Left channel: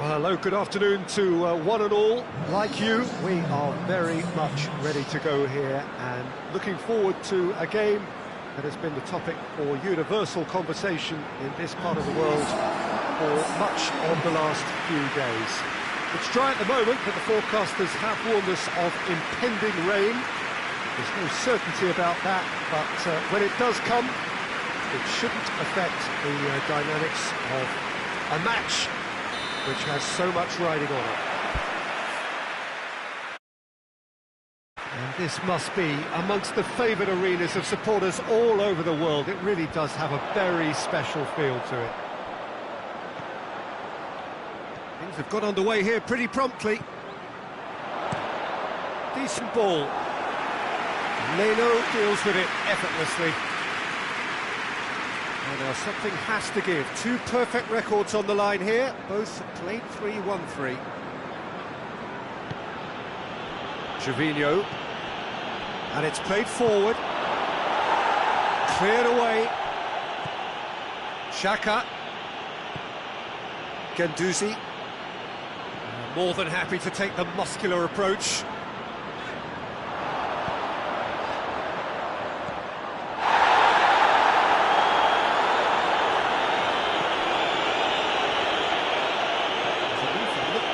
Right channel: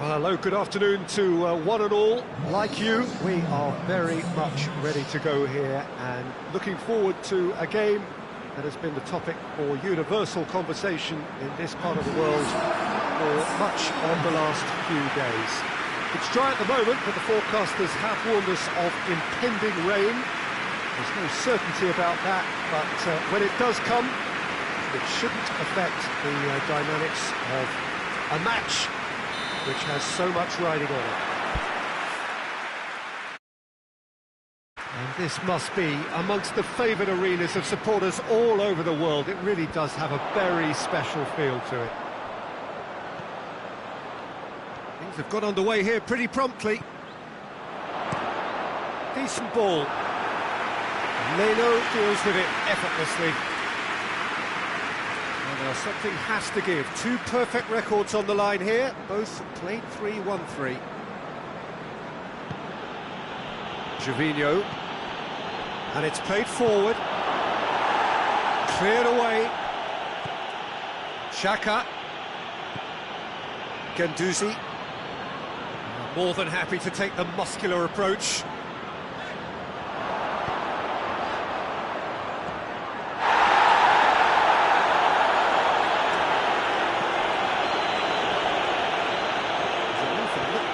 Well, hello, good afternoon to one and all. Like you, we are very much ready to go here and looking forward to a game that has been the topic for universal conversation in this part of the world for much of the last few days. It's dry at the moment, but the forecasters have warned us of impending rain. There's no certainty about that, but when it does come, it shouldn't affect the dynamics of a match which has so much riding on it. And this must be amongst the favoured arenas of supporters all over the world. It really does have a very special feel to it. Things have got underway here pretty promptly. Decent ball. Leno deals with it effortlessly. Well, now something has to give. Two perfect records on the line here. Both played 3-1-3. Gervinho. And it's played forward. Cleared away. Xhaka. Guendouzi. More than happy to take the muscular approach.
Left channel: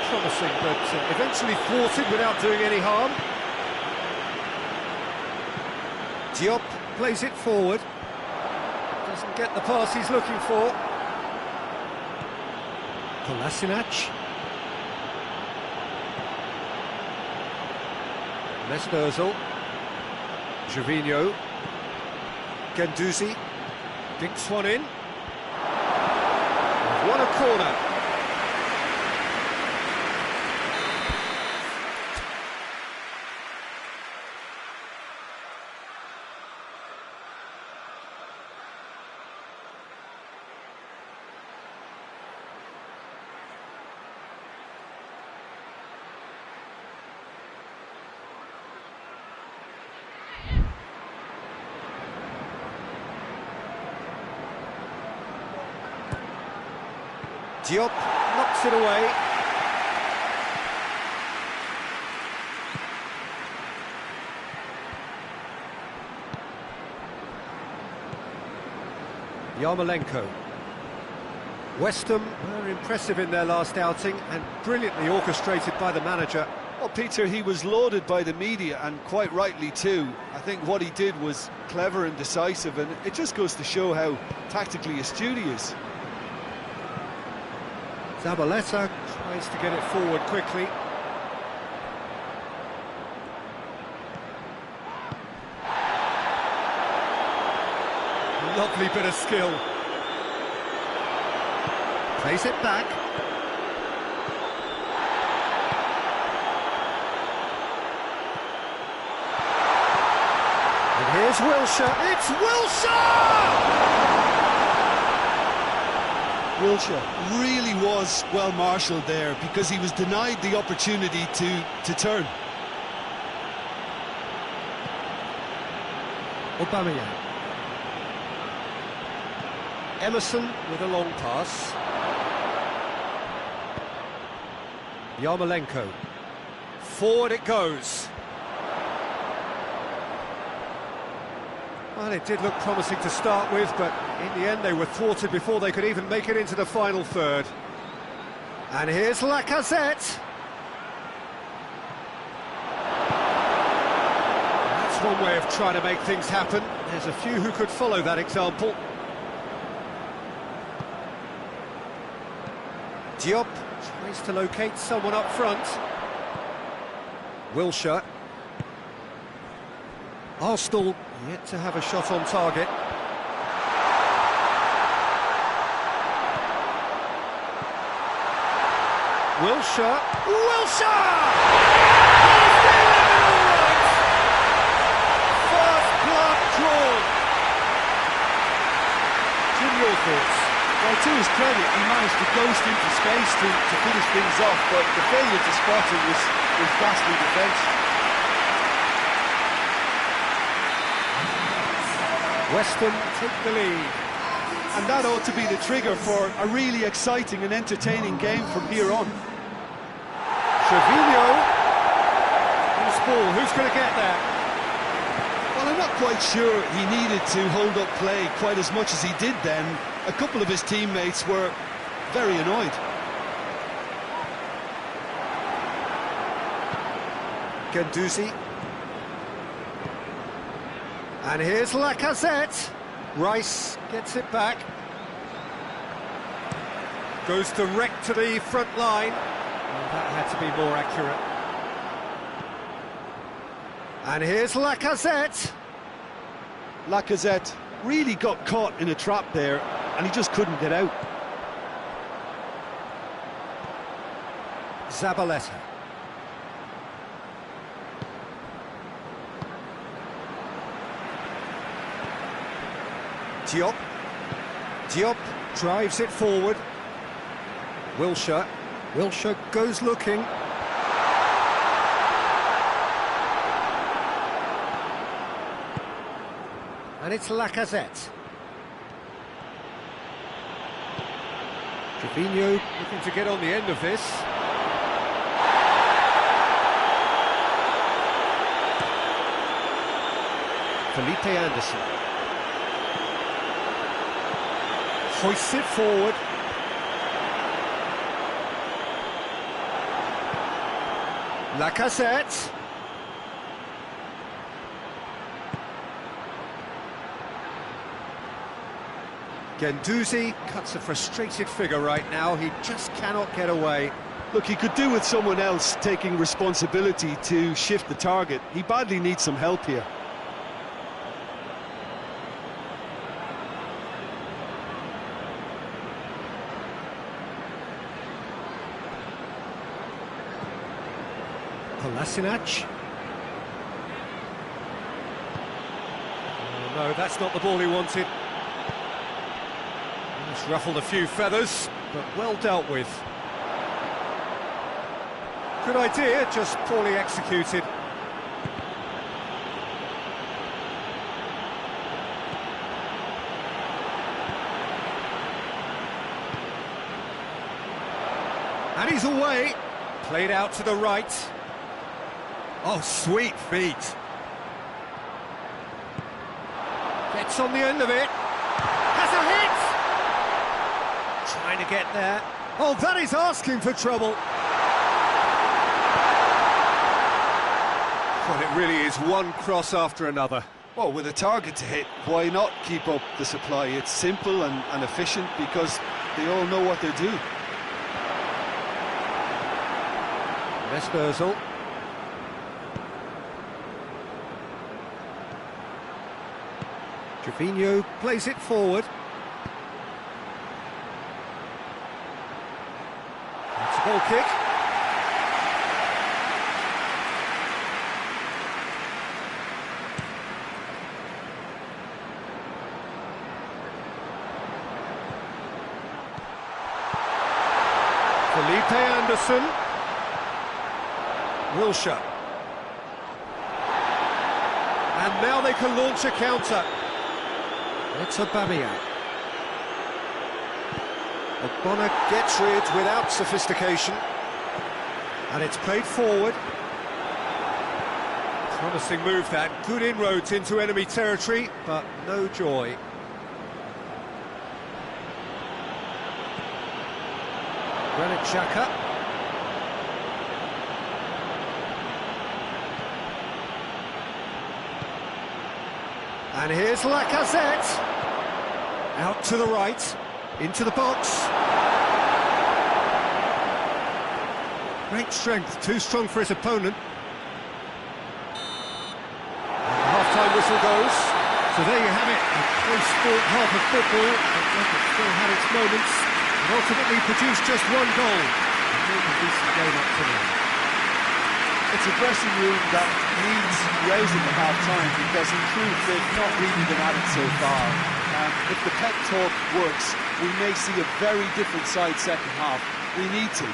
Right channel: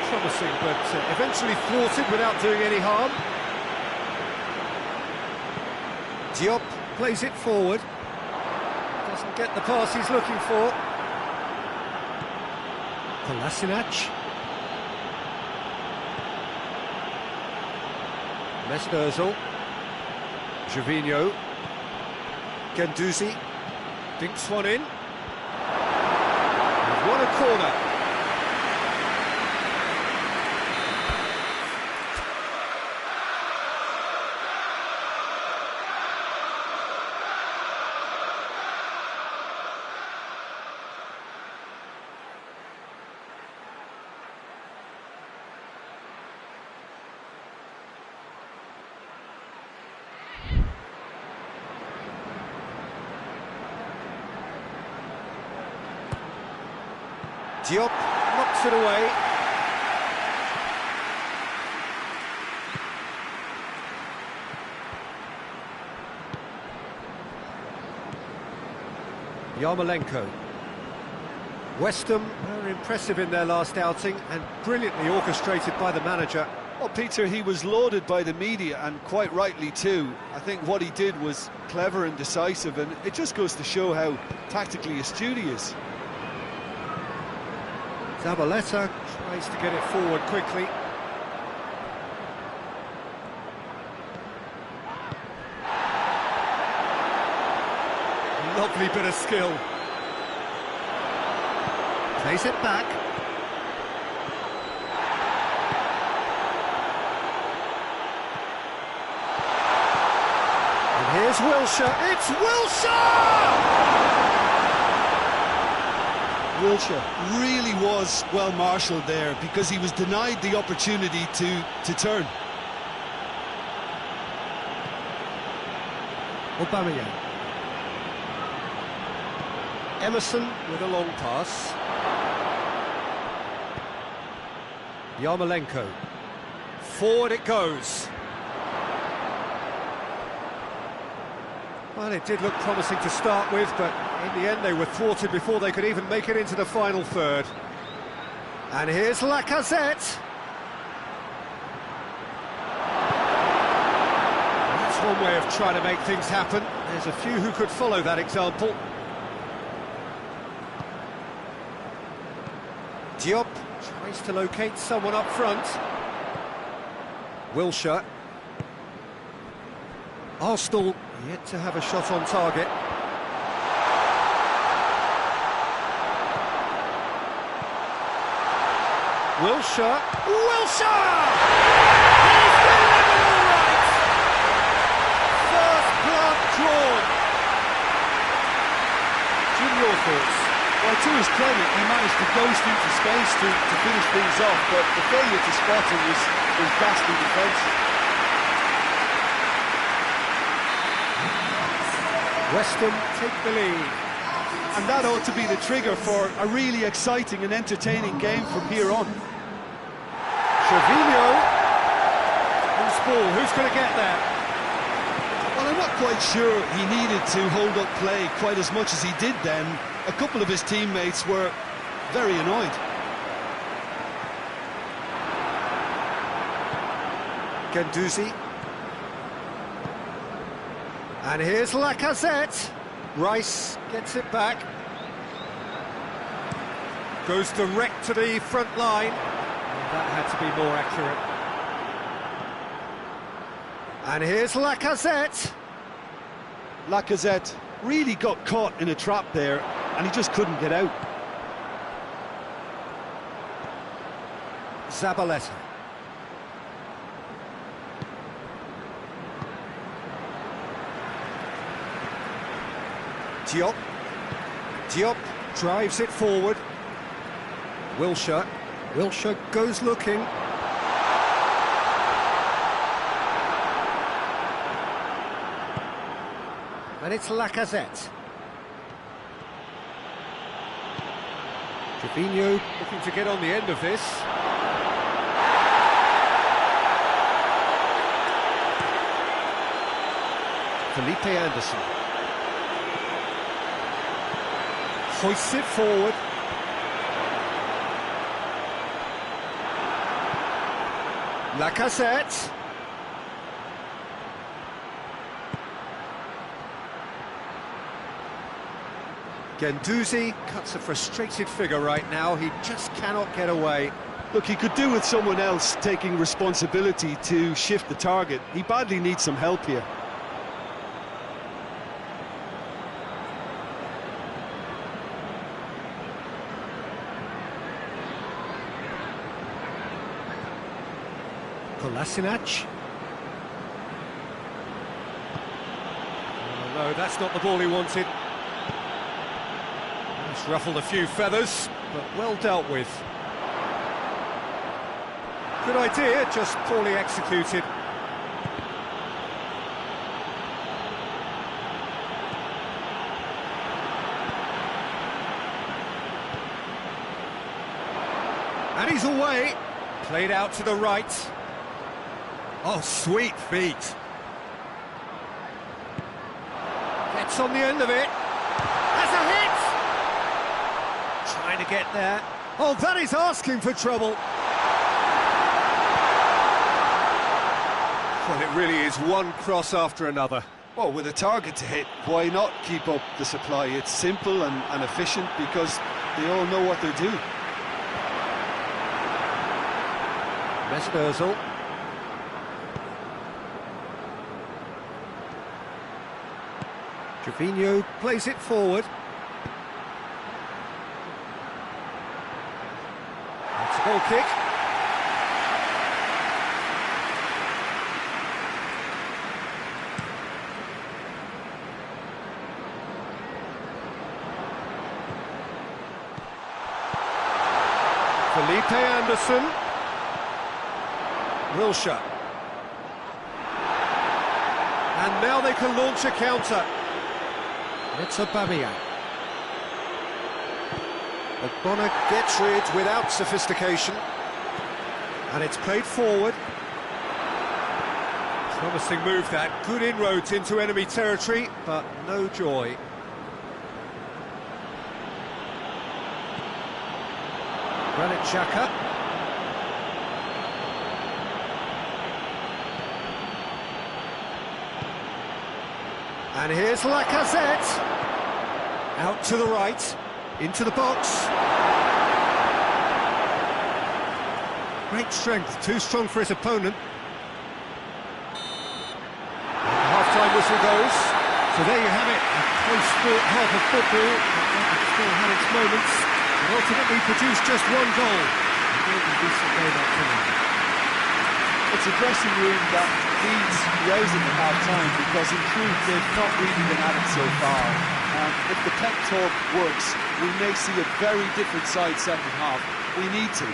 Promising, but eventually thwarted without doing any harm. Diop plays it forward. Doesn't get the pass he's looking for. Kolasinac. Mesut Ozil. Gervinho. Guendouzi. Dinks one in. They've won a corner. Diop knocks it away. Yarmolenko. West Ham were impressive in their last outing and brilliantly orchestrated by the manager. Well, Peter, he was lauded by the media, and quite rightly too. I think what he did was clever and decisive, and it just goes to show how tactically astute he is. Zabaleta tries to get it forward quickly. Lovely bit of skill. Plays it back. And here's Wilshere. It's Wilshere! Wilshere really was well marshalled there because he was denied the opportunity to turn. Aubameyang. Emerson with a long pass. Yarmolenko. Forward it goes. Well, it did look promising to start with, but in the end they were thwarted before they could even make it into the final third. And here's Lacazette. That's one way of trying to make things happen. There's a few who could follow that example. Diop tries to locate someone up front. Wilshere. Arsenal yet to have a shot on target. Wilshere! Wilshere! He's delivered all right! First blood drawn. Jim, your thoughts? Well, to his credit, he managed to ghost into space to finish things off, but the failure to spot him was ghastly defence. West Ham take the lead. And that ought to be the trigger for a really exciting and entertaining game from here on. Trevino. Who's ball? Who's going to get there? Well, I'm not quite sure he needed to hold up play quite as much as he did then. A couple of his teammates were very annoyed. Guendouzi. And here's Lacazette. Rice gets it back. Goes direct to the front line. Oh, that had to be more accurate. And here's Lacazette. Lacazette really got caught in a trap there, and he just couldn't get out. Zabaleta. Diop. Diop drives it forward. Wilshere. Wilshere goes looking. And it's Lacazette. Trevino looking to get on the end of this. Felipe Anderson. Hoists it forward. Lacazette. Guendouzi cuts a frustrated figure right now. He just cannot get away. Look, he could do with someone else taking responsibility to shift the target. He badly needs some help here. Kolasinac. Oh no, that's not the ball he wanted. It's ruffled a few feathers, but well dealt with. Good idea, just poorly executed. And he's away. Played out to the right. Oh, sweet feet. Gets on the end of it. Has a hit! Trying to get there. Oh, that is asking for trouble. Well, it really is one cross after another. Well, with a target to hit, why not keep up the supply? It's simple and efficient because they all know what they're doing. Mesut Ozil. Trevino plays it forward. That's a goal kick. Felipe Anderson. Wilshere. And now they can launch a counter. It's Aubameyang. Ogbonna gets rid without sophistication. And it's played forward. Promising move that. Good inroads into enemy territory, but no joy. Granit Xhaka. And here's Lacazette. Out to the right, into the box. Great strength, too strong for his opponent. And the half-time whistle goes. So there you have it, a close sport half of football, but one that still had its moments, but ultimately produced just one goal. A more than decent game up to now. It's a dressing room that needs rousing at half-time because in truth they've not really been at it so far. If the pep talk works, we may see a very different side second half. We need to.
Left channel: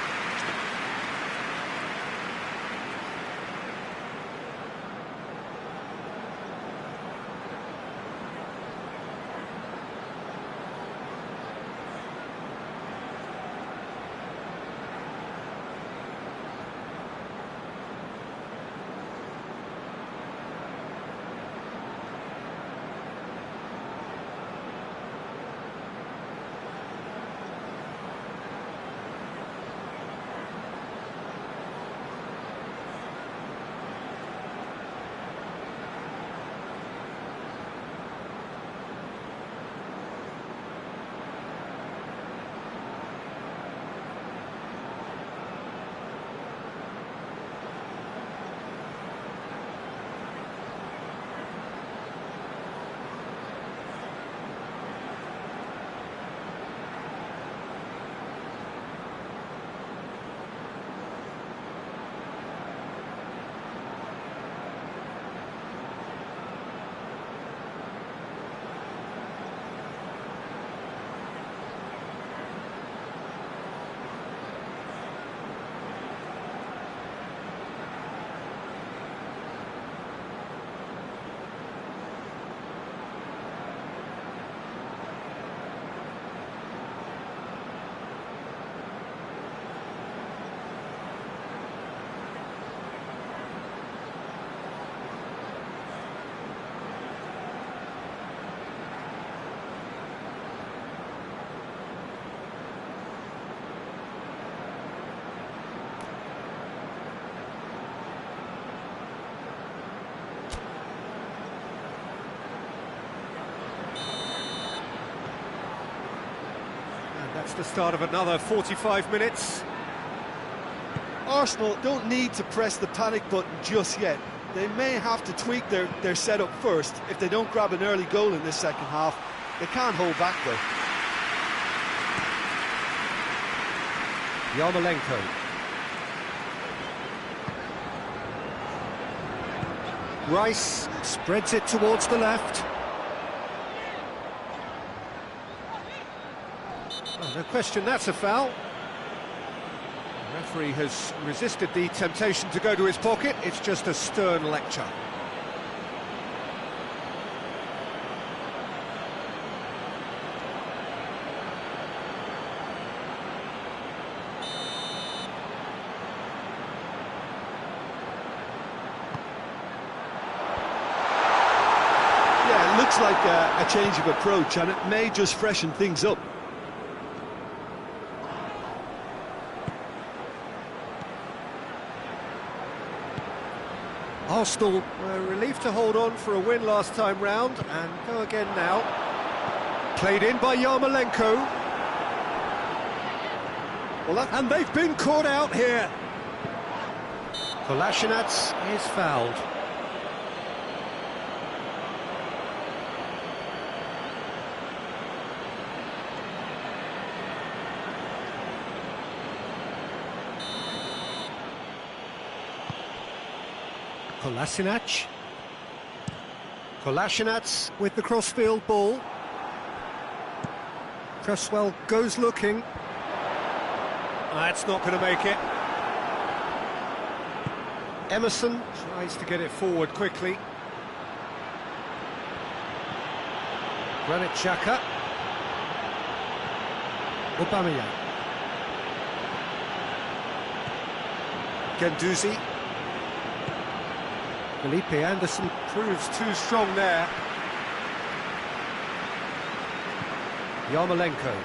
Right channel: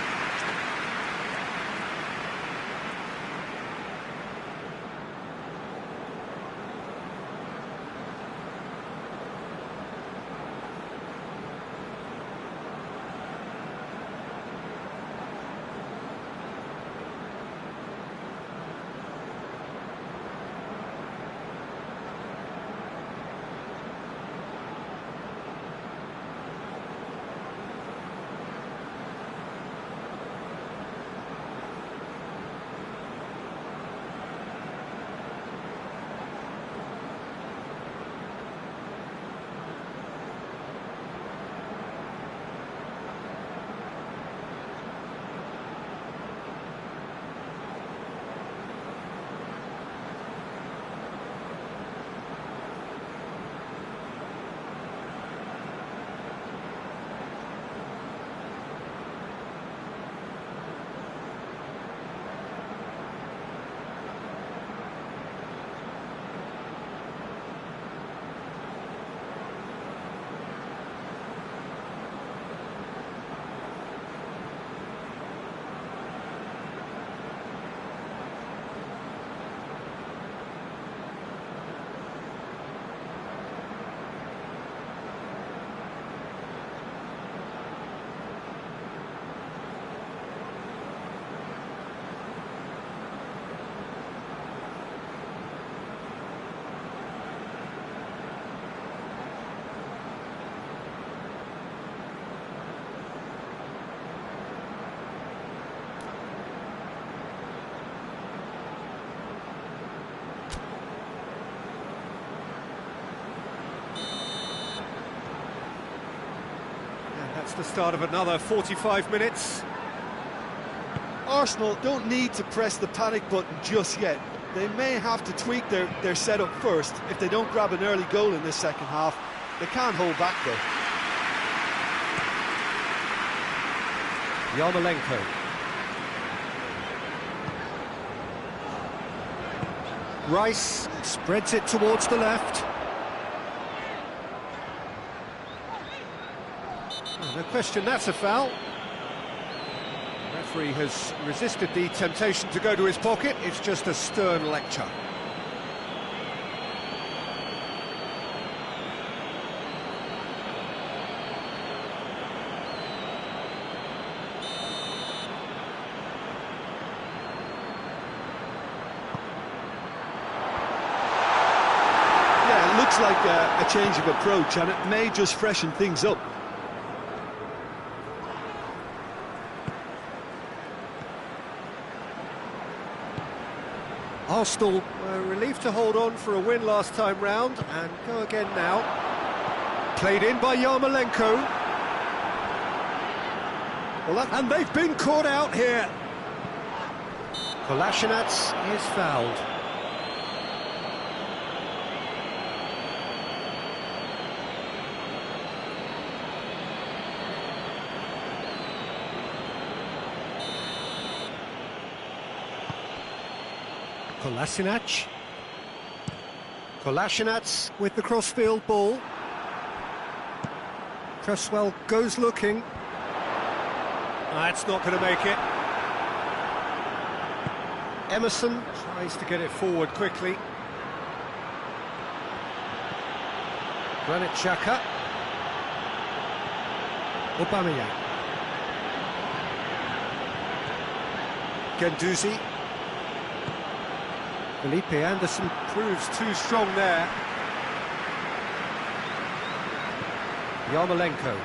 That's the start of another 45 minutes. Arsenal don't need to press the panic button just yet. They may have to tweak their setup first if they don't grab an early goal in this second half. They can't hold back though. Yarmolenko. Rice spreads it towards the left. Oh, no question, that's a foul. The referee has resisted the temptation to go to his pocket. It's just a stern lecture. Yeah, it looks like a change of approach, and it may just freshen things up. Arsenal were relieved to hold on for a win last time round, and go again now. Played in by Yarmolenko. And they've been caught out here. Kolasinac is fouled. Kolasinac. Kolasinac with the crossfield ball. Cresswell goes looking. That's not going to make it. Emerson tries to get it forward quickly. Granit Xhaka. Aubameyang. Guendouzi. Felipe Anderson proves too strong there. Yarmolenko.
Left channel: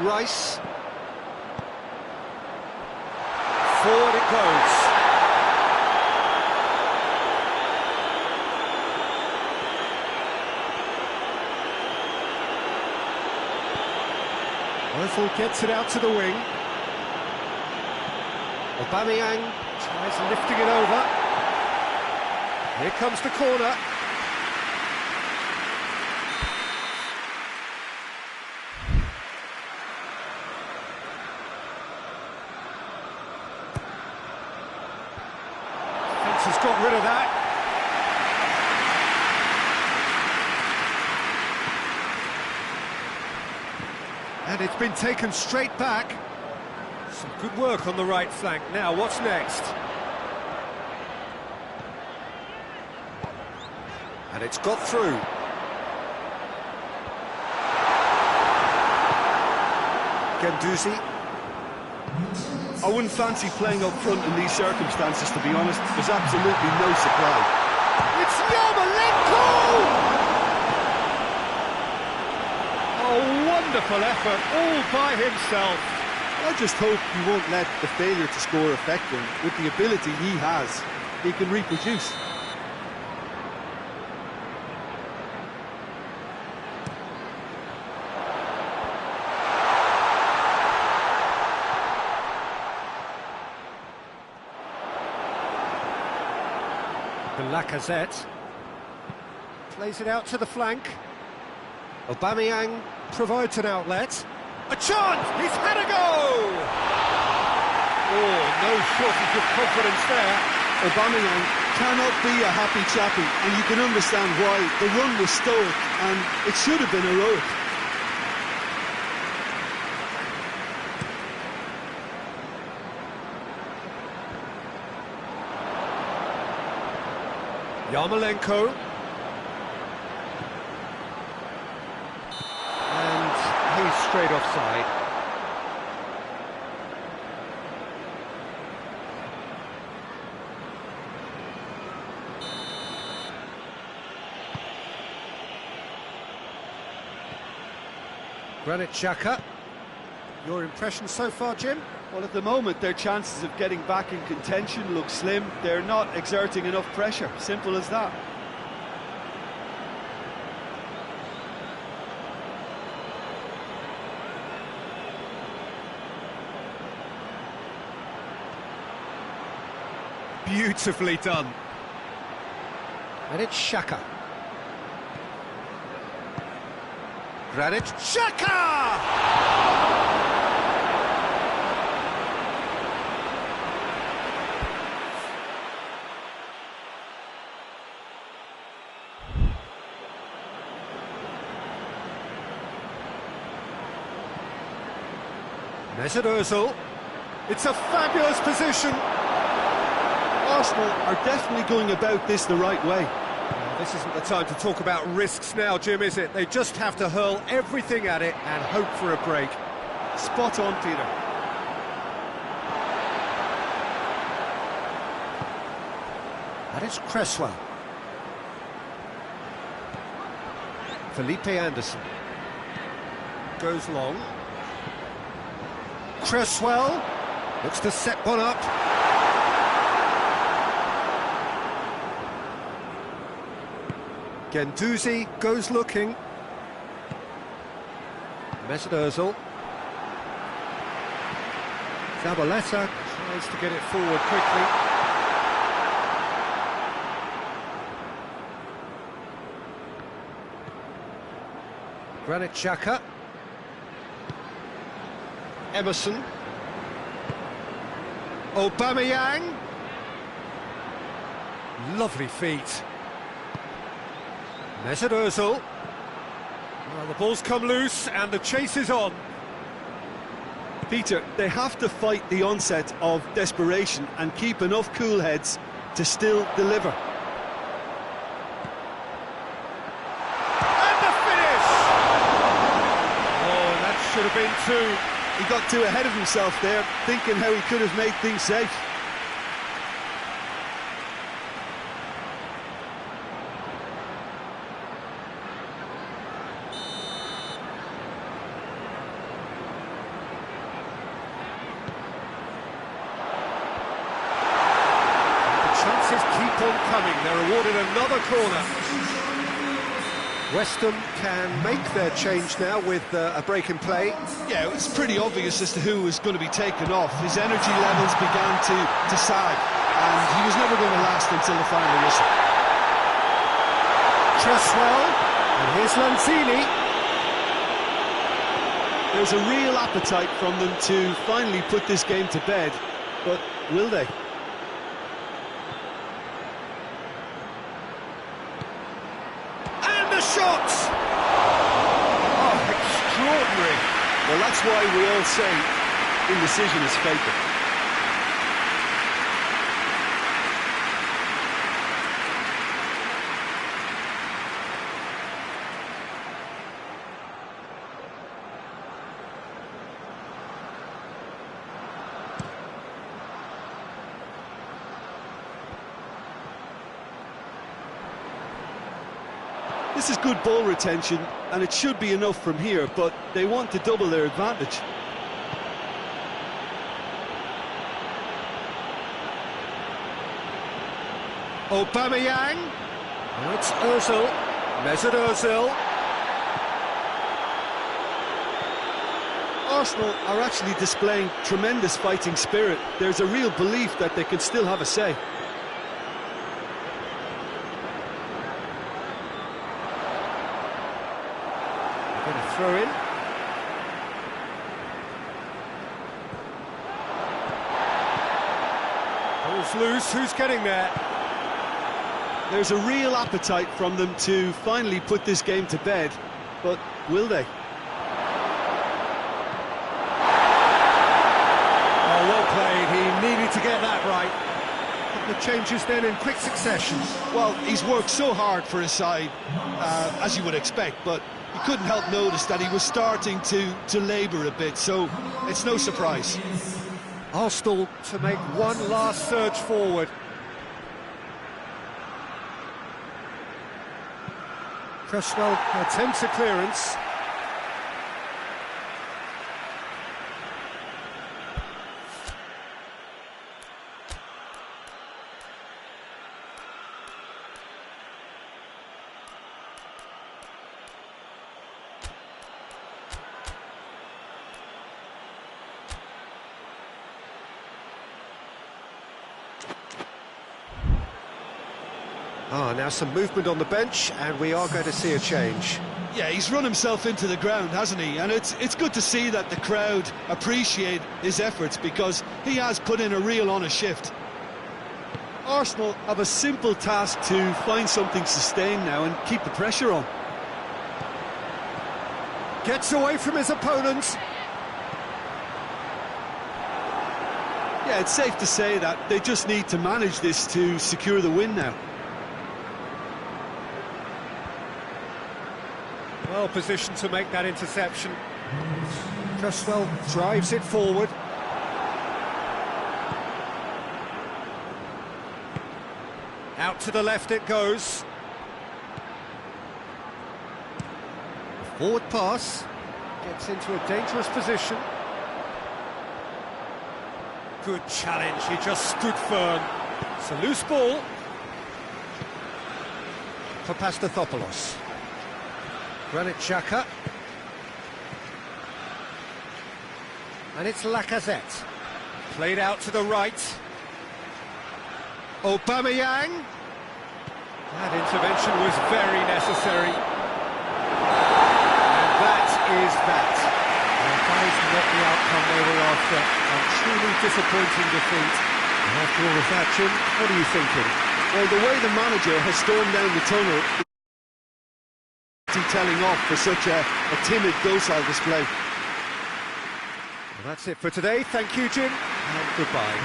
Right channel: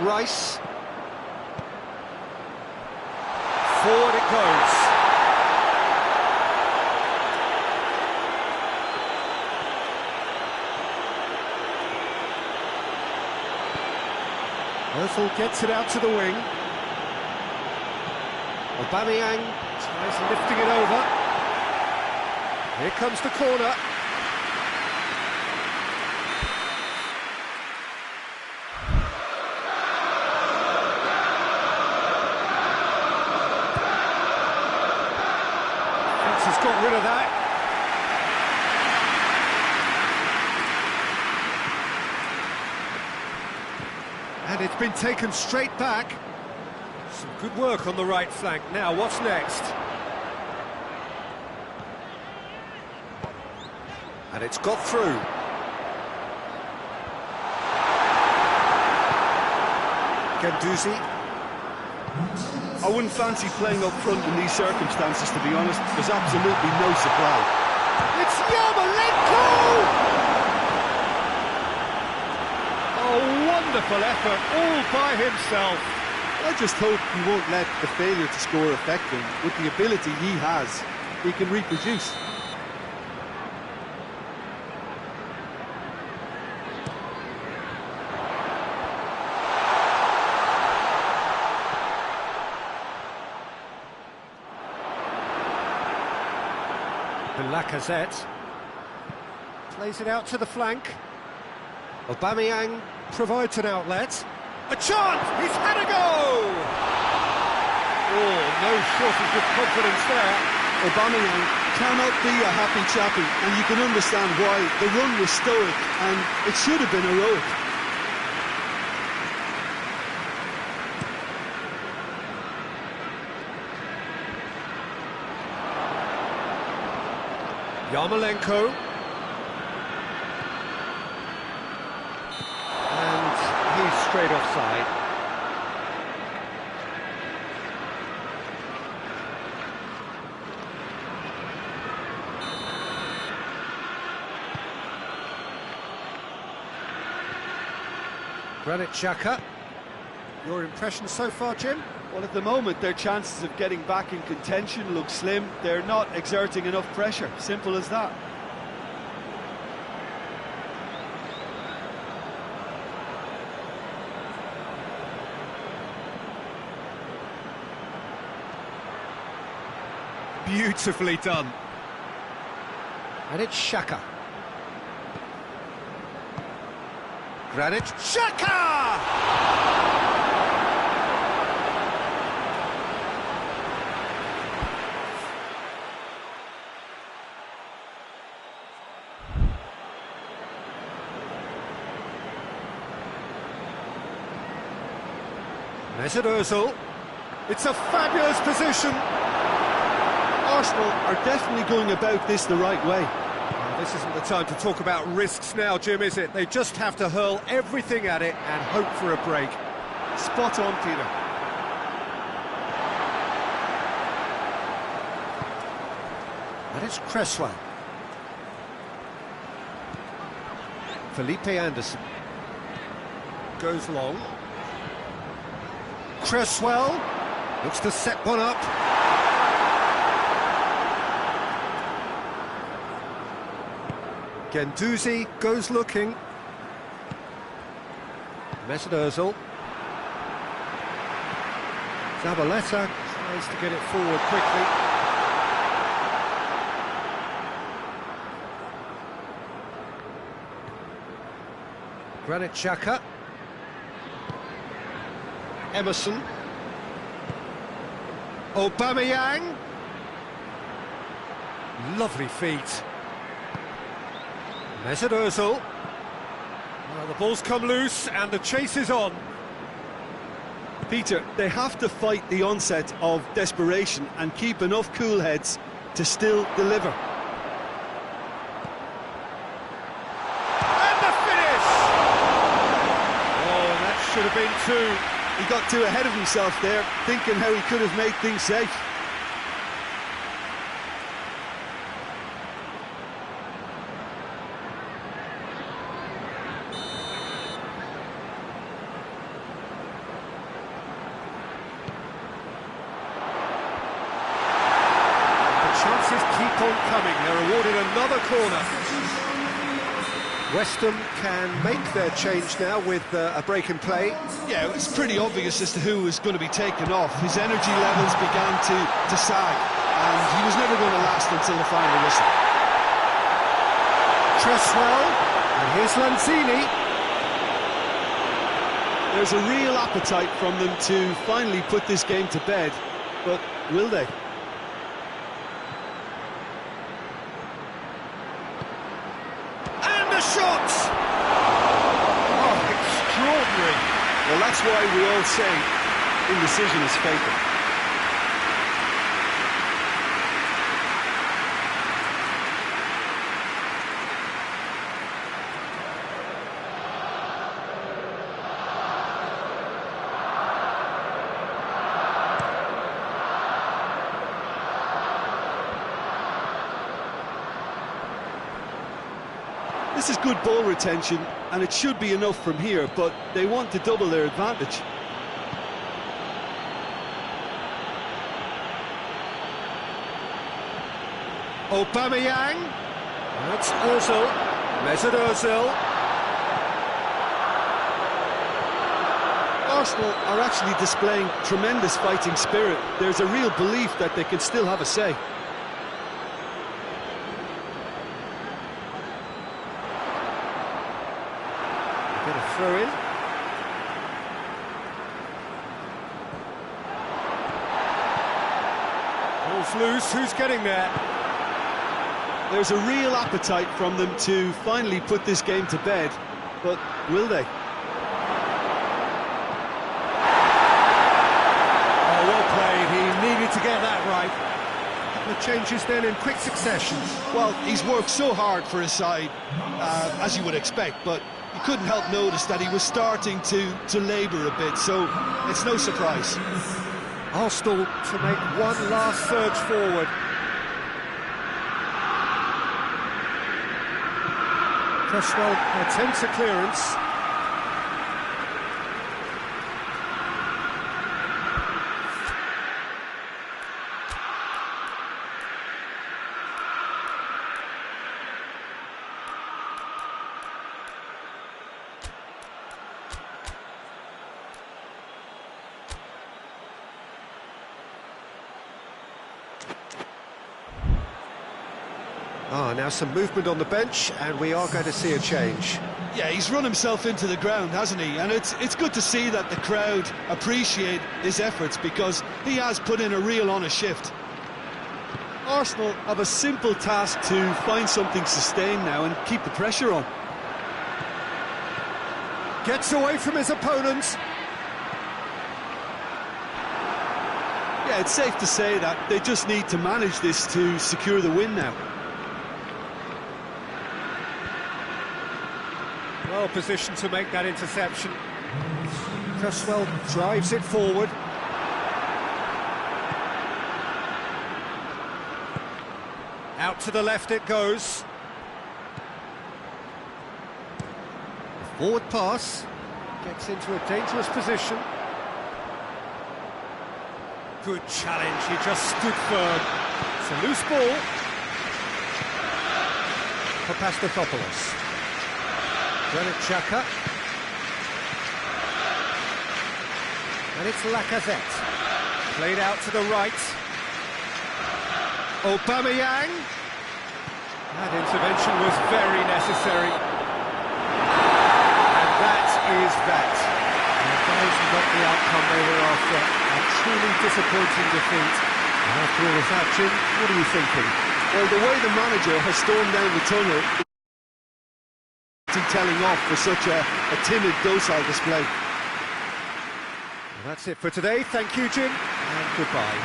Rice. Forward it goes. Ozil gets it out to the wing. Aubameyang tries lifting it over. Here comes the corner. Fence has got rid of that. And it's been taken straight back. Some good work on the right flank. Now, what's next? And it's got through. Guendouzi. I wouldn't fancy playing up front in these circumstances, to be honest. There's absolutely no supply. It's Yarmolenko! A wonderful effort, all by himself. I just hope he won't let the failure to score affect him. With the ability he has, he can reproduce. The Lacazette plays it out to the flank. Aubameyang provides an outlet. A chance! He's had a go! Oh, no shortage of confidence there. Aubameyang cannot be a happy chappie, and you can understand why. The run was stoic, and it should have been heroic. Yarmolenko. And he's straight offside. Granit Xhaka. Your impression so far, Jim? Well, at the moment, their chances of getting back in contention look slim. They're not exerting enough pressure. Simple as that. beautifully done. And it's Xhaka. Granit Xhaka! Mesut Ozil. It's a fabulous position. Arsenal are definitely going about this the right way. Well, this isn't the time to talk about risks now, Jim, is it? They just have to hurl everything at it and hope for a break. Spot on, Peter. And it's Cresswell. Felipe Anderson. Goes long. Cresswell looks to set one up. Guendouzi goes looking. Mesut Ozil. Zabaleta tries to get it forward quickly. Granit Xhaka. Emerson. Aubameyang. Lovely feet. Mesut Ozil. Well, the ball's come loose and the chase is on. Peter, they have to fight the onset of desperation and keep enough cool heads to still deliver. And the finish! Oh, and that should have been two. He got too ahead of himself there, thinking how he could have made things safe. Chances keep on coming. They're awarded another corner. West Ham can make their change now with a break in play. Yeah, it's pretty obvious as to who was going to be taken off. His energy levels began to sag, and he was never going to last until the final whistle. Cresswell, and here's Lanzini. There's a real appetite from them to finally put this game to bed, but will they? Shot! Oh, extraordinary. Well, that's why we all say indecision is fatal. This is good ball retention, and it should be enough from here, but they want to double their advantage. Aubameyang. Now it's Ozil. Mesut Ozil. Arsenal are actually displaying tremendous fighting spirit. There's a real belief that they can still have a say. Get a throw in. Ball's loose, who's getting there? There's a real appetite from them to finally put this game to bed, but will they? Oh, well played, he needed to get that right. A couple of changes then in quick succession. Well, he's worked so hard for his side, as you would expect, but you couldn't help notice that he was starting to labour a bit, so it's no surprise. Arsenal to make one last surge forward. Cresswell attempts a clearance. Now some movement on the bench, and we are going to see a change. Yeah, he's run himself into the ground, hasn't he? And it's good to see that the crowd appreciate his efforts, because he has put in a real honest shift. Arsenal have a simple task to find something sustained now and keep the pressure on. Gets away from his opponents. Yeah, it's safe to say that they just need to manage this to secure the win now. Well positioned to make that interception. Cresswell drives it forward. Out to the left it goes. The forward pass gets into a dangerous position. Good challenge, he just stood firm. It's a loose ball for Pastathopoulos. Granit Xhaka. And it's Lacazette. Played out to the right. Aubameyang. That intervention was very necessary. And that is that. And that is not the outcome they were after. A truly disappointing defeat. And after all of that, Jim, what are you thinking? Well, the way the manager has stormed down the tunnel, telling off for such a timid, docile display. Well, that's it for today. Thank you, Jim, and goodbye.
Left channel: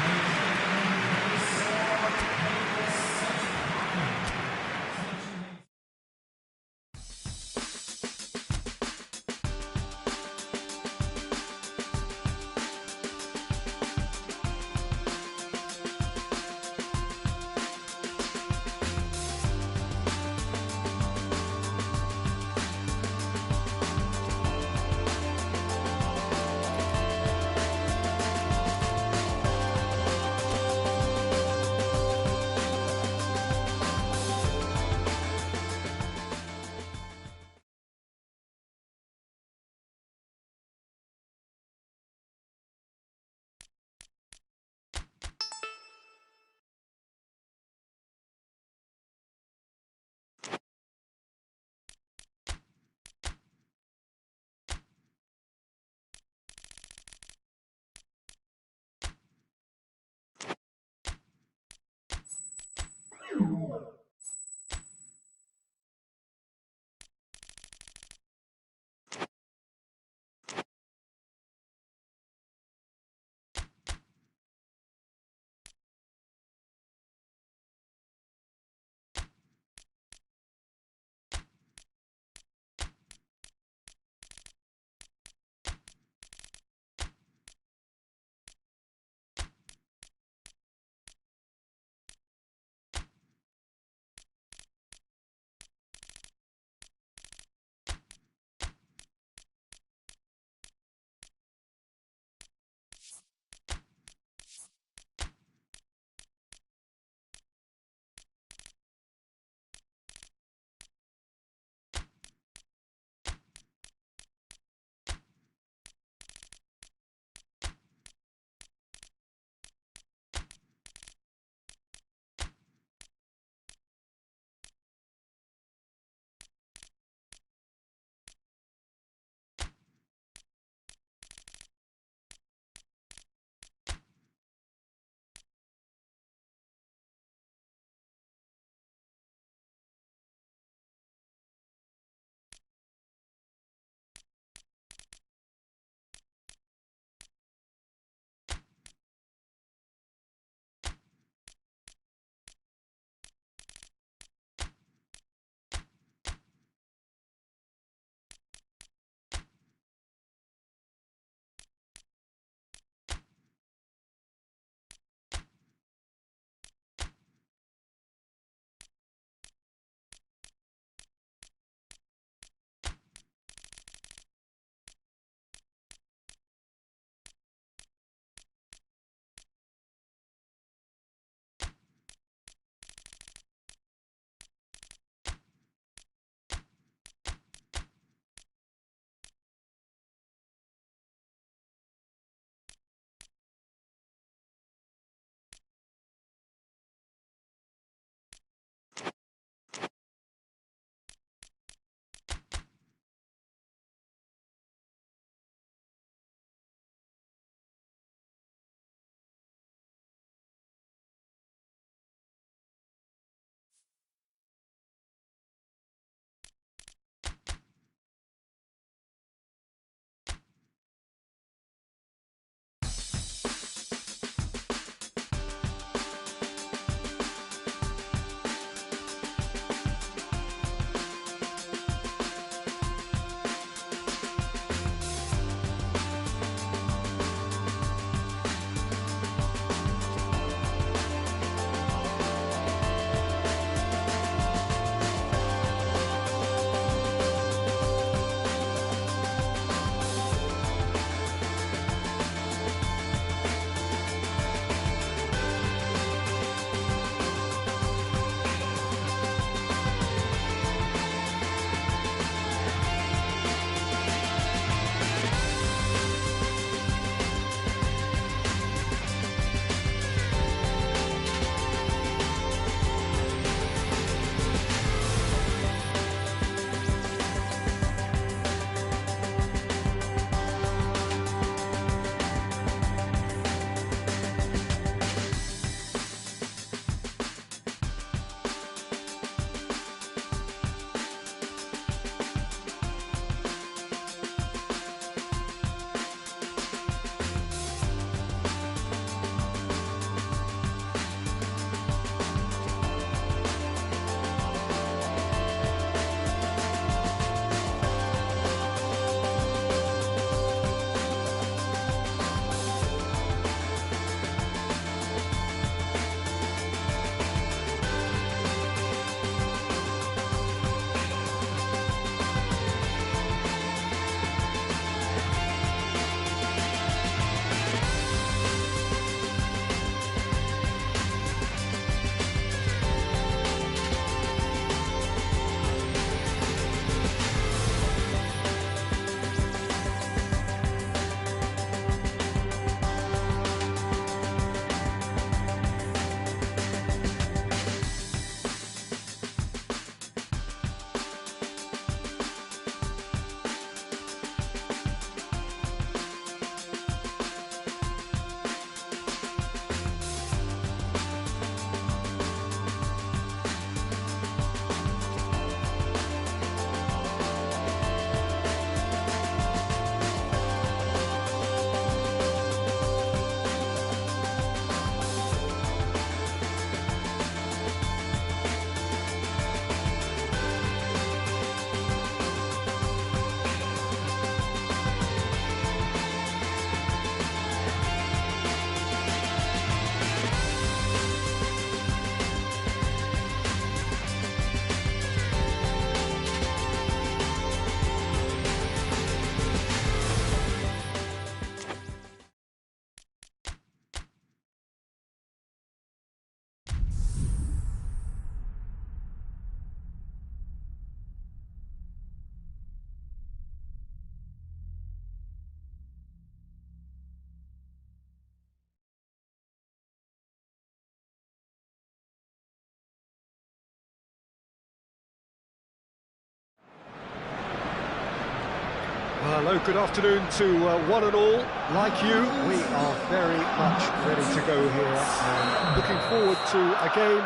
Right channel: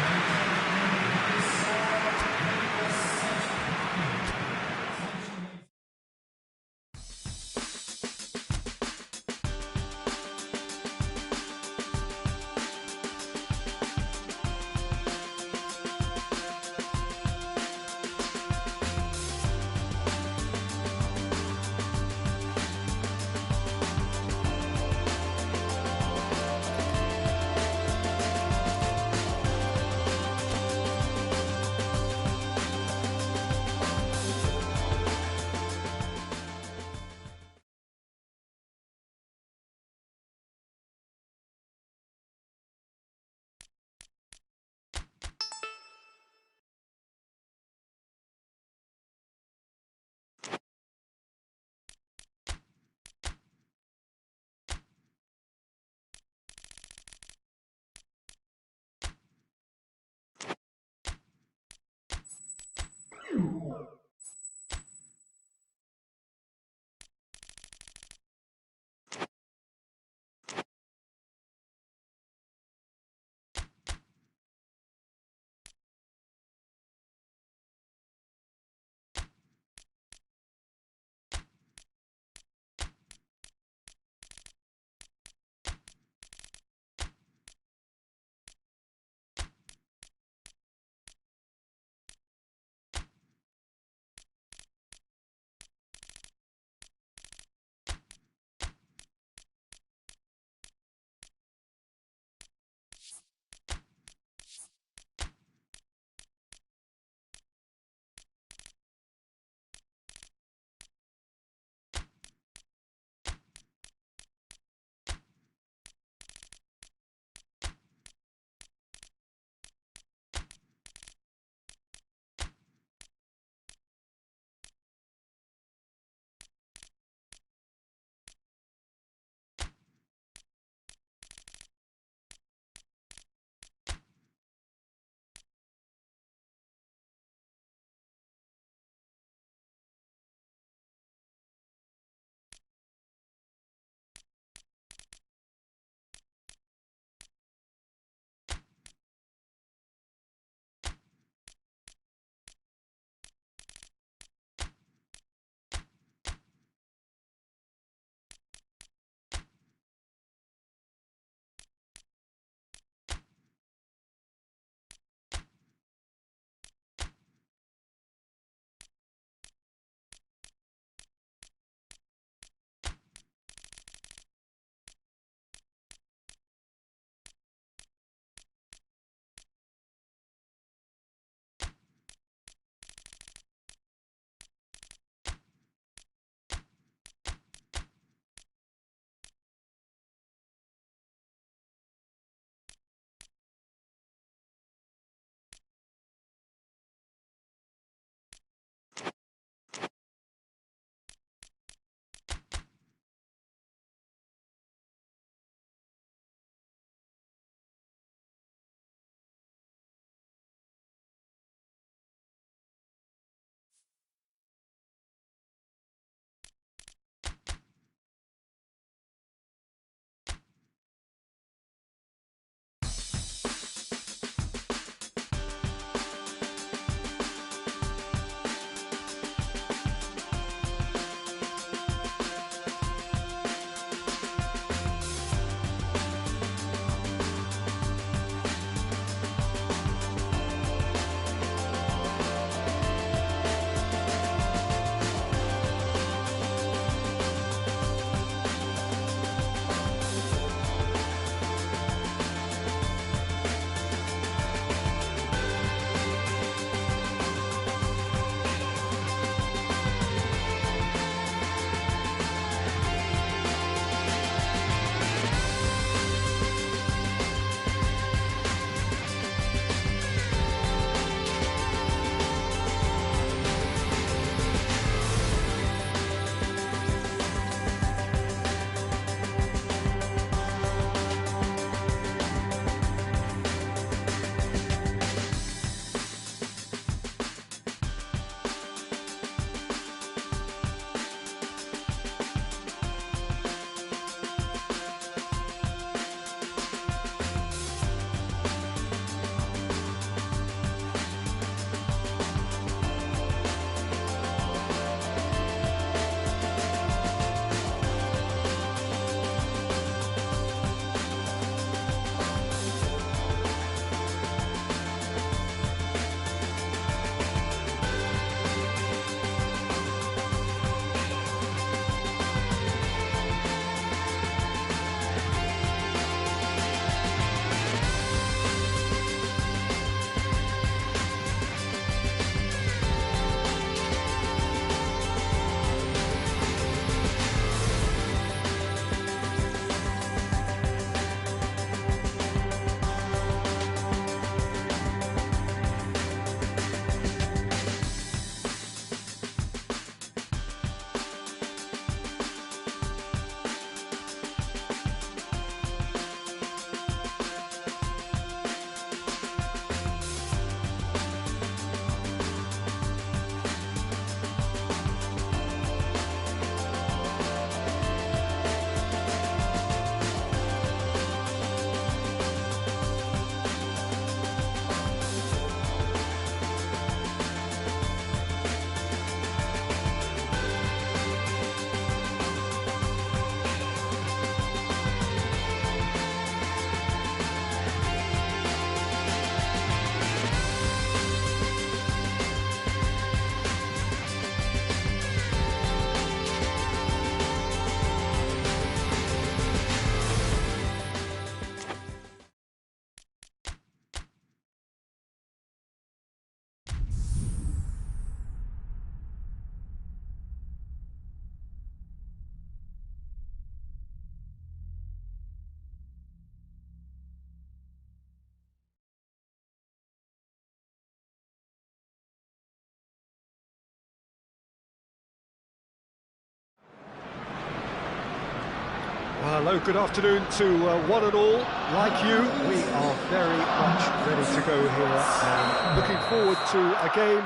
Well, hello, good afternoon to one and all. Like you, we are very much ready to go here and looking forward to a game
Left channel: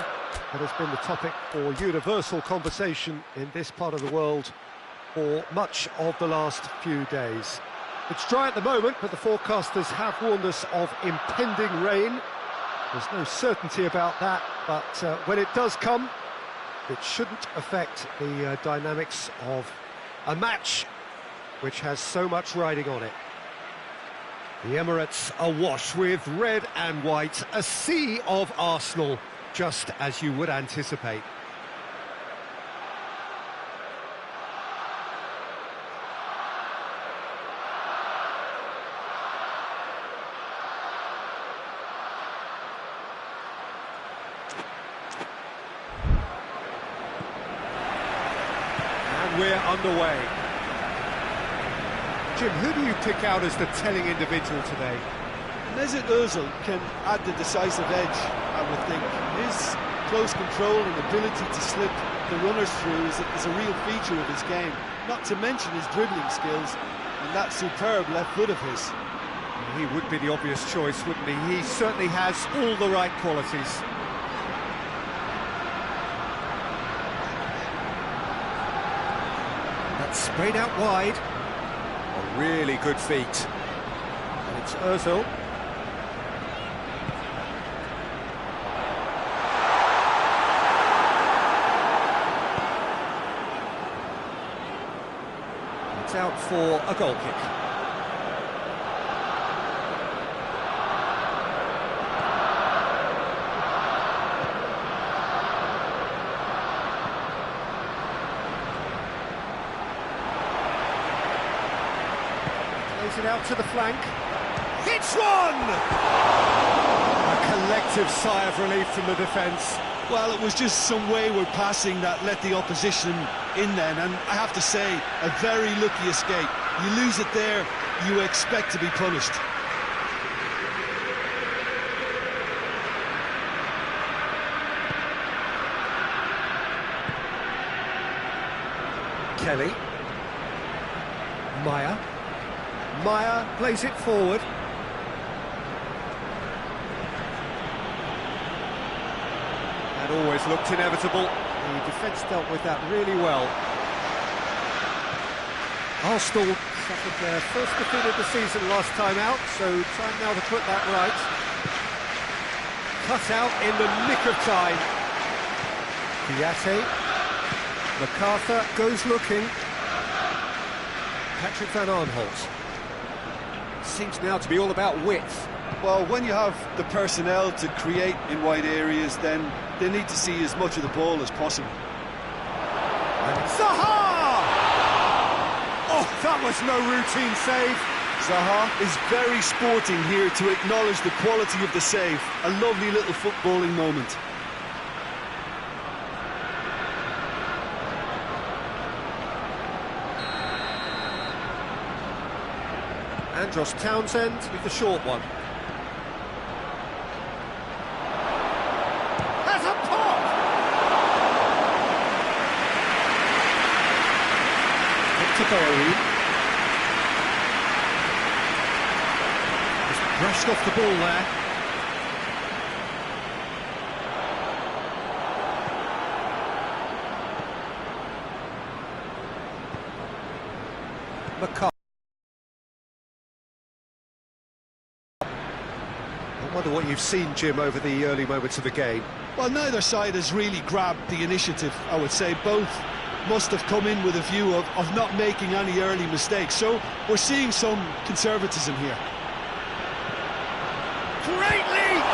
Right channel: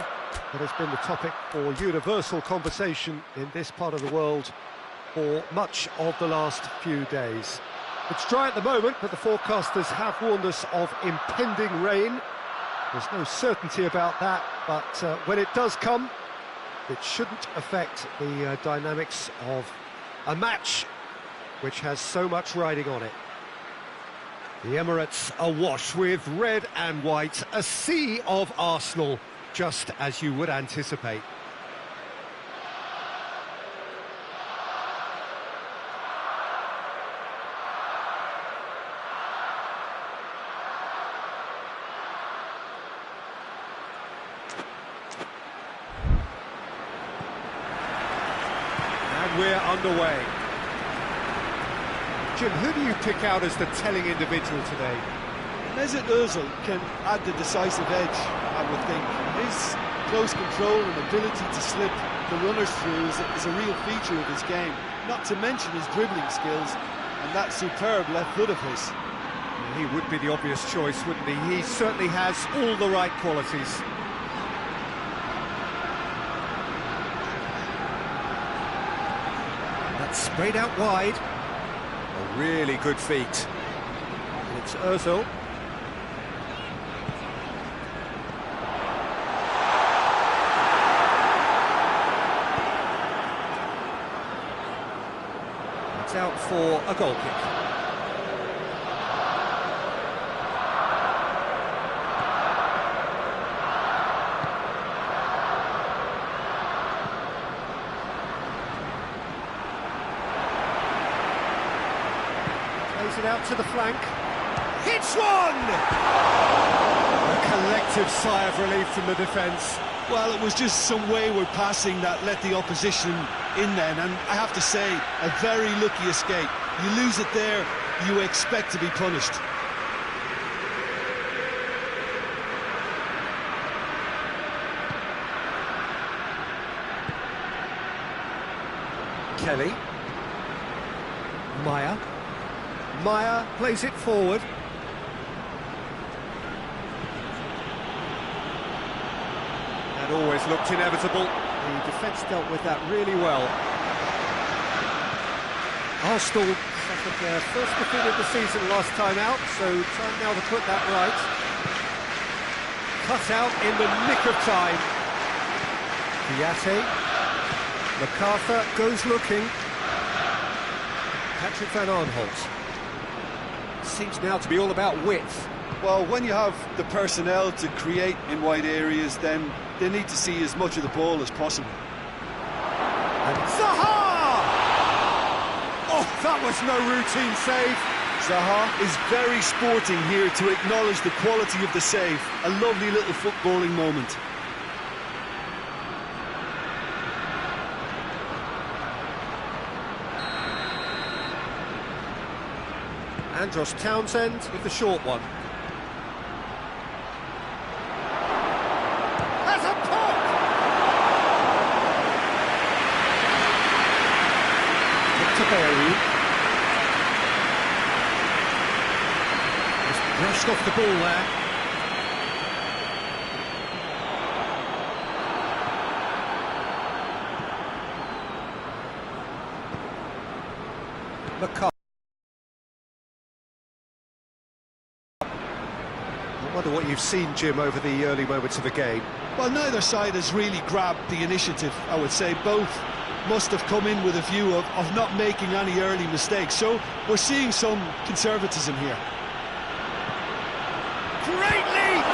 that has been the topic for universal conversation in this part of the world for much of the last few days. It's dry at the moment, but the forecasters have warned us of impending rain. There's no certainty about that, but when it does come, it shouldn't affect the dynamics of a match which has so much riding on it. The Emirates awash with red and white, a sea of Arsenal, just as you would anticipate. And we're underway. Jim, who do you pick out as the telling individual today? Mesut Ozil can add the decisive edge, I would think. His close control and ability to slip the runners through is a real feature of his game, not to mention his dribbling skills and that superb left foot of his. He would be the obvious choice, wouldn't he? He certainly has all the right qualities. That's sprayed out wide. A really good feat. And it's Ozil. It's out for a goal kick. Plays it out to the flank. Hits one! A collective sigh of relief from the defence. Well, it was just some wayward passing that let the opposition in then, and I have to say, a very lucky escape. You lose it there, you expect to be punished. Kelly. Maya plays it forward. That always looked inevitable. The defence dealt with that really well. Arsenal suffered their first defeat of the season last time out, so time now to put that right. Cut out in the nick of time. Diate. MacArthur goes looking. Patrick Van Aanholt. Seems now to be all about width. Well, when you have the personnel to create in wide areas, then they need to see as much of the ball as possible. And it's Zaha! Oh, that was no routine save. Zaha is very sporting here to acknowledge the quality of the save. A lovely little footballing moment. Andros Townsend with the short one. Has a pop! Victor Berry. Just brushed off the ball there. McCarthy. I wonder what you've seen, Jim, over the early moments of the game. Well, neither side has really grabbed the initiative, I would say. Both must have come in with a view of not making any early mistakes. So we're seeing some conservatism here. Great leap!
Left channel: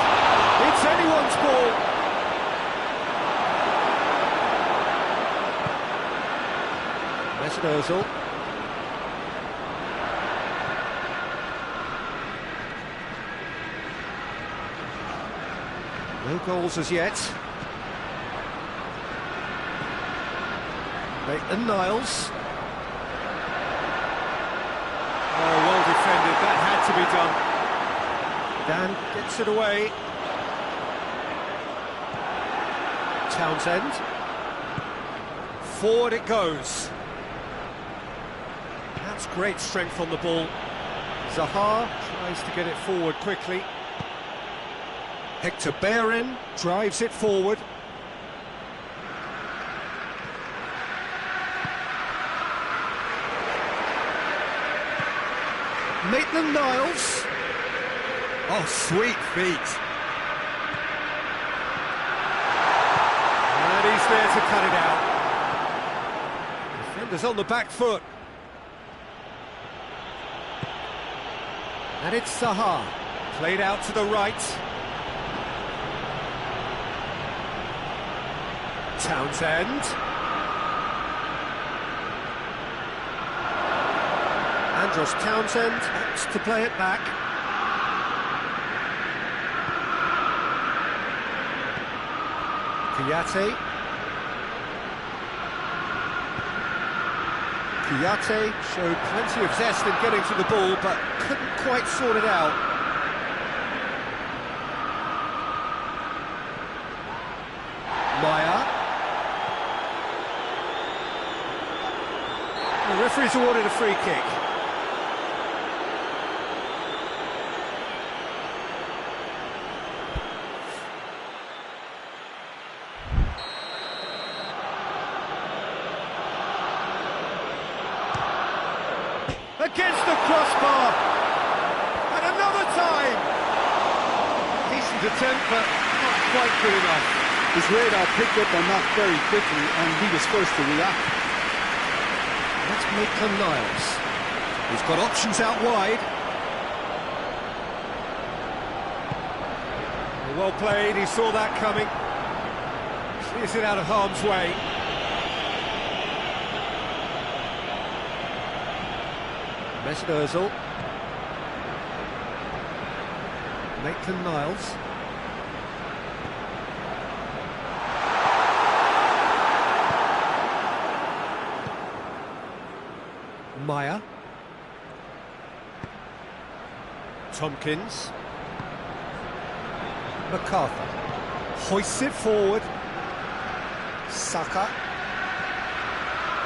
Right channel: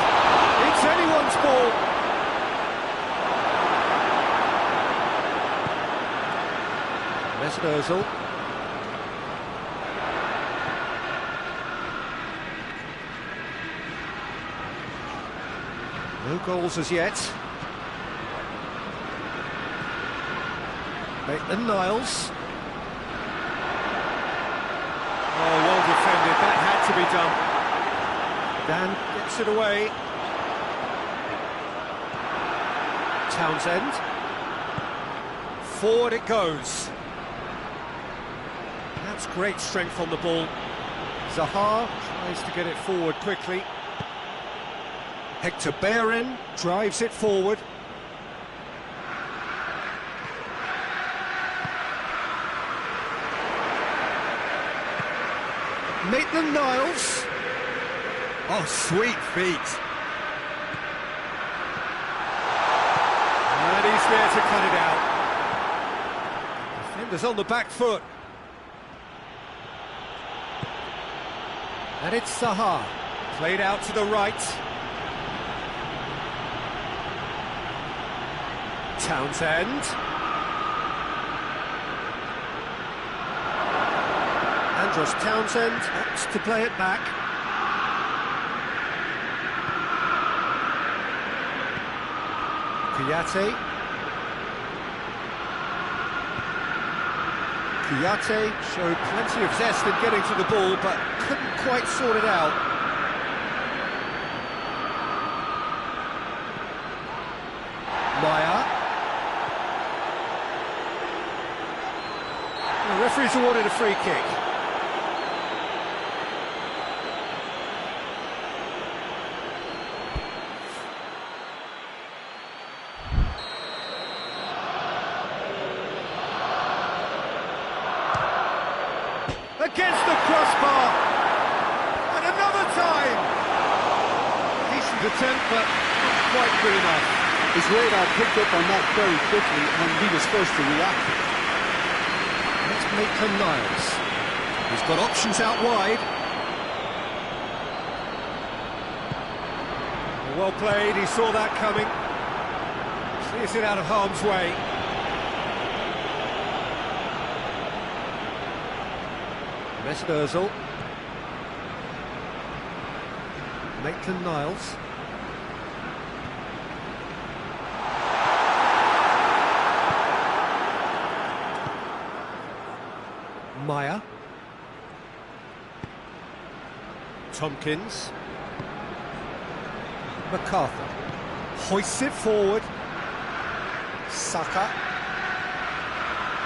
It's anyone's ball. Mesut Ozil. No goals as yet. Maitland-Niles. Oh, well defended. That had to be done. Dan gets it away. Townsend. Forward it goes. That's great strength on the ball. Zaha tries to get it forward quickly. Hector Bellerin drives it forward. Maitland-Niles. Oh, sweet feet. And he's there to cut it out. Defenders on the back foot. And it's Zaha. Played out to the right. Townsend. Andros Townsend opts to play it back. Kouyaté. Kouyaté showed plenty of zest in getting to the ball, but couldn't quite sort it out. Maya. The referee's awarded a free kick. Against the crossbar, and another time! Decent attempt, but not quite good enough. His radar picked up on that very quickly, and he was first to react. That's Maitland-Niles. He's got options out wide. Well played, he saw that coming. Clears it out of harm's way. Mesut Ozil. Maitland-Niles. Maya. Tompkins. MacArthur. Hoists it forward. Saka.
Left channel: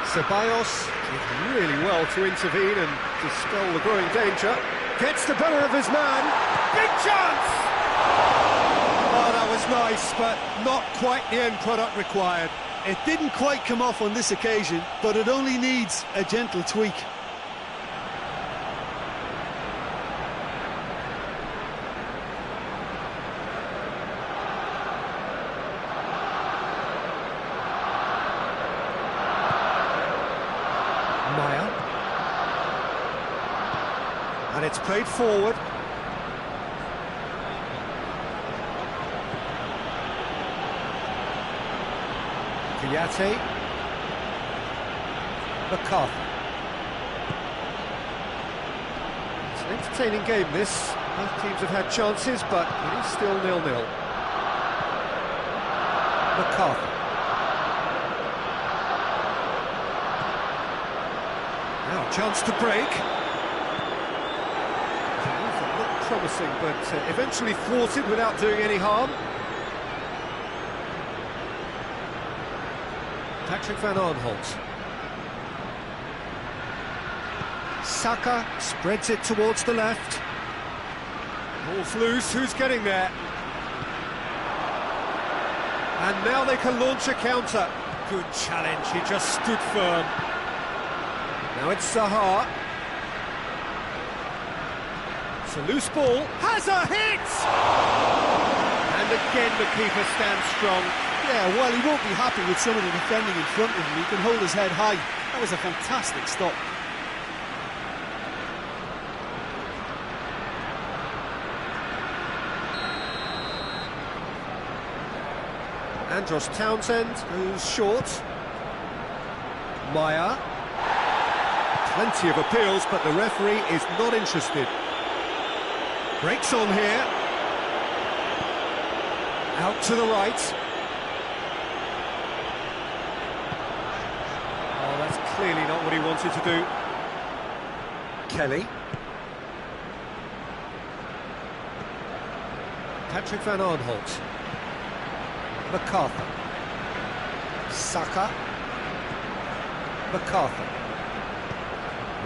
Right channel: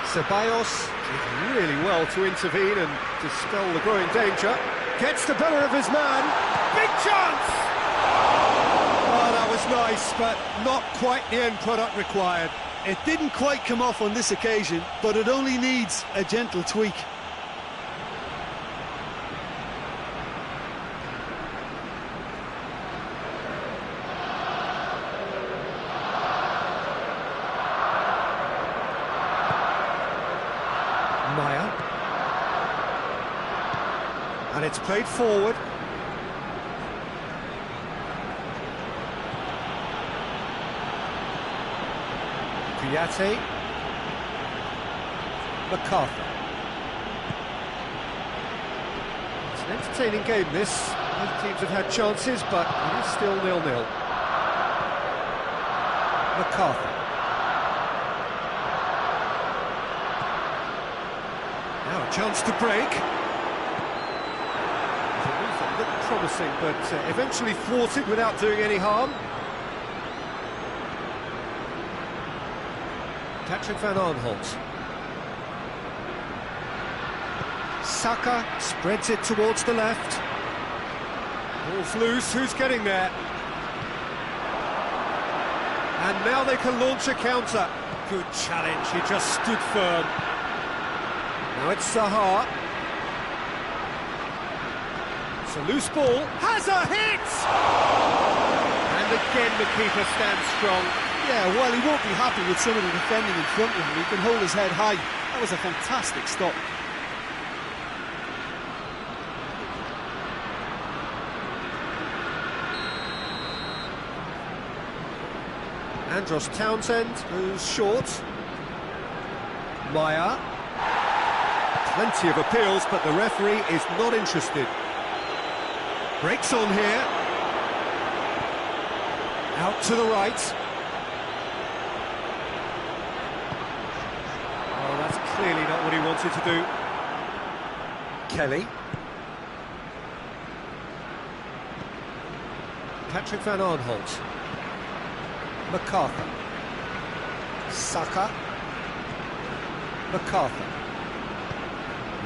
Ceballos did really well to intervene and dispel the growing danger. Gets the better of his man. Big chance! Oh, that was nice, but not quite the end product required. It didn't quite come off on this occasion, but it only needs a gentle tweak. Maya. And it's played forward. Kouyaté. MacArthur. It's an entertaining game, this. Both teams have had chances, but it is still 0-0. MacArthur. Now a chance to break. It's a move that looked promising, but eventually thwarted without doing any harm. Patrick van Aanholt. Saka spreads it towards the left. Ball's loose, who's getting there? And now they can launch a counter. Good challenge, he just stood firm. Now it's Zaha. It's a loose ball. Has a hit! And again the keeper stands strong. Yeah, while he won't be happy with some of the defending in front of him, he can hold his head high. That was a fantastic stop. Andros Townsend goes short. Maya. Plenty of appeals, but the referee is not interested. Breaks on here. Out to the right. Oh, that's clearly not what he wanted to do. Kelly. Patrick van Aanholt. MacArthur. Saka. MacArthur.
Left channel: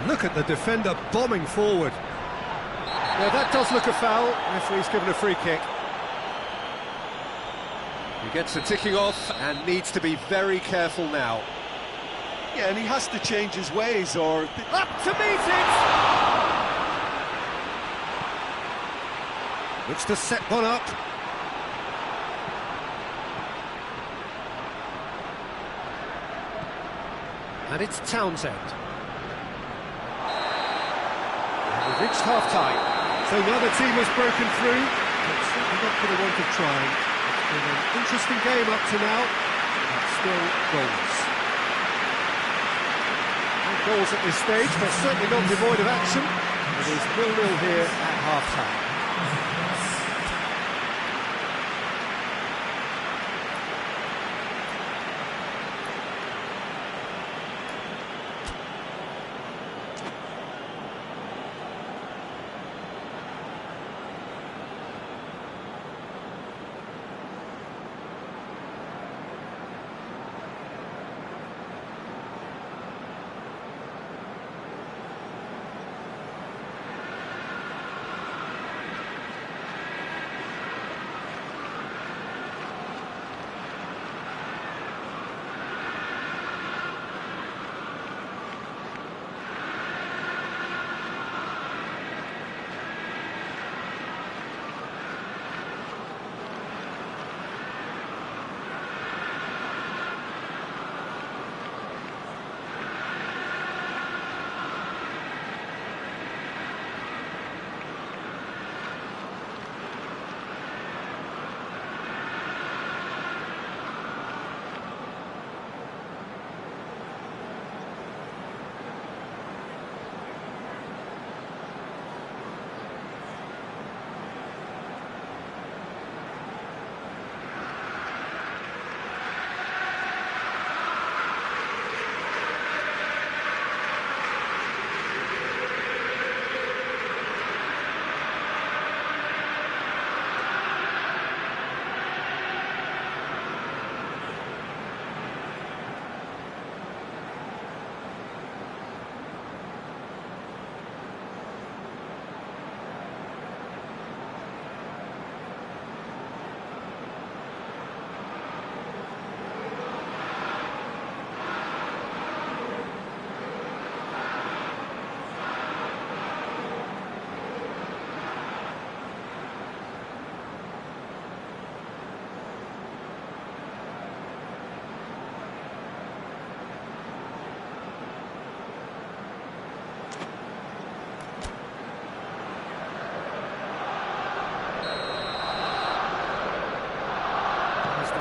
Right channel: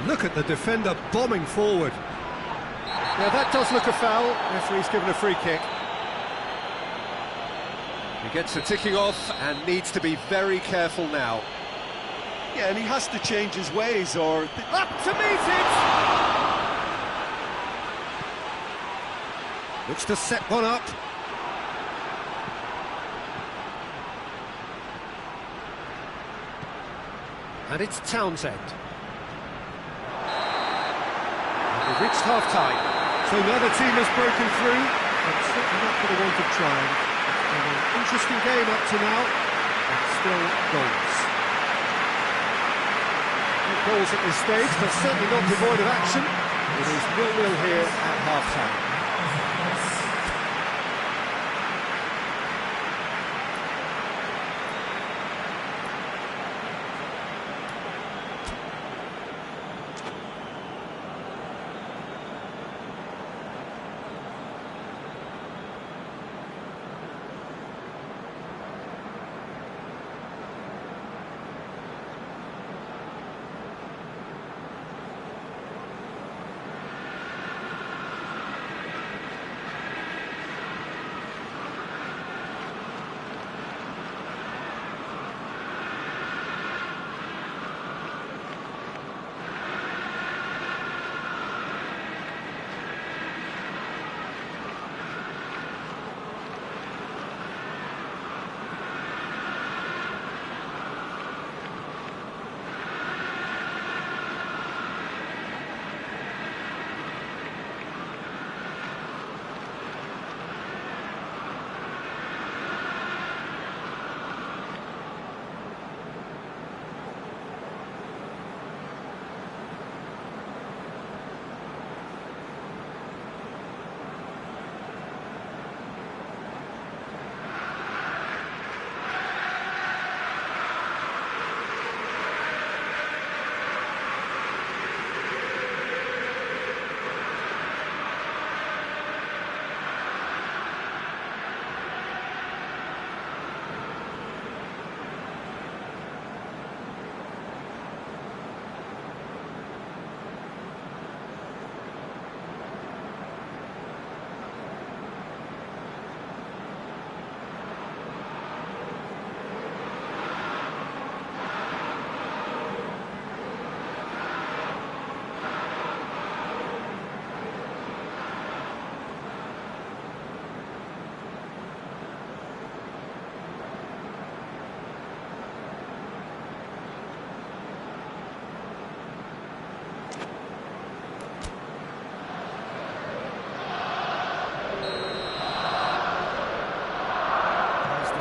Look at the defender bombing forward. Yeah, that does look a foul. Referee's given a free kick. He gets the ticking off and needs to be very careful now. Yeah, and he has to change his ways or... Up to meet it! Looks to set one up. And it's Townsend. And we've reached half-time. So neither team has broken through, but certainly not for the want of trying. It's been an interesting game up to now, but still goals. No goals at this stage, but certainly not devoid of action. It is 0-0 here at half-time.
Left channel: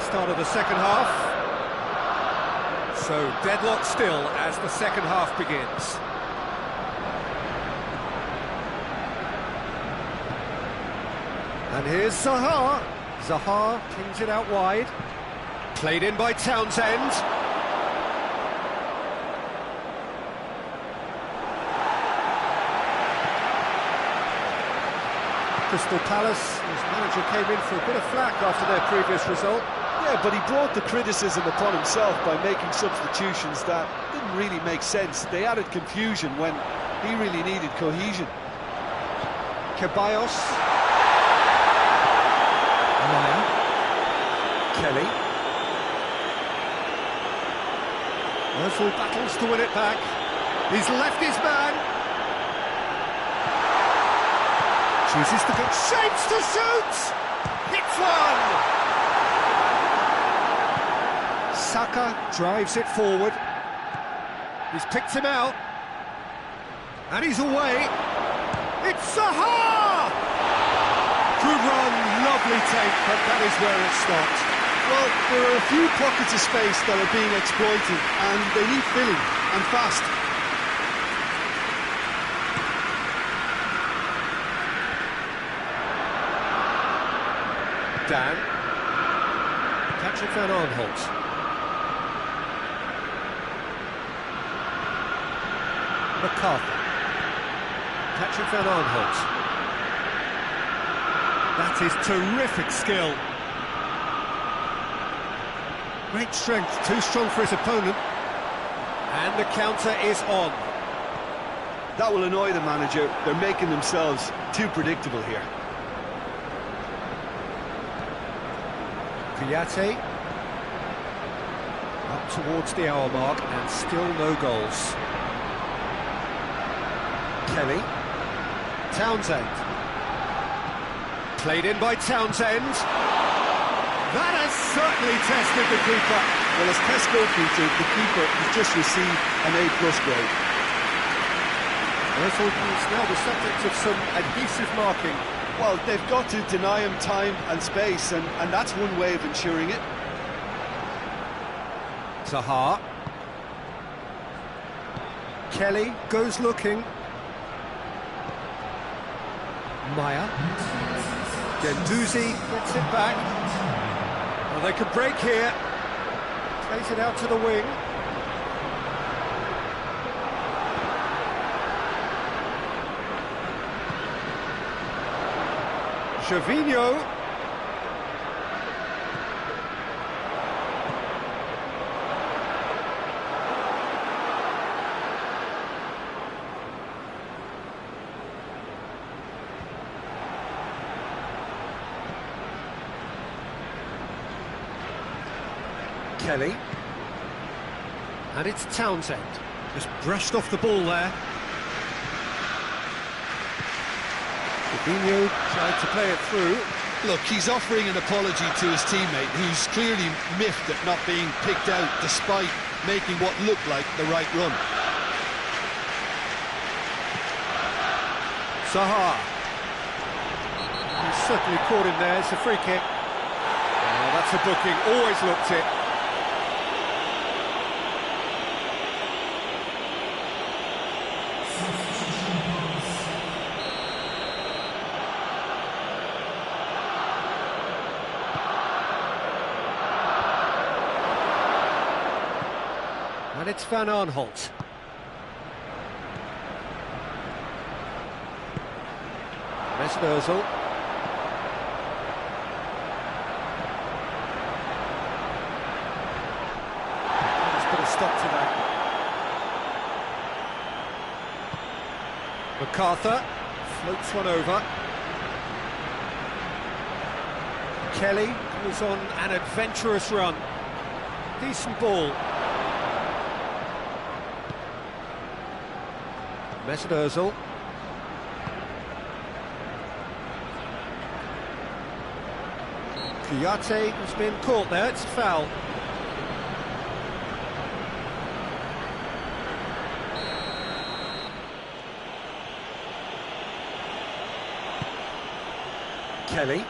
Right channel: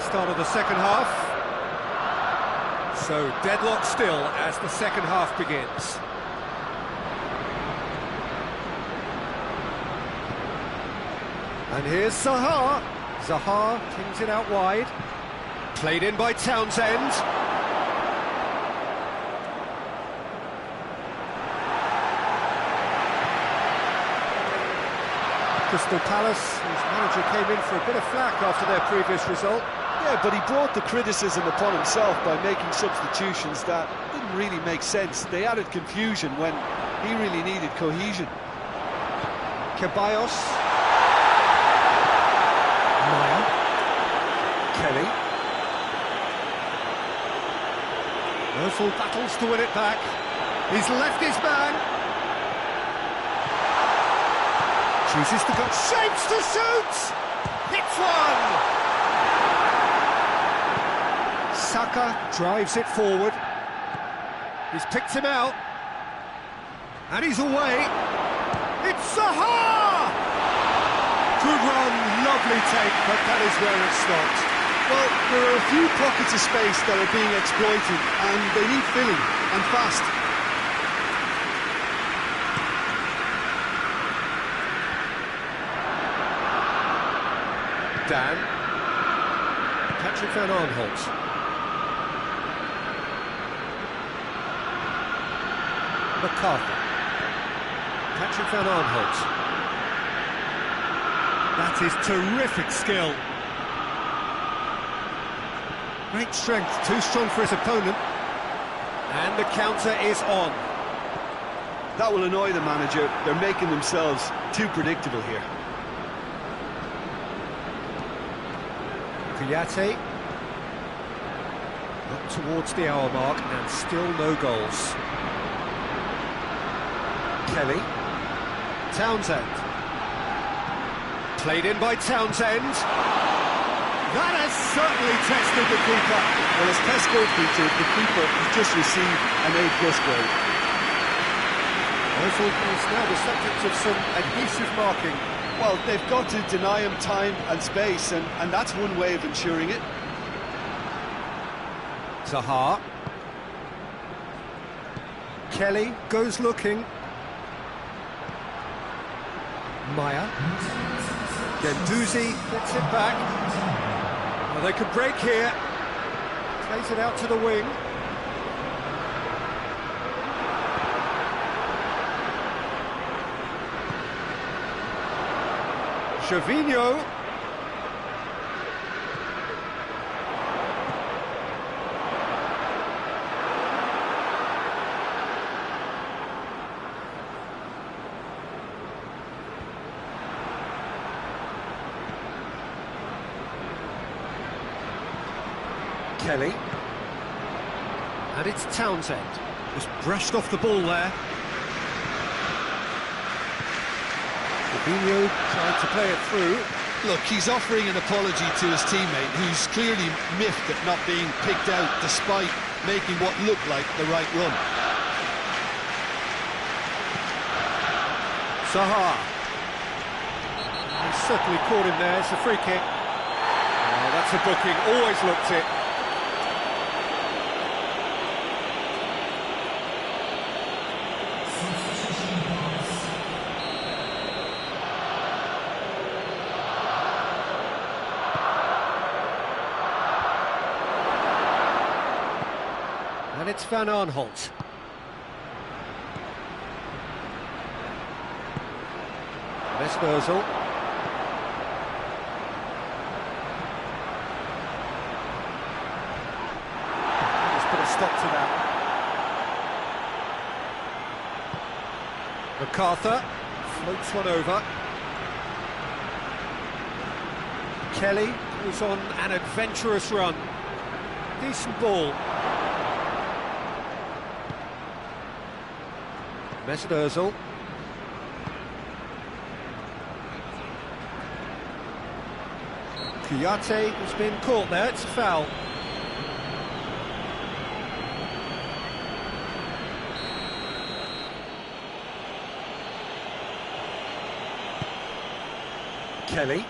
Start of the second half. So deadlock still as the second half begins. And here's Zaha. Zaha pings it out wide. Played in by Townsend. Crystal Palace, whose manager came in for a bit of flack after their previous result. Yeah, but he brought the criticism upon himself by making substitutions that didn't really make sense. They added confusion when he really needed cohesion. Ceballos. Maya. Kelly. Ozil battles to win it back. He's left his man. Chooses to go. Shapes to shoot! Hits one! Saka drives it forward. He's picked him out. And he's away. It's Zaha! Good run, lovely take, but that is where it stopped. Well, there are a few pockets of space that are being exploited, and they need filling, and fast. Dan. Patrick Van Aanholt. MacArthur. Patrick Van Aanholt. That is terrific skill. Great strength, too strong for his opponent. And the counter is on. That will annoy the manager. They're making themselves too predictable here. Kouyaté. Up towards the hour mark and still no goals. Kelly. Townsend. Played in by Townsend. That has certainly tested the keeper. Well, as tests go, Peter, the keeper has just received an A+ grade. Ozil is now the subject of some adhesive marking. Well, they've got to deny him time and space, and that's one way of ensuring it. Zaha. Kelly goes looking. Maya. Gendouzi gets it back. Well, they could break here. Plays it out to the wing. Gervinho. Kelly. And it's Townsend. Just brushed off the ball there. Fabinho tried to play it through. Look, he's offering an apology to his teammate, who's clearly miffed at not being picked out despite making what looked like the right run. Zaha. He's certainly caught him there. It's a free kick. Oh, that's a booking. Always looked it. And it's Van Aanholt. Mesut Ozil. Let's put a stop to that. MacArthur floats one over. Kelly goes on an adventurous run. Decent ball. Mesut Ozil. Kouyaté has been caught there, it's a foul. Kelly.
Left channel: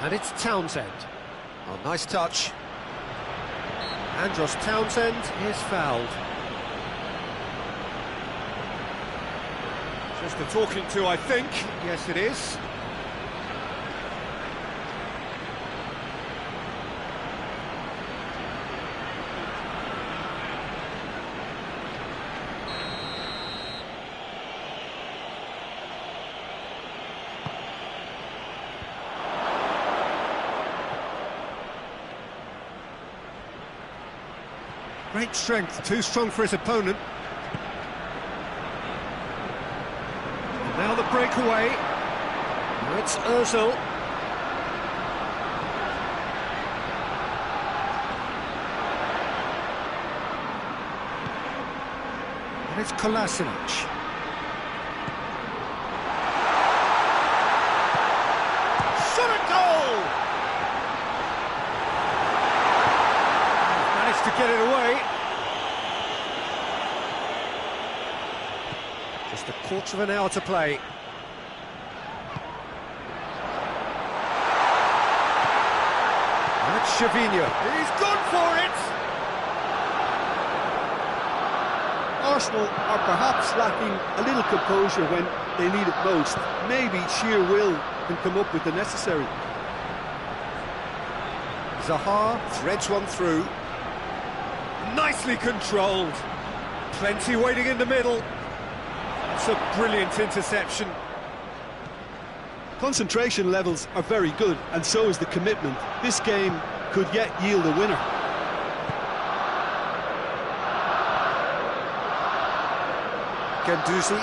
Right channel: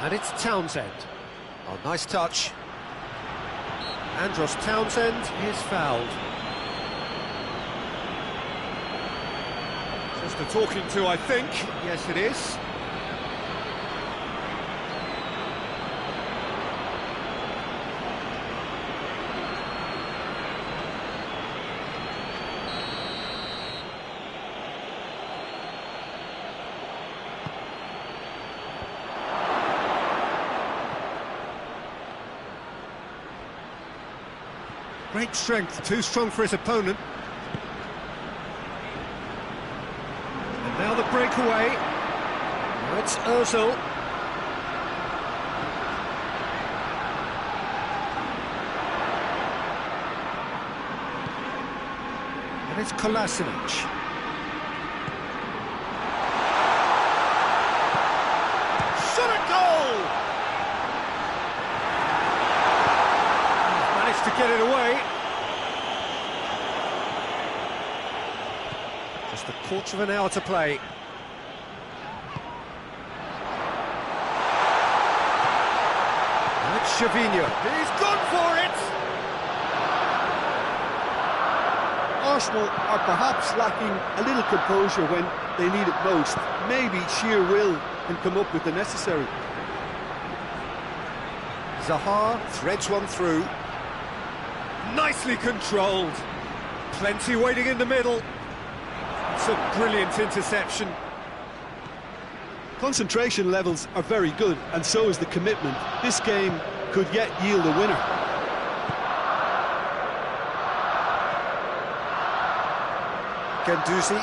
And it's Townsend. Oh, nice touch. Andros Townsend is fouled. Just a talking to, I think. Yes, it is. Great strength, too strong for his opponent. And now the breakaway. Now it's Ozil. And it's Kolasinac. Shot at goal! Managed to get it away. Just a quarter of an hour to play. And it's Gervinho. He's gone for it! Arsenal are perhaps lacking a little composure when they need it most. Maybe sheer will can come up with the necessary. Zaha threads one through. Nicely controlled. Plenty waiting in the middle. It's a brilliant interception. Concentration levels are very good, and so is the commitment. This game could yet yield a winner. Guendouzi.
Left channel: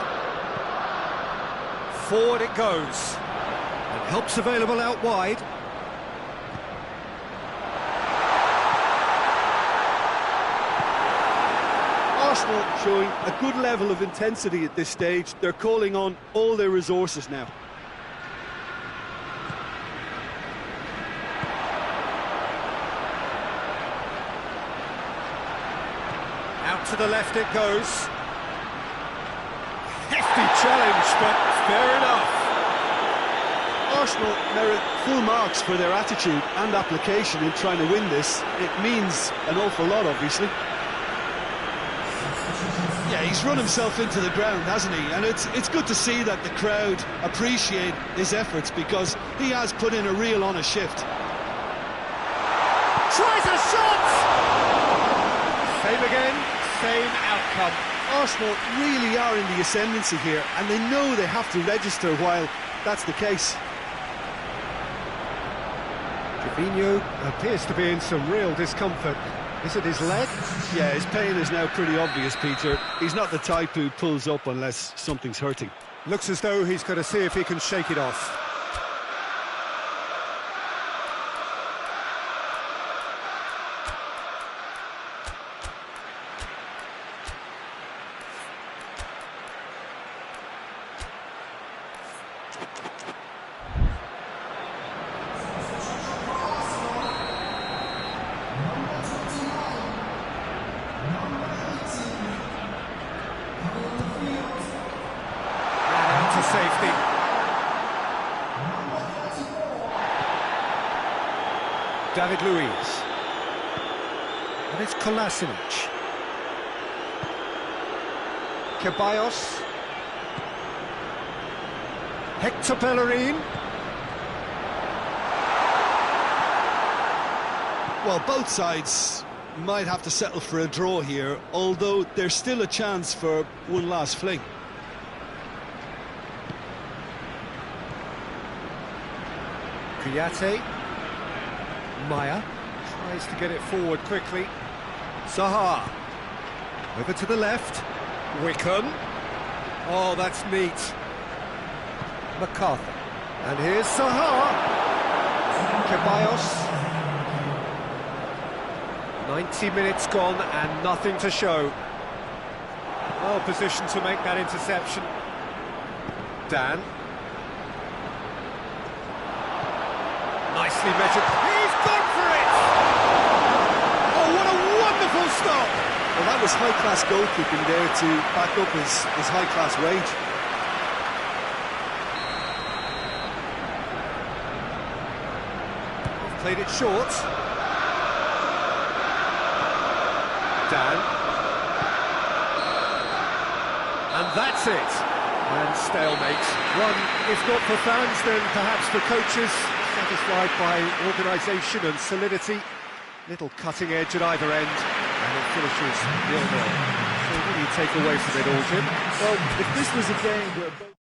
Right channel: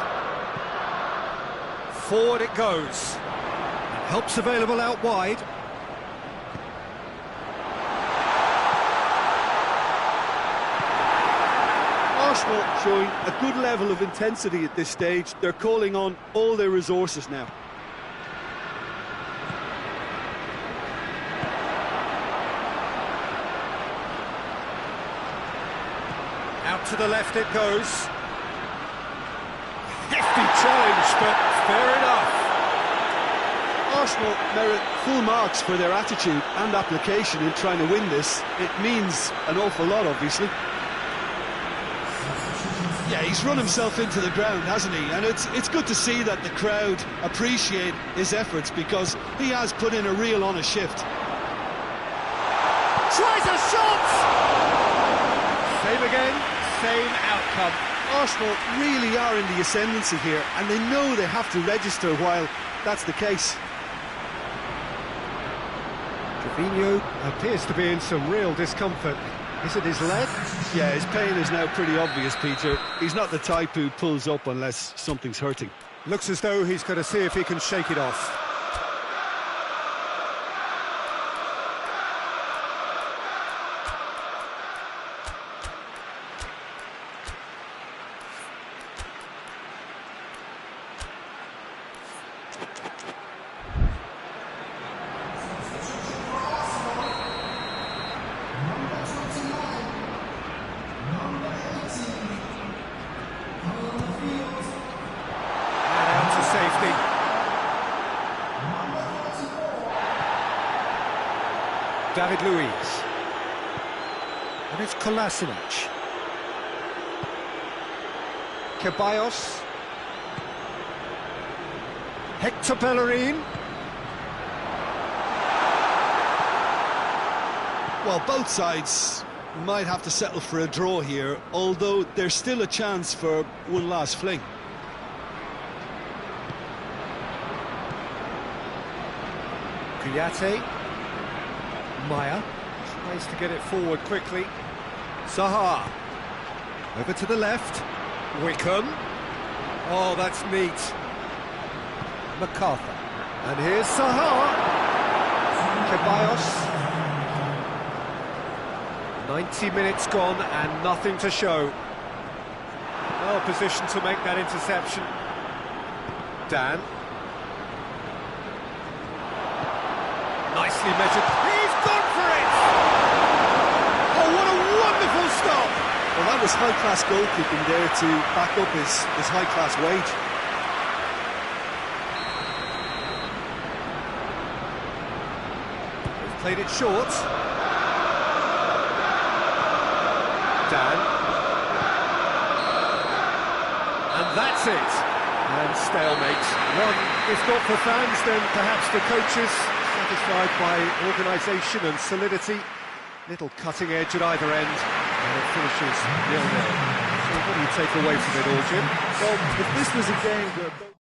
Forward it goes. And help's available out wide. Arsenal showing a good level of intensity at this stage. They're calling on all their resources now. Out to the left it goes. Hefty challenge, but fair enough. Arsenal merit full marks for their attitude and application in trying to win this. It means an awful lot, obviously. Yeah, he's run himself into the ground, hasn't he? And it's good to see that the crowd appreciate his efforts, because he has put in a real honest shift. Tries a shot! Same again, same outcome. Arsenal really are in the ascendancy here, and they know they have to register while that's the case. Trevino appears to be in some real discomfort. Is it his leg? Yeah, his pain is now pretty obvious, Peter. He's not the type who pulls up unless something's hurting. Looks as though he's going to see if he can shake it off. To safety. David Luiz. And it's Kolasinac. Ceballos. Hector Bellerin. Well, both sides might have to settle for a draw here, although there's still a chance for one last fling. Kouyaté. Maya tries to get it forward quickly. Zaha. Over to the left. Wickham. Oh, that's neat. MacArthur. And here's Zaha. Ceballos. 90 minutes gone and nothing to show. Well positioned to make that interception. Dan. Nicely measured. He's gone for it! Oh, what a wonderful stop! Well, that was high-class goalkeeping there to back up his high-class wage. They've played it short. Dan. And that's it. And stalemate. One, if not for fans, then perhaps for coaches. Satisfied by organisation and solidity. Little cutting edge at either end, and it finishes 0-0. So what do you take away from it all, Jim? Well, if this was a game where both...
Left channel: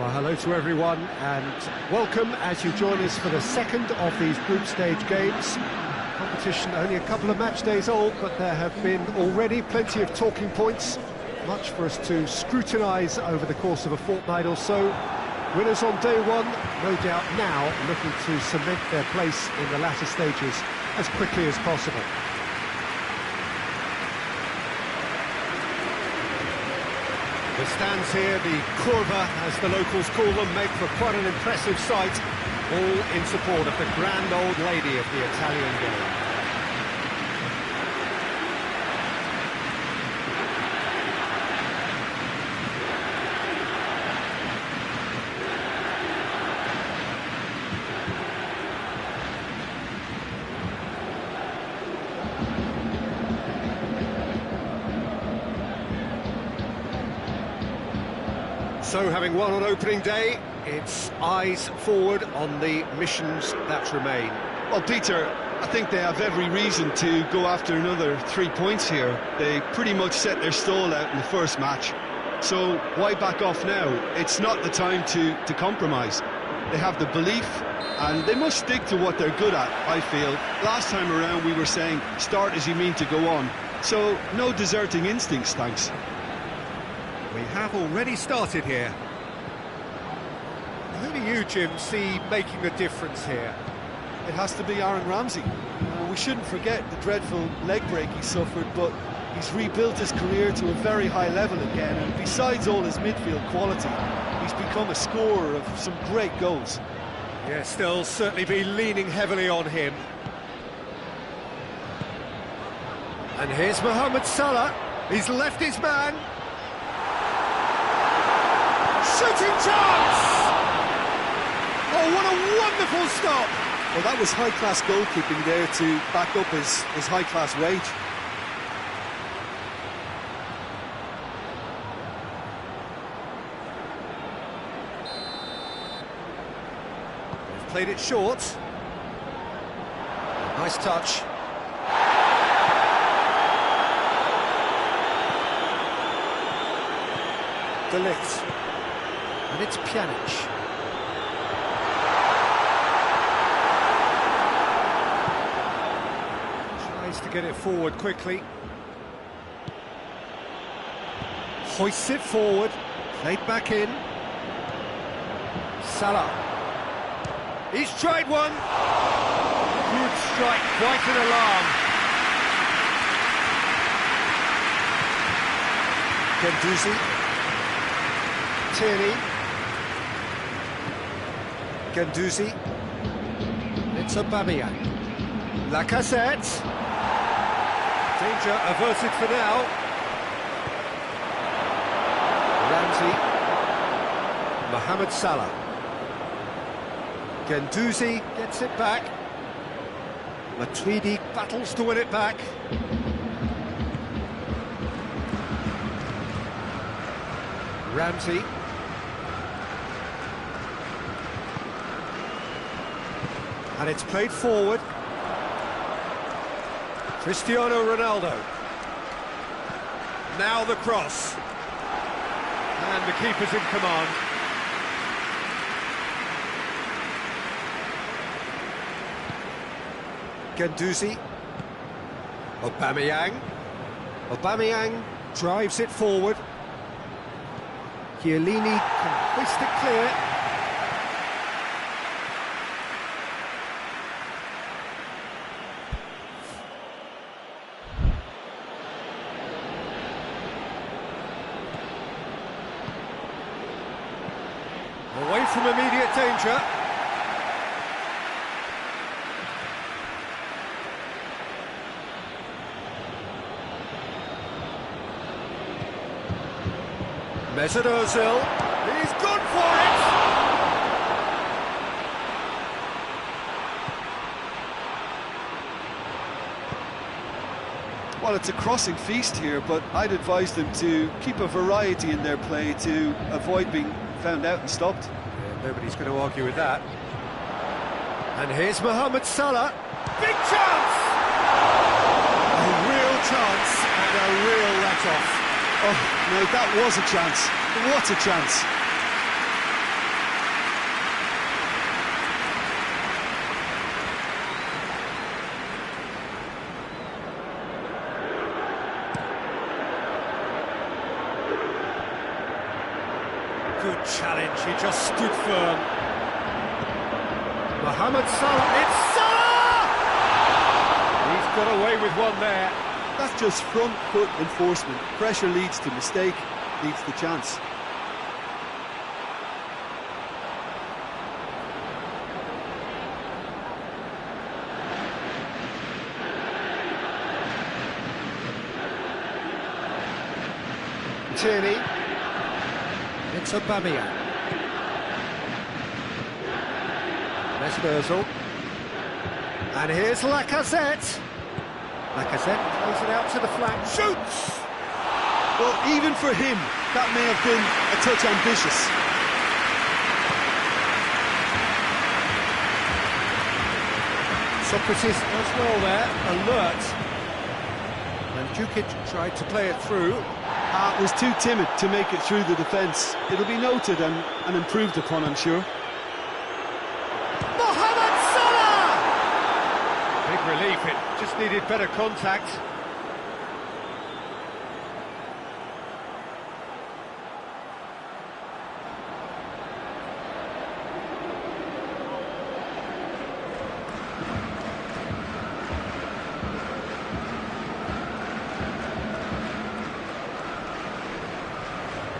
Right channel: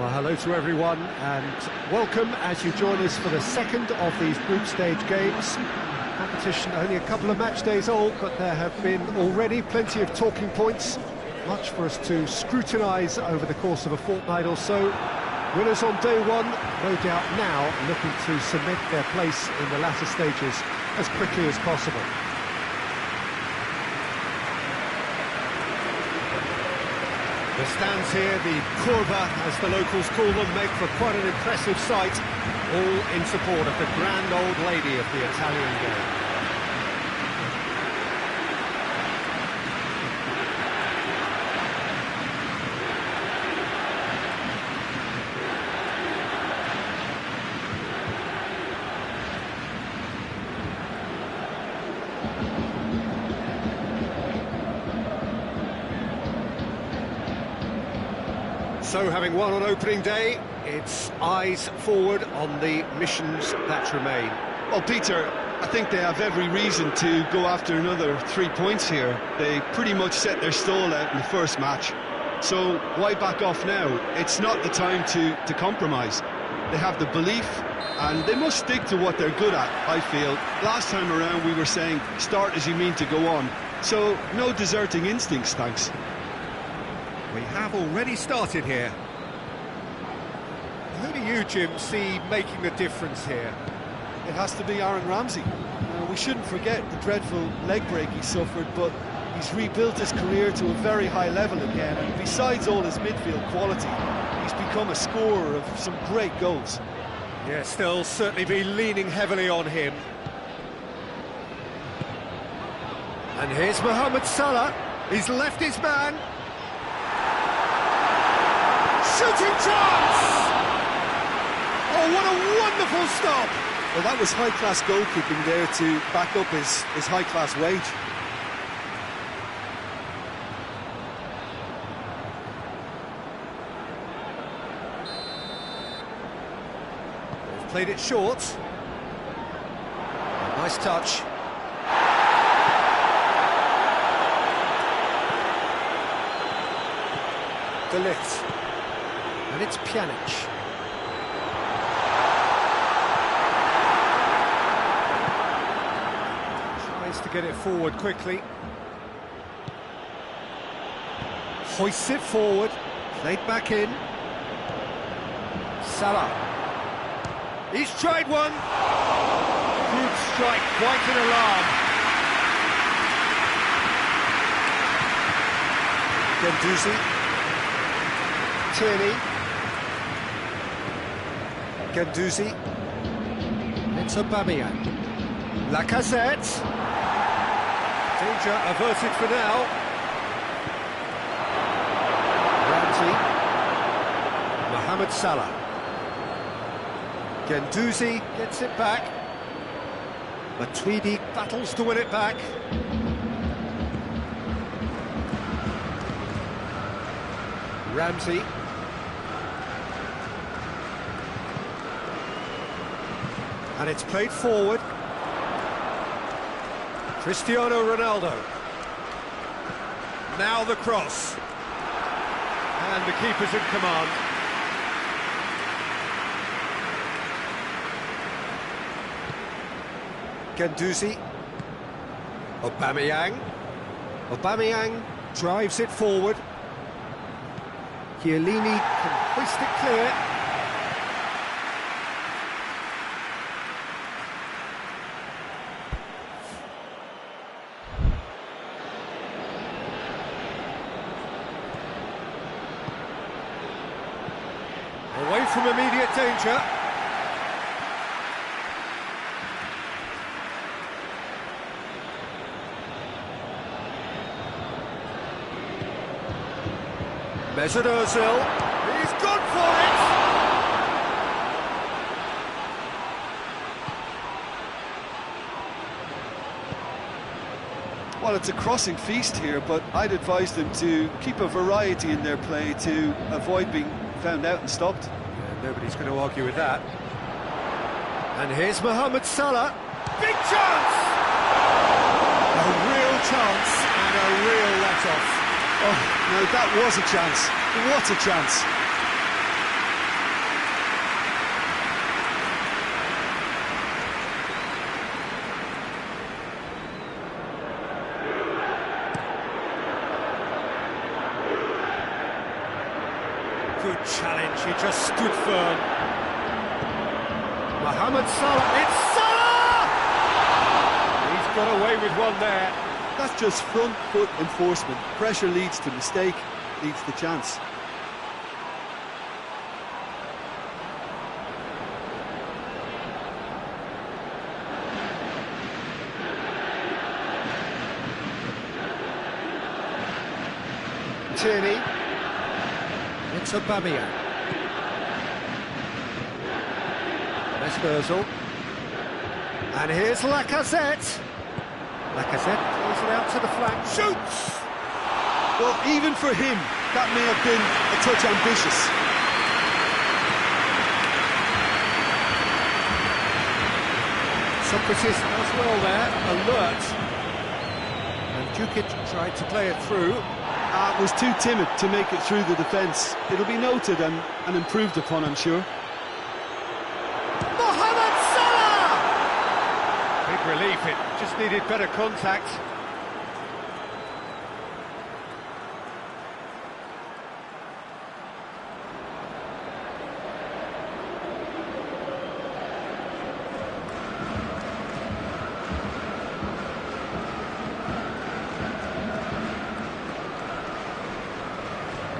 Well, hello to everyone and welcome as you join us for the second of these group stage games. Competition only a couple of match days old, but there have been already plenty of talking points, much for us to scrutinise over the course of a fortnight or so. Winners on day one, no doubt now looking to cement their place in the latter stages as quickly as possible. The stands here, the curva, as the locals call them, make for quite an impressive sight, all in support of the grand old lady of the Italian game. So, having won on opening day, it's eyes forward on the missions that remain. Well, Peter, I think they have every reason to go after another 3 points here. They pretty much set their stall out in the first match. So why back off now? It's not the time to compromise. They have the belief, and they must stick to what they're good at, I feel. Last time around we were saying, start as you mean to go on. So, no deserting instincts, thanks. We have already started here. Who do you, Jim, see making the difference here? It has to be Aaron Ramsey. We shouldn't forget the dreadful leg break he suffered, but he's rebuilt his career to a very high level again, and besides all his midfield quality, he's become a scorer of some great goals. Yes, they'll certainly be leaning heavily on him. And here's Mohamed Salah. He's left his man. Shooting chance! Oh, what a wonderful stop! Well, that was high-class goalkeeping there to back up his high-class wage. They've played it short. A nice touch. De Ligt. And it's Pjanic. Tries to get it forward quickly. Hoists it forward. Played back in. Salah. He's tried one. Good strike, quite an alarm. Guendouzi. Tierney. Guendouzi. It's Aubameyang. Lacazette. Danger averted for now. Ramsey. Mohamed Salah. Guendouzi gets it back. Matuidi battles to win it back. Ramsey. And it's played forward. Cristiano Ronaldo. Now the cross. And the keeper's in command. Guendouzi. Aubameyang. Aubameyang drives it forward. Chiellini can hoist it clear. Away from immediate danger. Mesut Ozil, he's gone for it! Well, it's a crossing feast here, but I'd advise them to keep a variety in their play to avoid being found out and stopped. Yeah, nobody's going to argue with that. And here's Mohamed Salah. Big chance! A real chance and a real let-off. Oh, no, that was a chance. What a chance. Good challenge, he just stood firm. Mohamed Salah, it's Salah! He's got away with one there. That's just front foot enforcement. Pressure leads to mistake, leads to chance. Tierney. It's Aubameyang. Mesut Ozil. And here's Lacazette. Lacazette plays it out to the flank. Shoots! Well, even for him, that may have been a touch ambitious. Socrates does well there, alert. And Djukic tried to play it through. Was too timid to make it through the defence. It'll be noted and improved upon, I'm sure. Mohamed Salah! Big relief, it just needed better contact.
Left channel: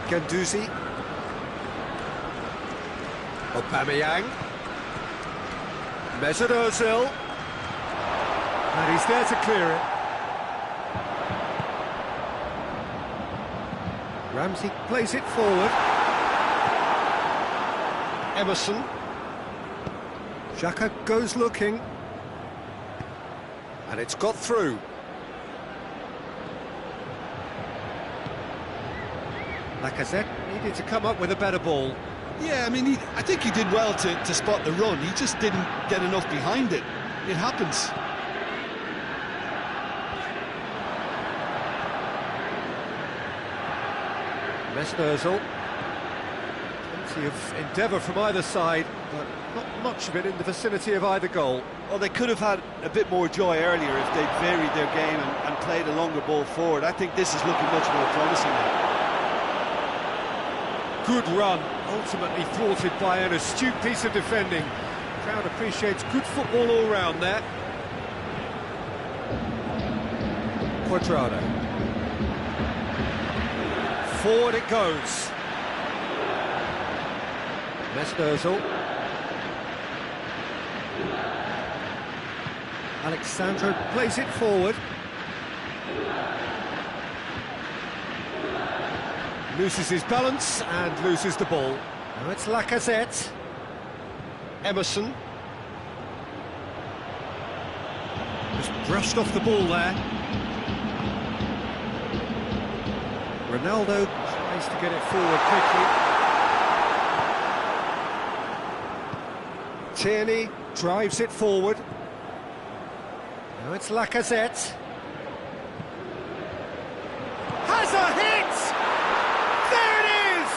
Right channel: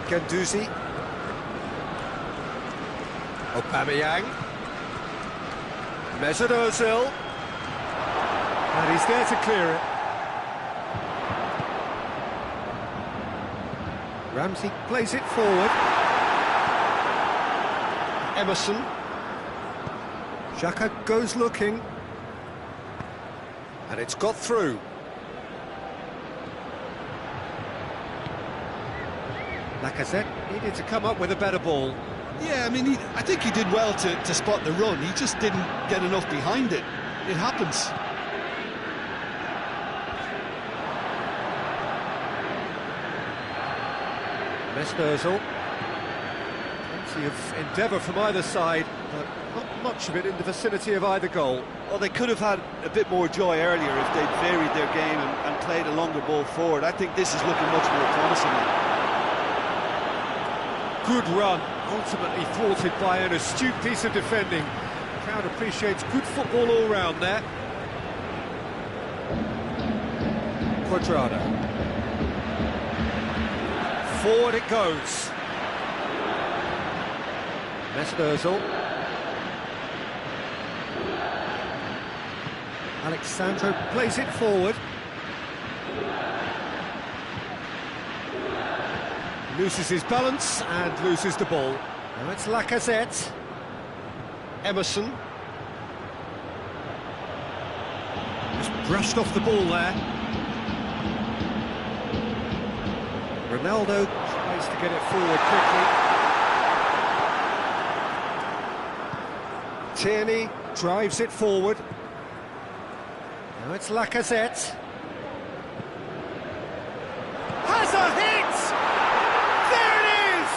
Guendouzi. Aubameyang. Mesut Ozil. And he's there to clear it. Ramsey plays it forward. Emerson. Xhaka goes looking. And it's got through. Lacazette needed to come up with a better ball. Yeah, I mean, I think he did well to spot the run. He just didn't get enough behind it. It happens. Mesut Ozil. Plenty of endeavour from either side, but not much of it in the vicinity of either goal. Well, they could have had a bit more joy earlier if they'd varied their game and played a longer ball forward. I think this is looking much more promising now. Good run, ultimately thwarted by an astute piece of defending. The crowd appreciates good football all round there. Cuadrado. Forward it goes. Mesut Ozil. Alexandro plays it forward. Loses his balance and loses the ball. Now it's Lacazette. Emerson. Just brushed off the ball there. Ronaldo tries to get it forward quickly. Tierney drives it forward. Now it's Lacazette. Has a hit! There it is!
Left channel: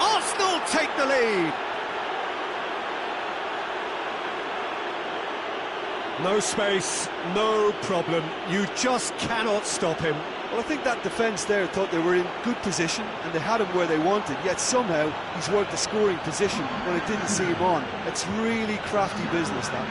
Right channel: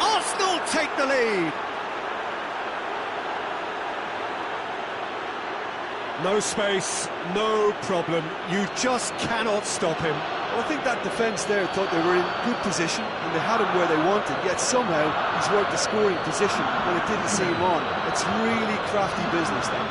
Arsenal take the lead. No space, no problem. You just cannot stop him. Well, I think that defence there thought they were in good position and they had him where they wanted, yet somehow he's worked the scoring position when it didn't see him on. It's really crafty business, that.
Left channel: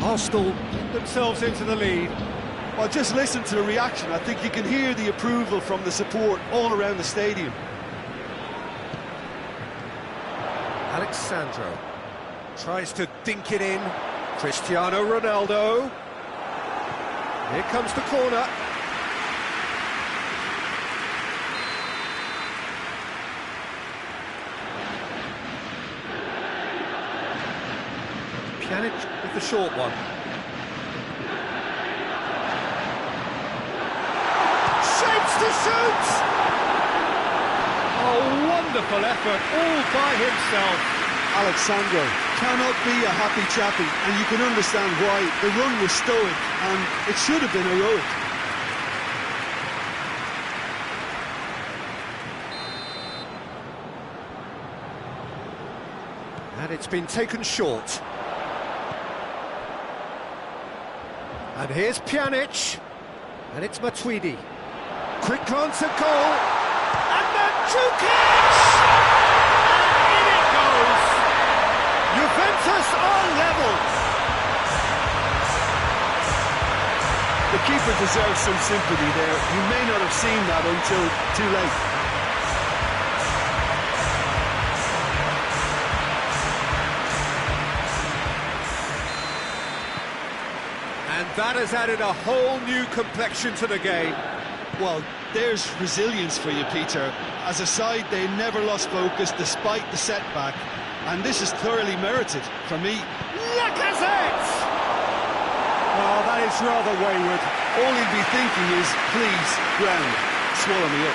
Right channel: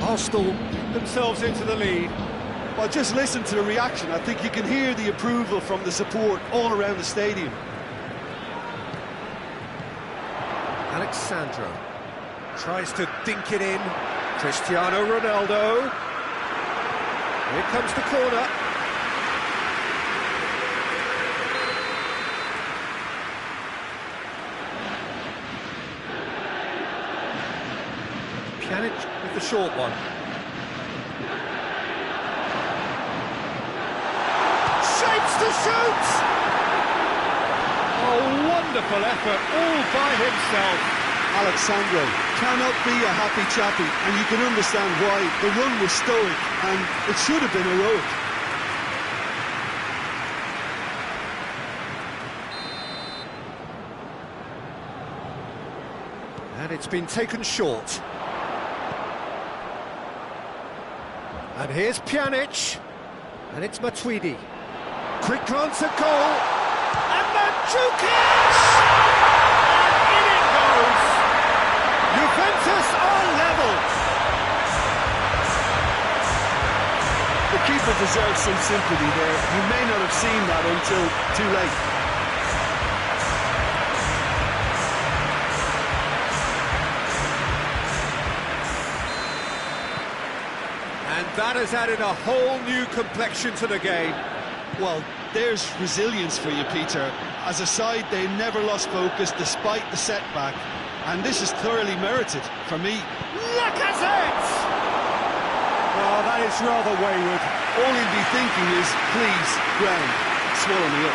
Arsenal get themselves into the lead. Well, just listen to the reaction. I think you can hear the approval from the support all around the stadium. Alexandro tries to dink it in. Cristiano Ronaldo. Here comes the corner. Pjanic with the short one. Shapes to shoot! A wonderful effort all by himself. Alexandro cannot be a happy chappy, and you can understand why. The run was stoic, and it should have been heroic. And it's been taken short. And here's Pjanic. And it's Matuidi. Quick glance at goal. And Mandzukic! And in it goes. Juventus are level. The keeper deserves some sympathy there. You may not have seen that until too late. And that has added a whole new complexion to the game. Well, there's resilience for you, Peter. As a side, they never lost focus despite the setback. And this is thoroughly merited for me. Lacazette! Oh, that is rather wayward. All he'll be thinking is, please, ground, swallow me up.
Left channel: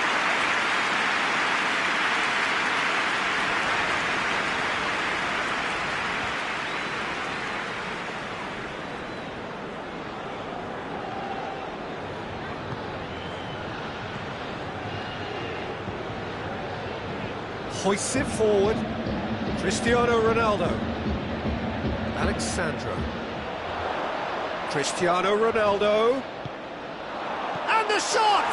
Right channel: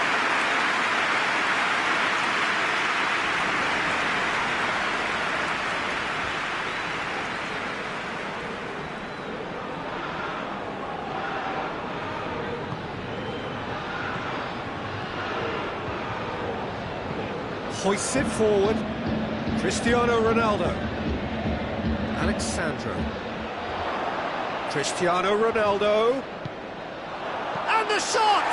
Hoists it forward. Cristiano Ronaldo. Alexandro. Cristiano Ronaldo. And the shot!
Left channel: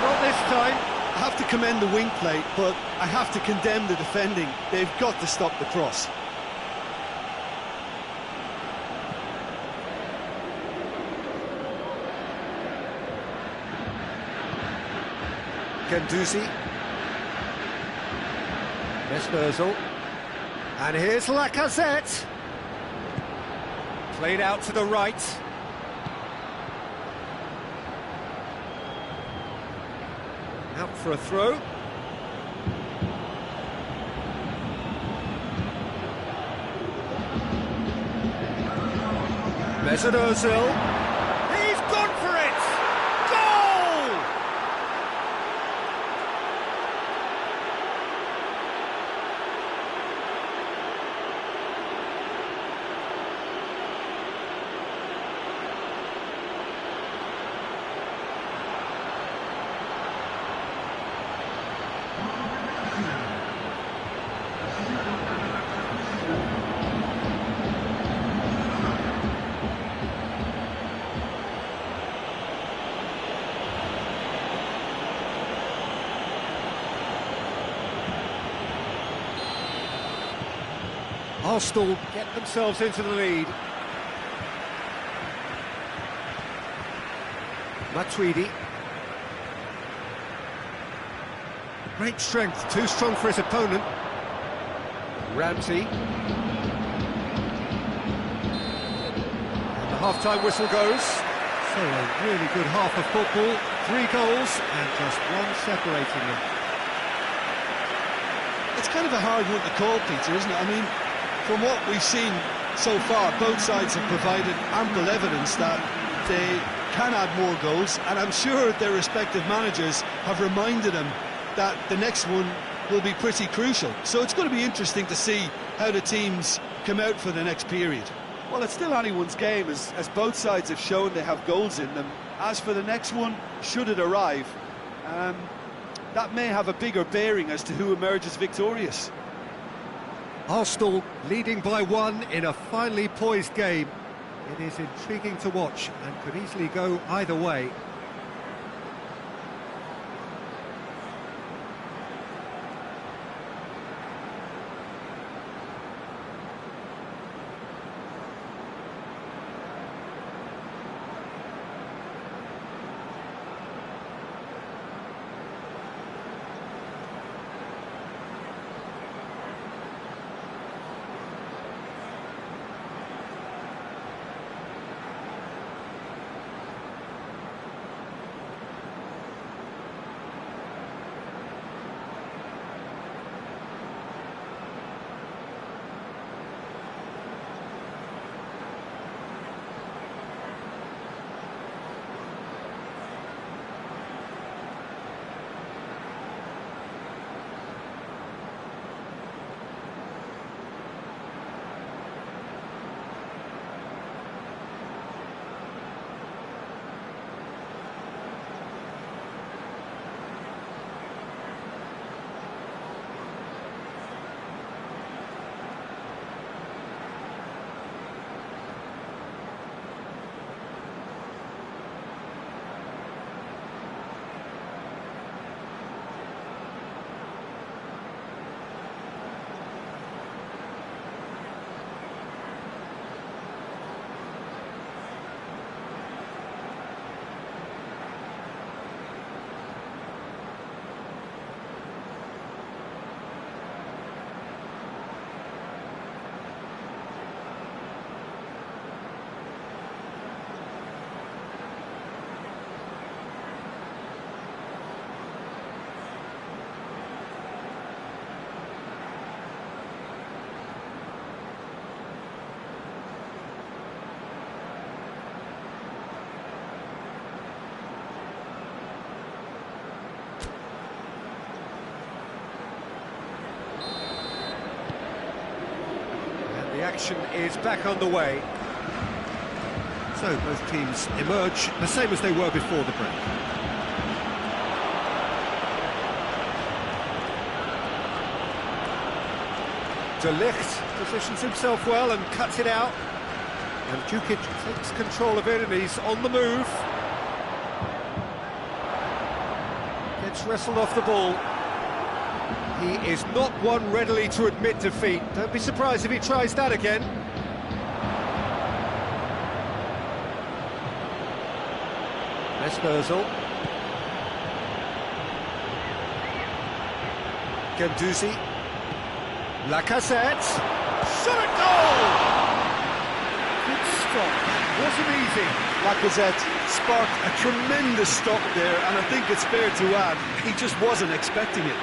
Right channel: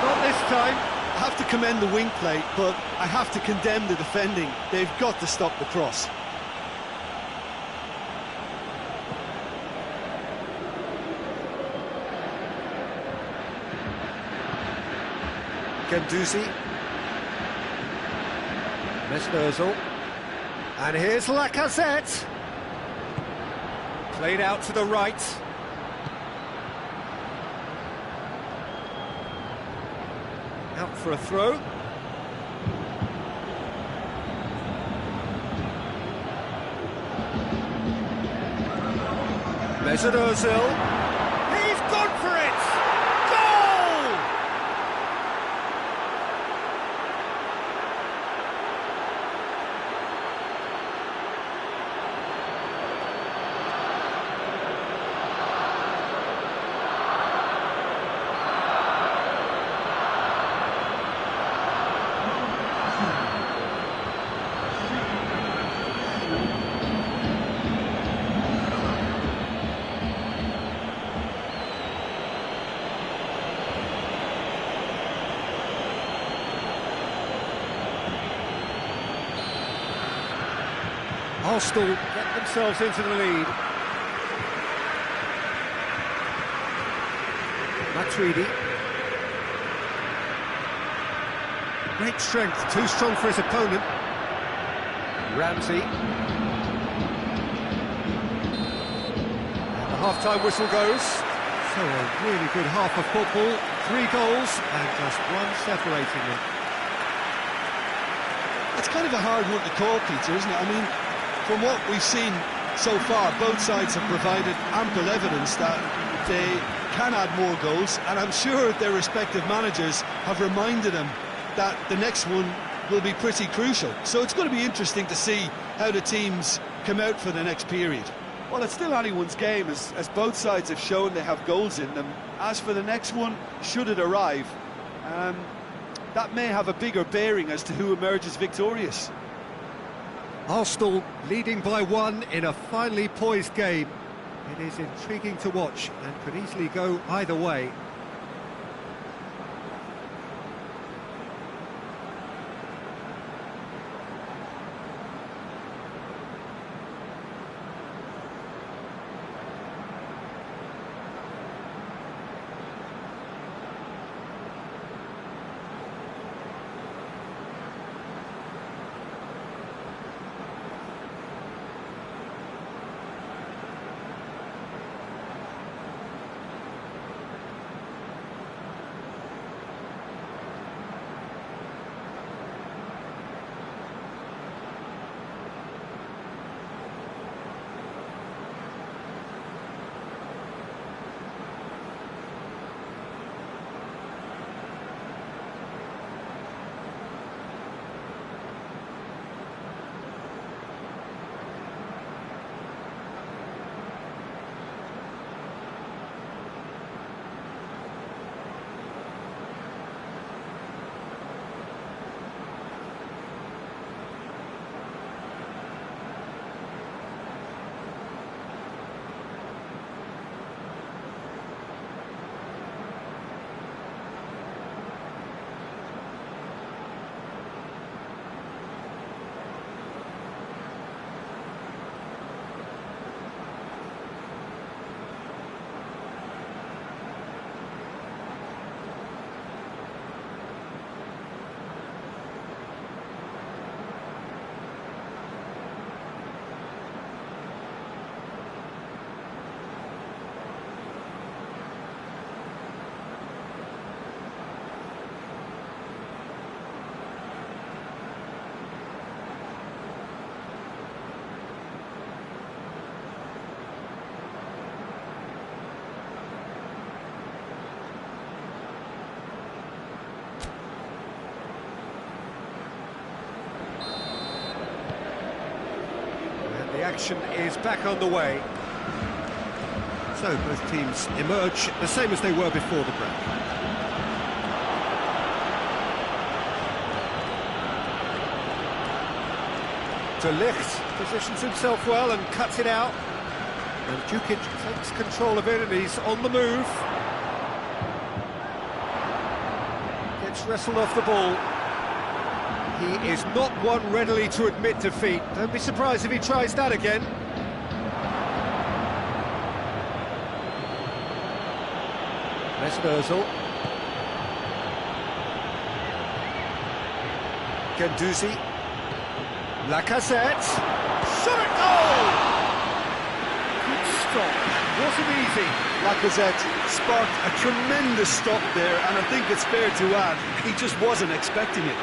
Not this time. I have to commend the wing play, but I have to condemn the defending. They've got to stop the cross. Guendouzi. Mesut. And here's Lacazette. Played out to the right. Out for a throw. Mesut Ozil. He's gone for it! Goal! Arsenal get themselves into the lead. Matuidi. Great strength, too strong for his opponent. Ramsey. And the half-time whistle goes. So a really good half of football. 3 goals and just one separating them. It's kind of a hard one to call, Peter, isn't it? I mean, from what we've seen so far, both sides have provided ample evidence that they can add more goals, and I'm sure their respective managers have reminded them that the next one will be pretty crucial. So it's going to be interesting to see how the teams come out for the next period. Well, it's still anyone's game, as both sides have shown they have goals in them. As for the next one, should it arrive, that may have a bigger bearing as to who emerges victorious. Arsenal leading by 1 in a finely poised game. It is intriguing to watch and could easily go either way. The action is back underway. So both teams emerge the same as they were before the break. De Ligt positions himself well and cuts it out. And Djukic takes control of it and he's on the move. Gets wrestled off the ball. He is not one readily to admit defeat. Don't be surprised if he tries that again. Mesut Ozil. Guendouzi. Lacazette. Shot at goal! Good stop. Wasn't easy. Lacazette sparked a tremendous stop there, and I think it's fair to add, he just wasn't expecting it.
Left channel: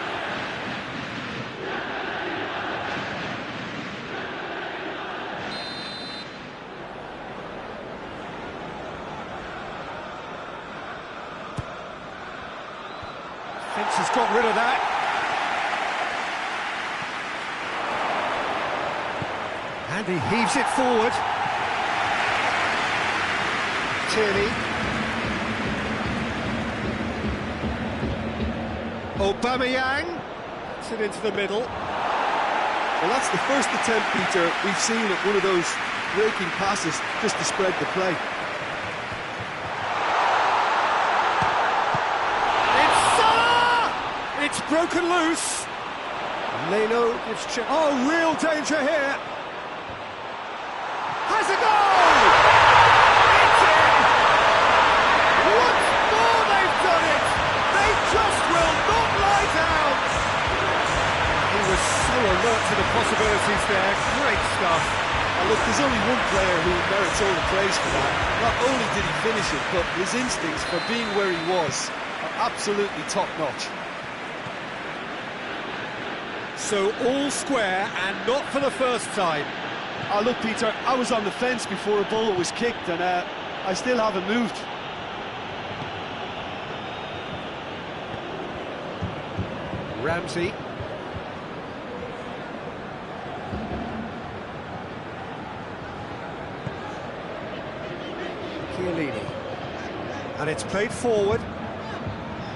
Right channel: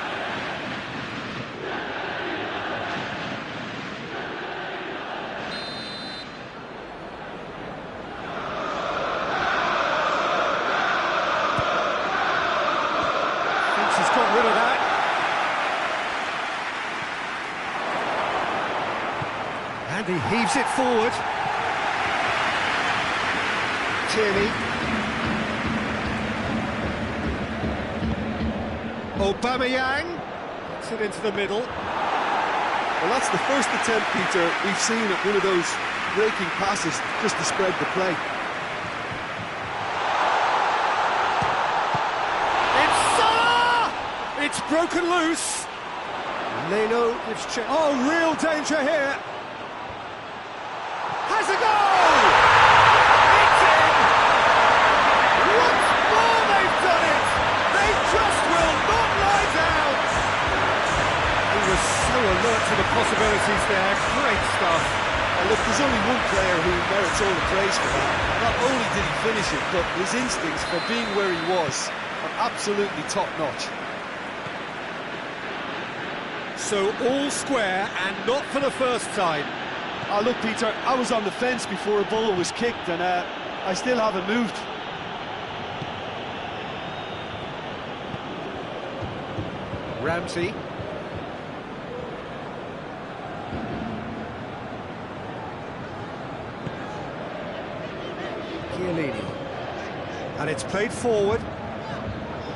Thinks he's got rid of that. And he heaves it forward. Tierney. Aubameyang gets it into the middle. Well, that's the first attempt, Peter, we've seen at one of those breaking passes just to spread the play. It's Salah! It's broken loose. Leno gives chance. Oh, real danger here. Has a goal! It's in! Once more they've done it! They just will not lie down! He was so alert to the possibilities there. Great stuff. And look, there's only one player who merits all the praise for that. Not only did he finish it, but his instincts for being where he was are absolutely top-notch. So all square, and not for the first time. Oh, look, Peter, I was on the fence before a ball was kicked, and I still haven't moved. Ramsey. Chiellini. And it's played forward.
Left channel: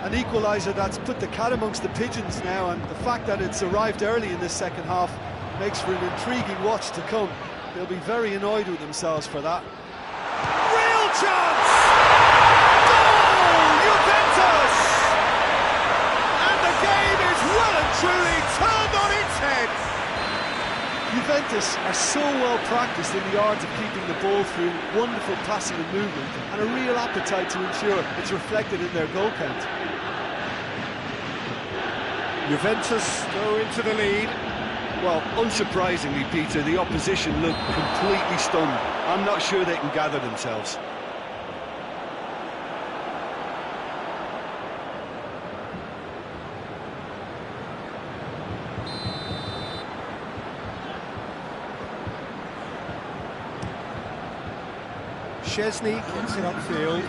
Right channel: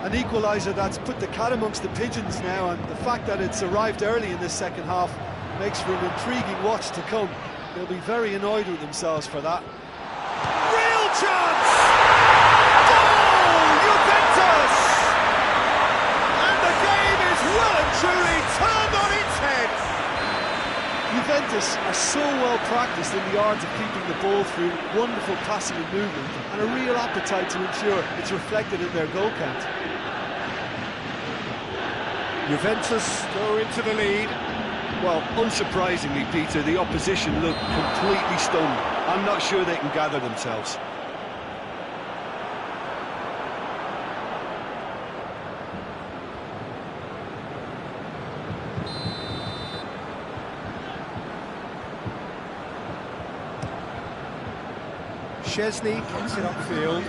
An equaliser that's put the cat amongst the pigeons now, and the fact that it's arrived early in this second half makes for an intriguing watch to come. They'll be very annoyed with themselves for that. Real chance! Goal! Juventus! And the game is well and truly turned on its head. Juventus are so well practiced in the art of keeping the ball through wonderful passing and movement, and a real appetite to ensure it's reflected in their goal count. Juventus go into the lead. Well, unsurprisingly, Peter, the opposition look completely stunned. I'm not sure they can gather themselves. Szczesny gets it upfield.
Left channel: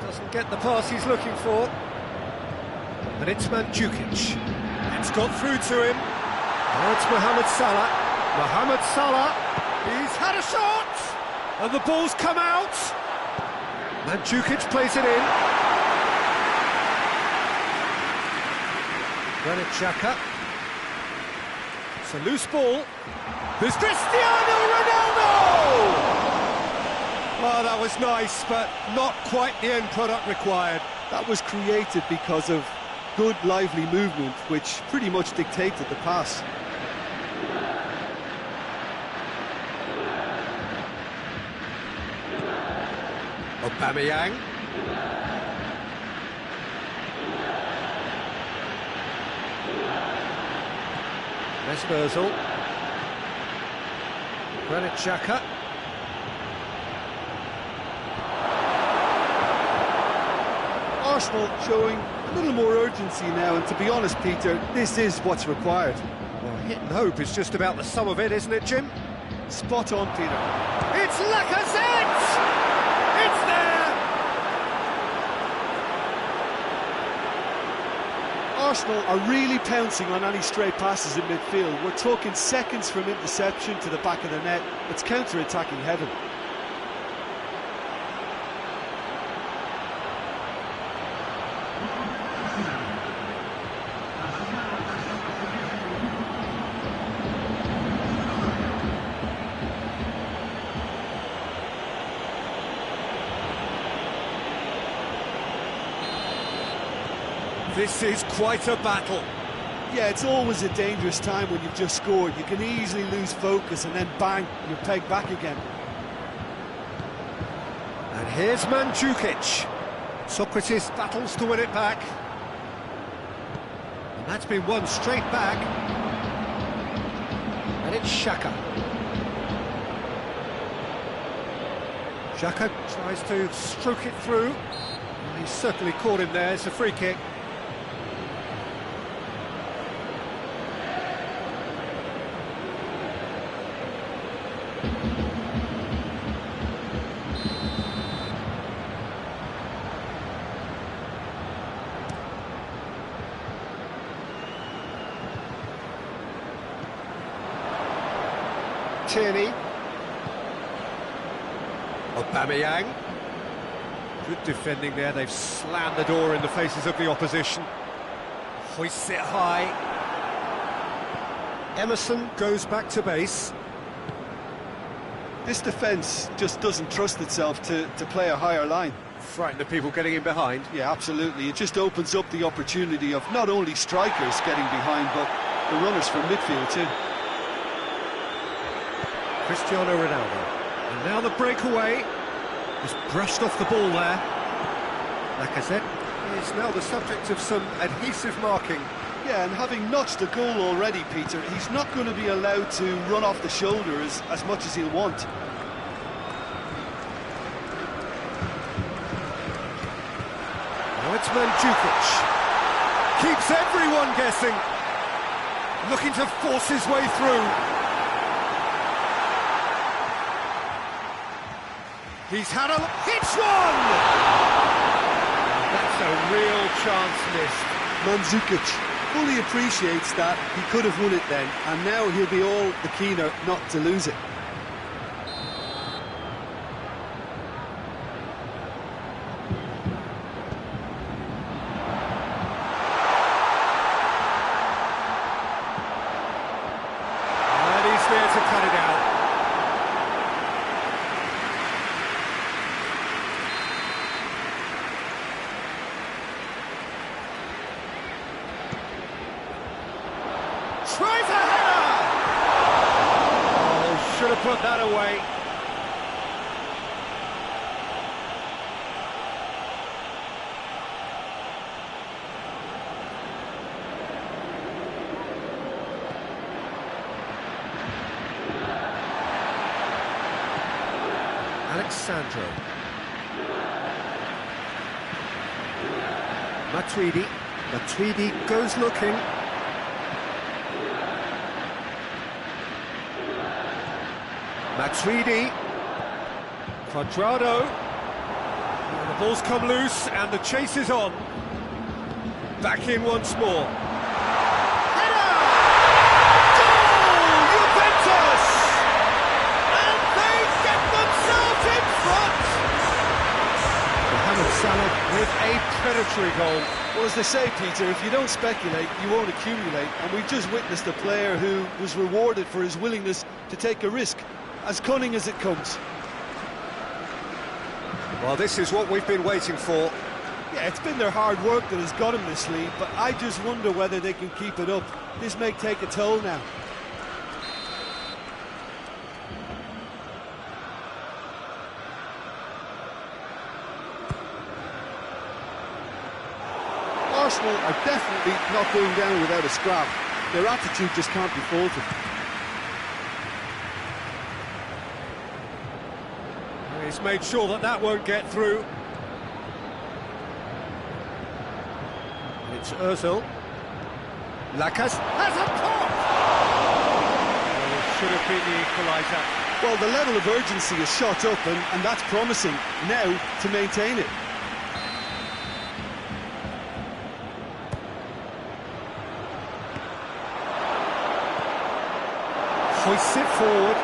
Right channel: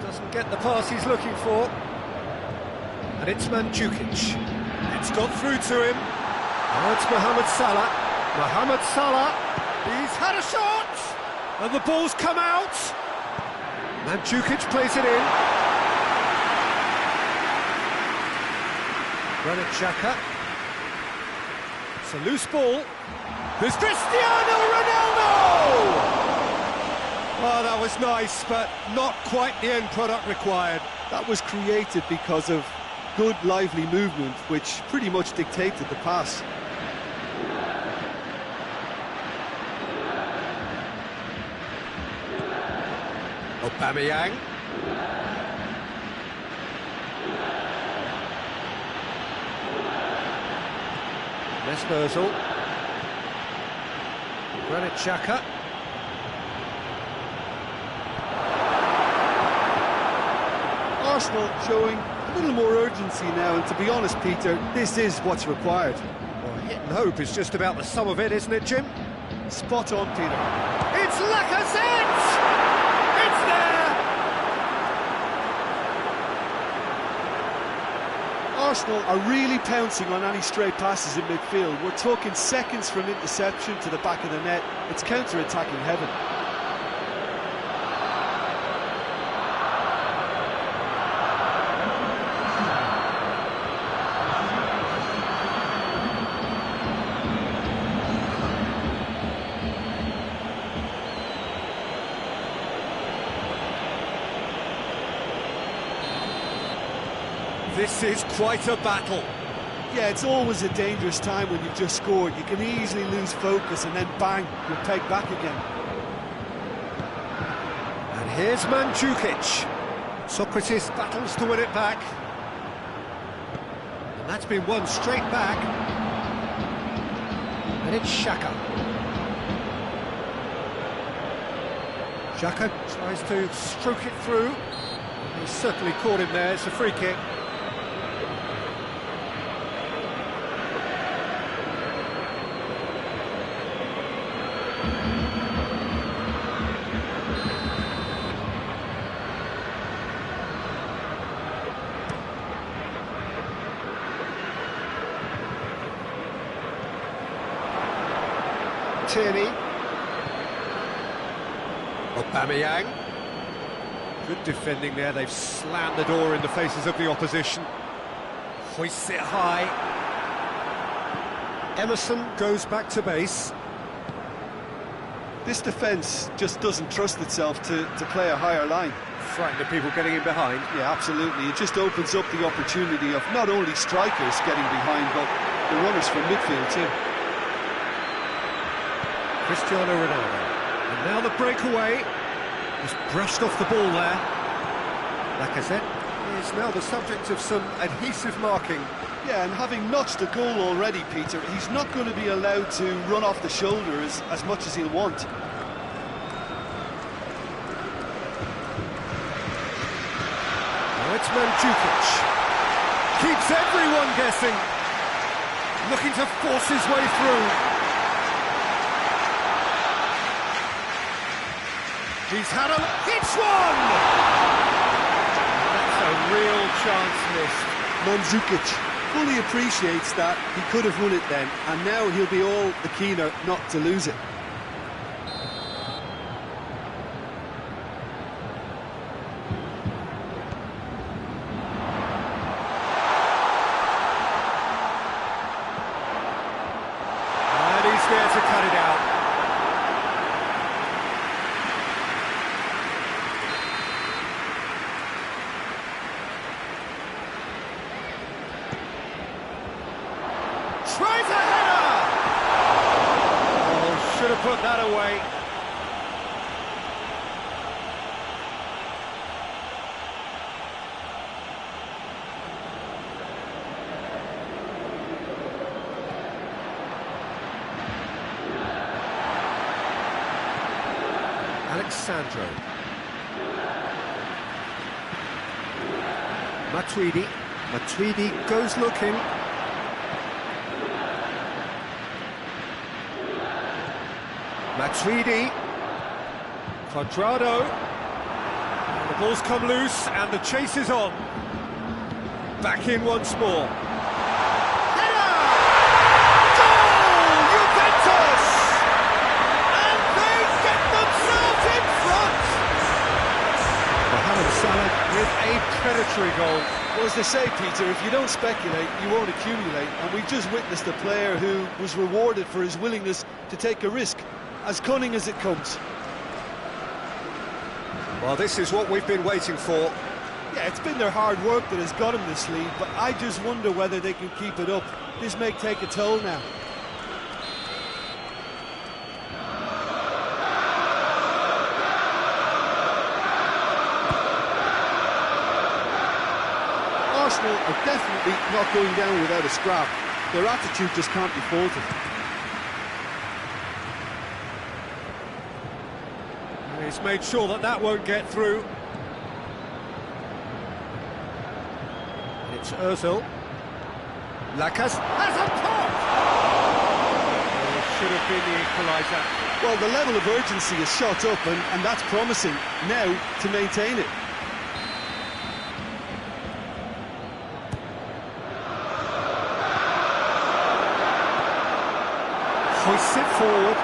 Doesn't get the pass he's looking for. And it's Mandzukic. It's got through to him. Now it's Mohamed Salah. Mohamed Salah. He's had a shot. And the ball's come out. Mandzukic plays it in. Granit Xhaka. It's a loose ball. There's Cristiano Ronaldo! Oh, that was nice, but not quite the end product required. That was created because of good, lively movement, which pretty much dictated the pass. Aubameyang. Mesut Ozil. Granit Xhaka. Arsenal showing a little more urgency now, and to be honest, Peter, this is what's required. Well, hit and hope is just about the sum of it, isn't it, Jim? Spot on, Peter. It's Lacazette! It's there! Arsenal are really pouncing on any stray passes in midfield. We're talking seconds from interception to the back of the net. It's counter-attacking heaven. This is quite a battle. Yeah, it's always a dangerous time when you've just scored. You can easily lose focus and then bang, you're pegged back again. And here's Mandzukic. Socrates battles to win it back. And that's been won straight back. And it's Xhaka. Xhaka tries to stroke it through. Well, he's certainly caught him there. It's a free kick. Tierney. Aubameyang. Good defending there, they've slammed the door in the faces of the opposition. Hoists it high. Emerson goes back to base. This defence just doesn't trust itself to play a higher line. Frightened of people getting in behind. Yeah, absolutely. It just opens up the opportunity of not only strikers getting behind, but the runners from midfield too. Cristiano Ronaldo. And now the breakaway. He's brushed off the ball there. Lacazette is now the subject of some adhesive marking. Yeah, and having notched a goal already, Peter, he's not going to be allowed to run off the shoulder as much as he'll want. Now it's Mandzukic. Keeps everyone guessing. Looking to force his way through. He's had a... Hits one! That's a real chance missed. Mandzukic fully appreciates that he could have won it then, and now he'll be all the keener not to lose it. And he's there to cut it out. Tries a header! Oh, should have put that away. Alexandro. Matuidi. Matuidi goes looking. Matuidi, Cuadrado, and the ball's come loose and the chase is on. Back in once more. Header! Goal! Juventus! And they get themselves in front! Mohamed Salah with a predatory goal. Well, as they say, Peter, if you don't speculate, you won't accumulate. And we've just witnessed a player who was rewarded for his willingness to take a risk. As cunning as it comes. Well, this is what we've been waiting for. Yeah, it's been their hard work that has got them this lead, but I just wonder whether they can keep it up. This may take a toll now. Arsenal are definitely not going down without a scrap. Their attitude just can't be faulted. He's made sure that that won't get through. And it's Ozil. Lacazette has a pop! Oh, it should have been the equaliser. Well, the level of urgency is shot up, and that's promising now to maintain it. Hoists it forward.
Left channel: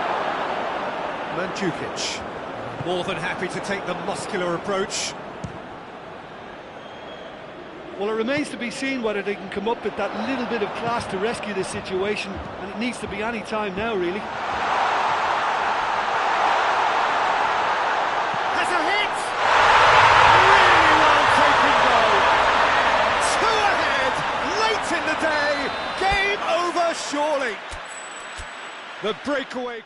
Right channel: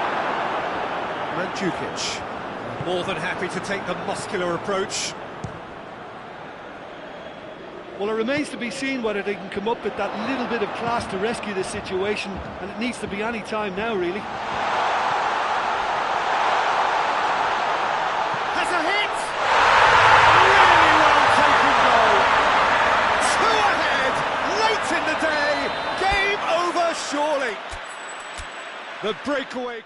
Mandzukic. More than happy to take the muscular approach. Well, it remains to be seen whether they can come up with that little bit of class to rescue this situation, and it needs to be any time now, really. Has a hit! Really well taken goal. Two ahead, late in the day. Game over, surely. The breakaway.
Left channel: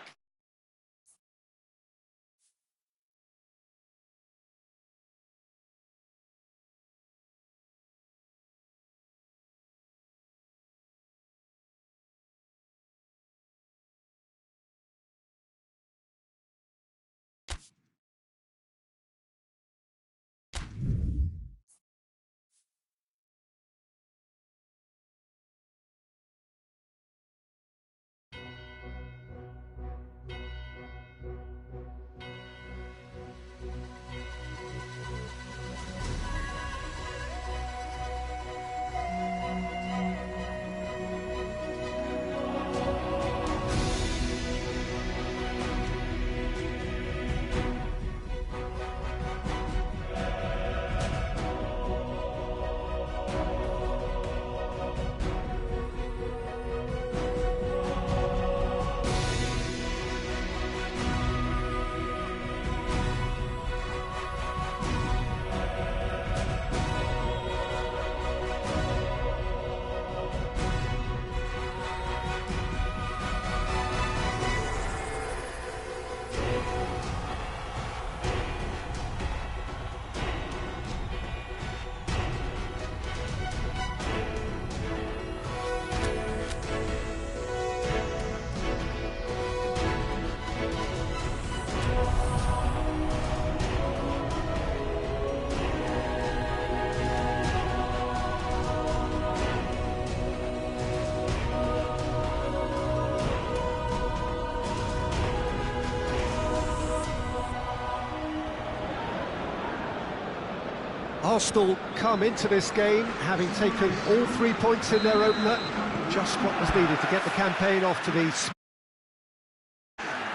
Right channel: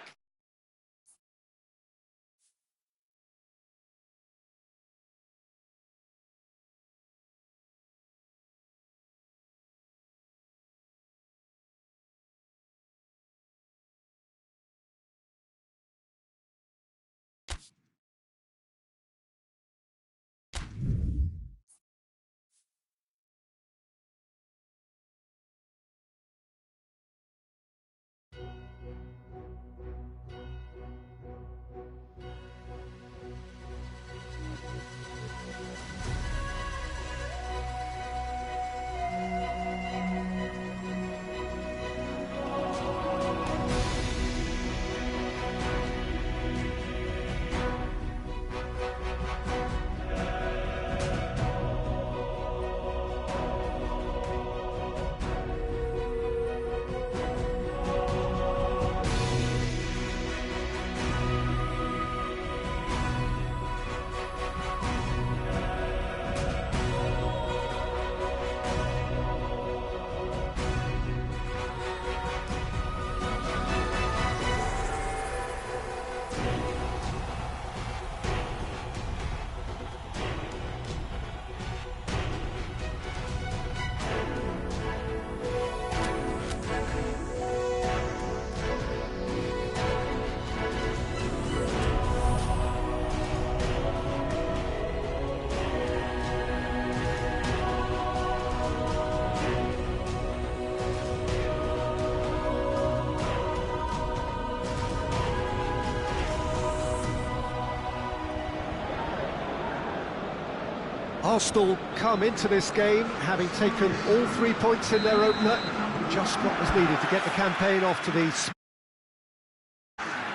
Arsenal come into this game having taken all 3 points in their opener, just what was needed to get the campaign off to these.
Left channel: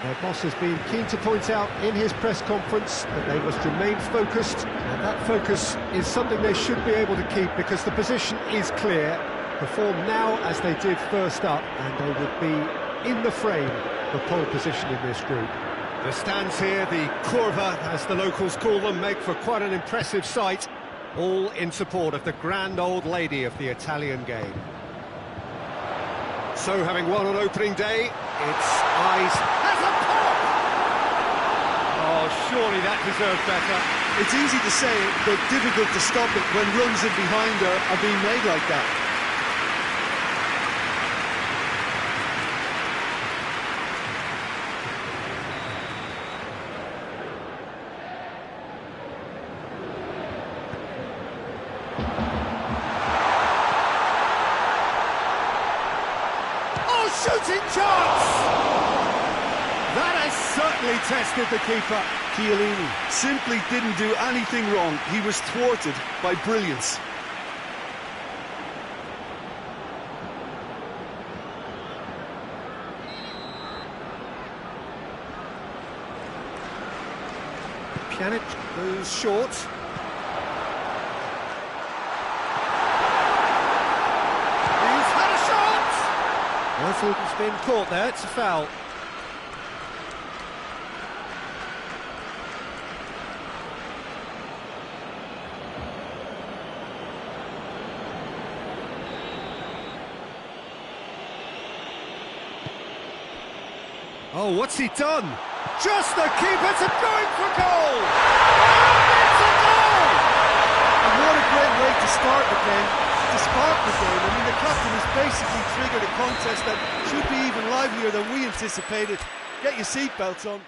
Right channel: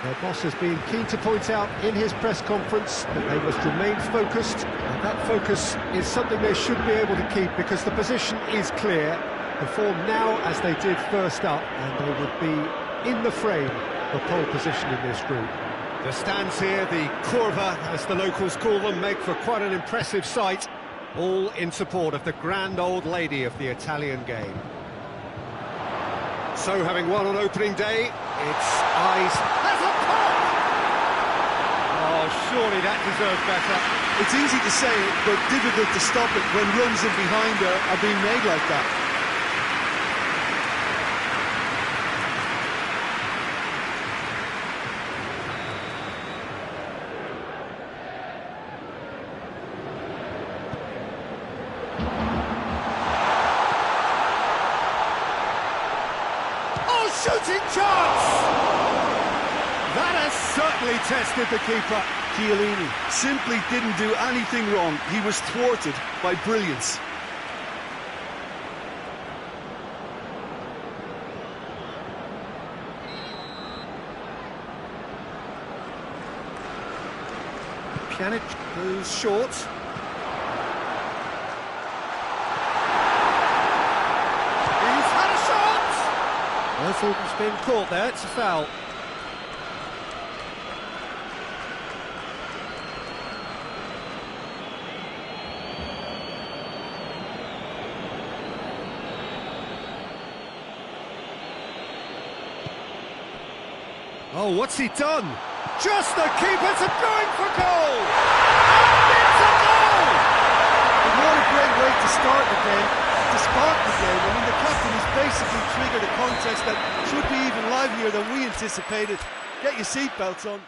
Their boss has been keen to point out in his press conference that they must remain focused, and that focus is something they should be able to keep because the position is clear. Perform now as they did first up, and they would be in the frame for pole position in this group. The stands here, the curva, as the locals call them, make for quite an impressive sight, all in support of the grand old lady of the Italian game. So, having won on opening day, its eyes has a pop! Oh, surely that deserves better. It's easy to say it, but difficult to stop it when runs in behind are being made like that. Shooting chance! That has certainly tested the keeper. Chiellini simply didn't do anything wrong. He was thwarted by brilliance. Pjanic goes short. He's had a shot! I thought it's been caught there, it's a foul. Oh, what's he done? Just the keeper's going for goal! And it's a goal! And what a great way to start the game, to spark the game. I mean, the captain has basically triggered a contest that should be even livelier than we anticipated. Get your seatbelts on.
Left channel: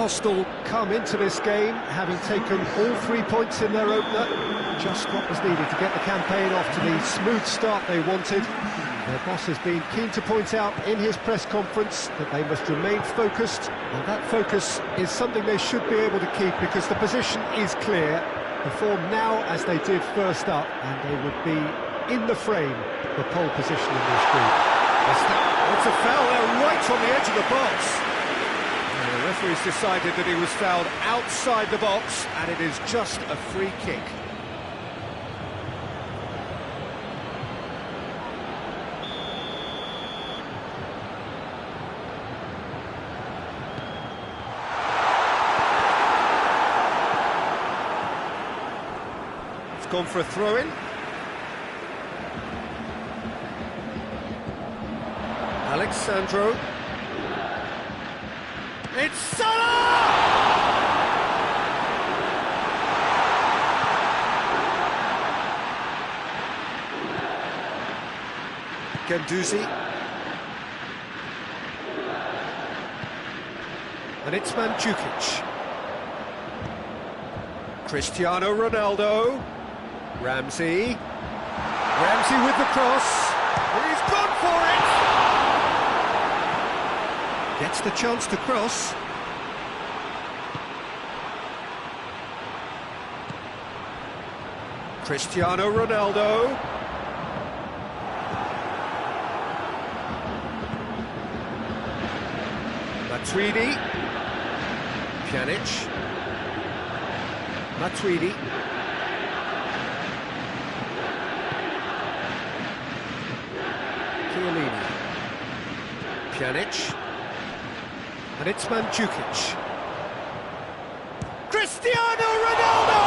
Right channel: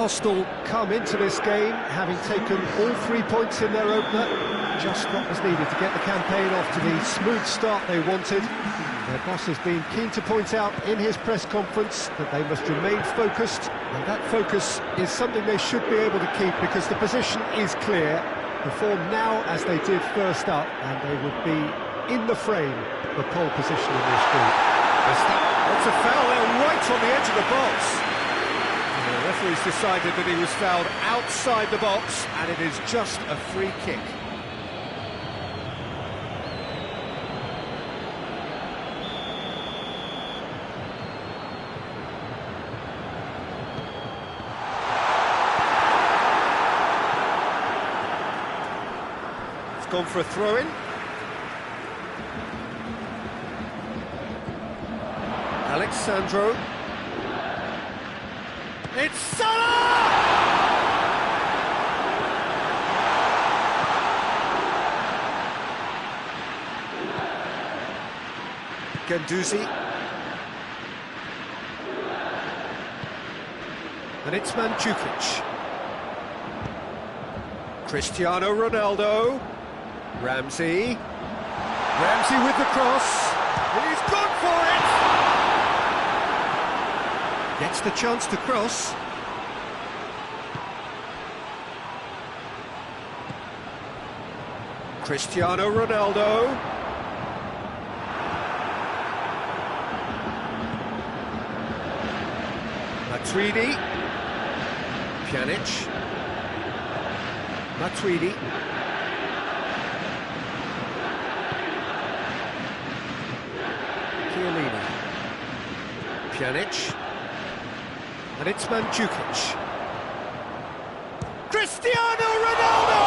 Arsenal come into this game having taken all 3 points in their opener. Just what was needed to get the campaign off to the smooth start they wanted. Their boss has been keen to point out in his press conference that they must remain focused, and that focus is something they should be able to keep because the position is clear. Perform now as they did first up, and they would be in the frame for pole position in this group. It's a foul there right on the edge of the box. And the referee's decided that he was fouled outside the box, and it is just a free kick. It's gone for a throw-in. Alexandro. It's Salah! Guendouzi. And it's Mandzukic. Cristiano Ronaldo. Ramsey. Ramsey with the cross. He's gone for it! Gets the chance to cross. Cristiano Ronaldo. Matuidi. Pjanic. Matuidi. Chiellini. Pjanic. And it's Mandzukic. Cristiano Ronaldo!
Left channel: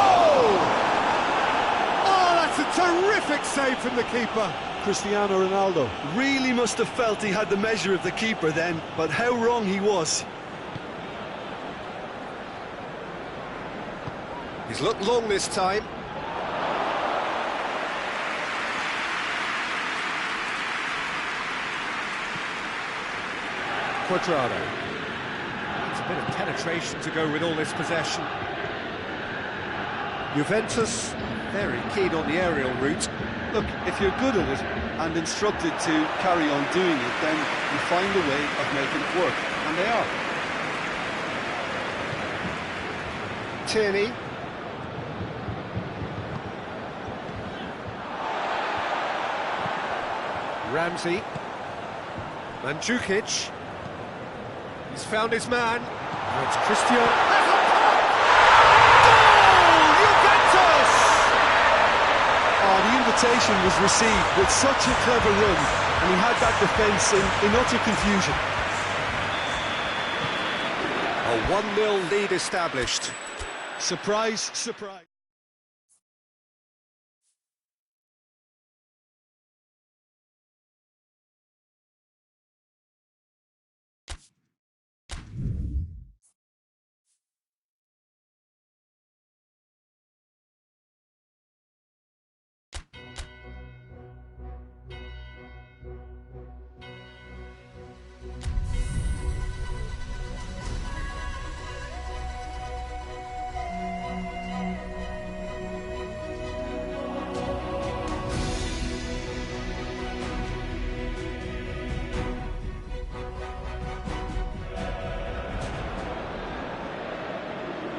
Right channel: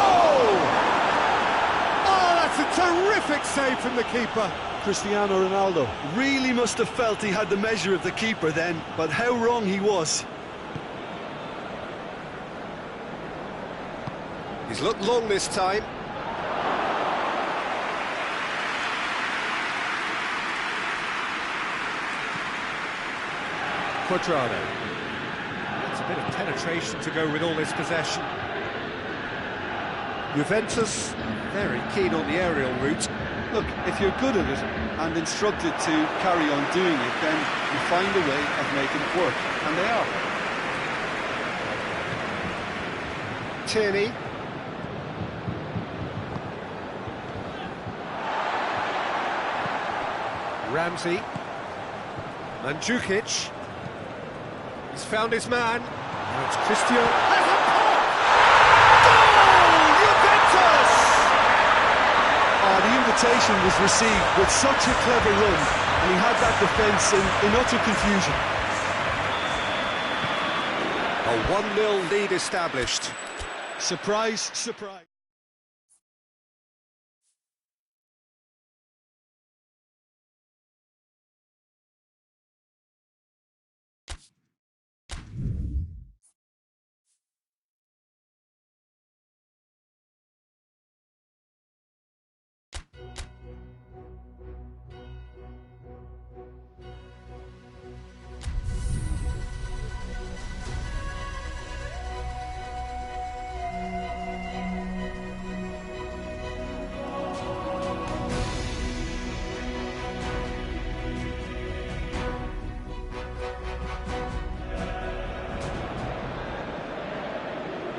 Oh, that's a terrific save from the keeper. Cristiano Ronaldo really must have felt he had the measure of the keeper then, but how wrong he was. He's looked long this time. Cuadrado. It's a bit of penetration to go with all this possession. Juventus very keen on the aerial route. Look, if you're good at it and instructed to carry on doing it, then you find a way of making it work, and they are. Tierney. Ramsey. Mandzukic. He's found his man. Now it's Cristiano. Has a pop! Goal! Juventus! Oh, the invitation was received with such a clever run, and he had that defence in utter confusion. A 1-0 lead established. Surprise, surprise.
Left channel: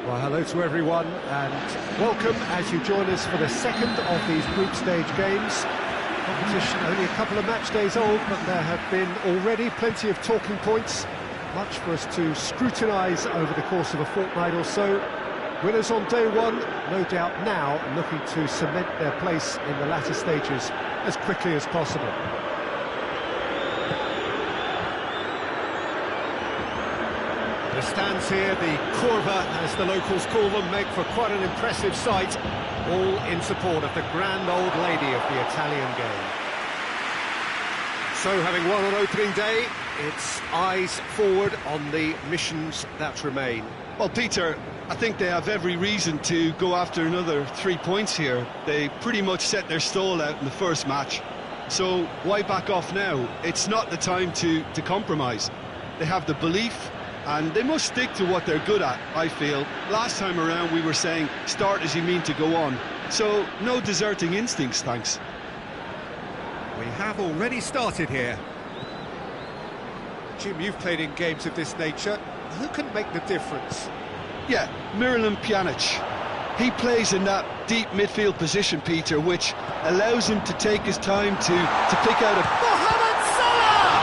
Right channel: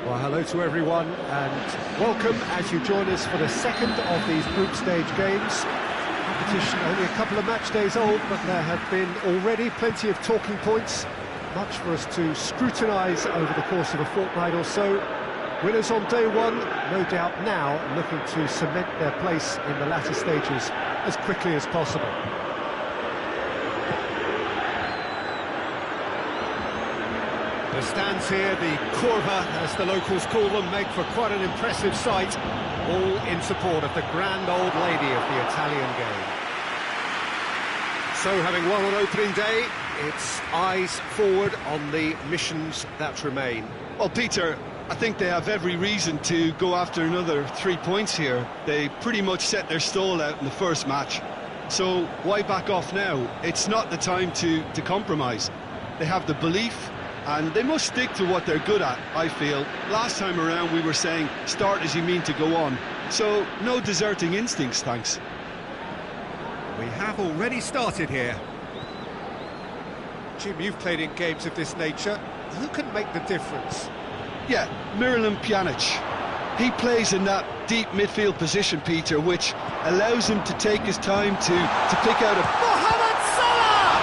Well, hello to everyone and welcome as you join us for the second of these group stage games. Competition only a couple of match days old, but there have been already plenty of talking points, much for us to scrutinise over the course of a fortnight or so. Winners on day one, no doubt now looking to cement their place in the latter stages as quickly as possible. The stands here, the curva, as the locals call them, make for quite an impressive sight, all in support of the grand old lady of the Italian game. So, having won on opening day, it's eyes forward on the missions that remain. Well, Peter, I think they have every reason to go after another 3 points here. They pretty much set their stall out in the first match. So why back off now? It's not the time to compromise. They have the belief, And they must stick to what they're good at, I feel. Last time around we were saying, start as you mean to go on. So, no deserting instincts, thanks. We have already started here. Jim, you've played in games of this nature. Who can make the difference? Yeah, Miralem Pjanic. He plays in that deep midfield position, Peter, which allows him to take his time to pick out a... Mohamed Salah!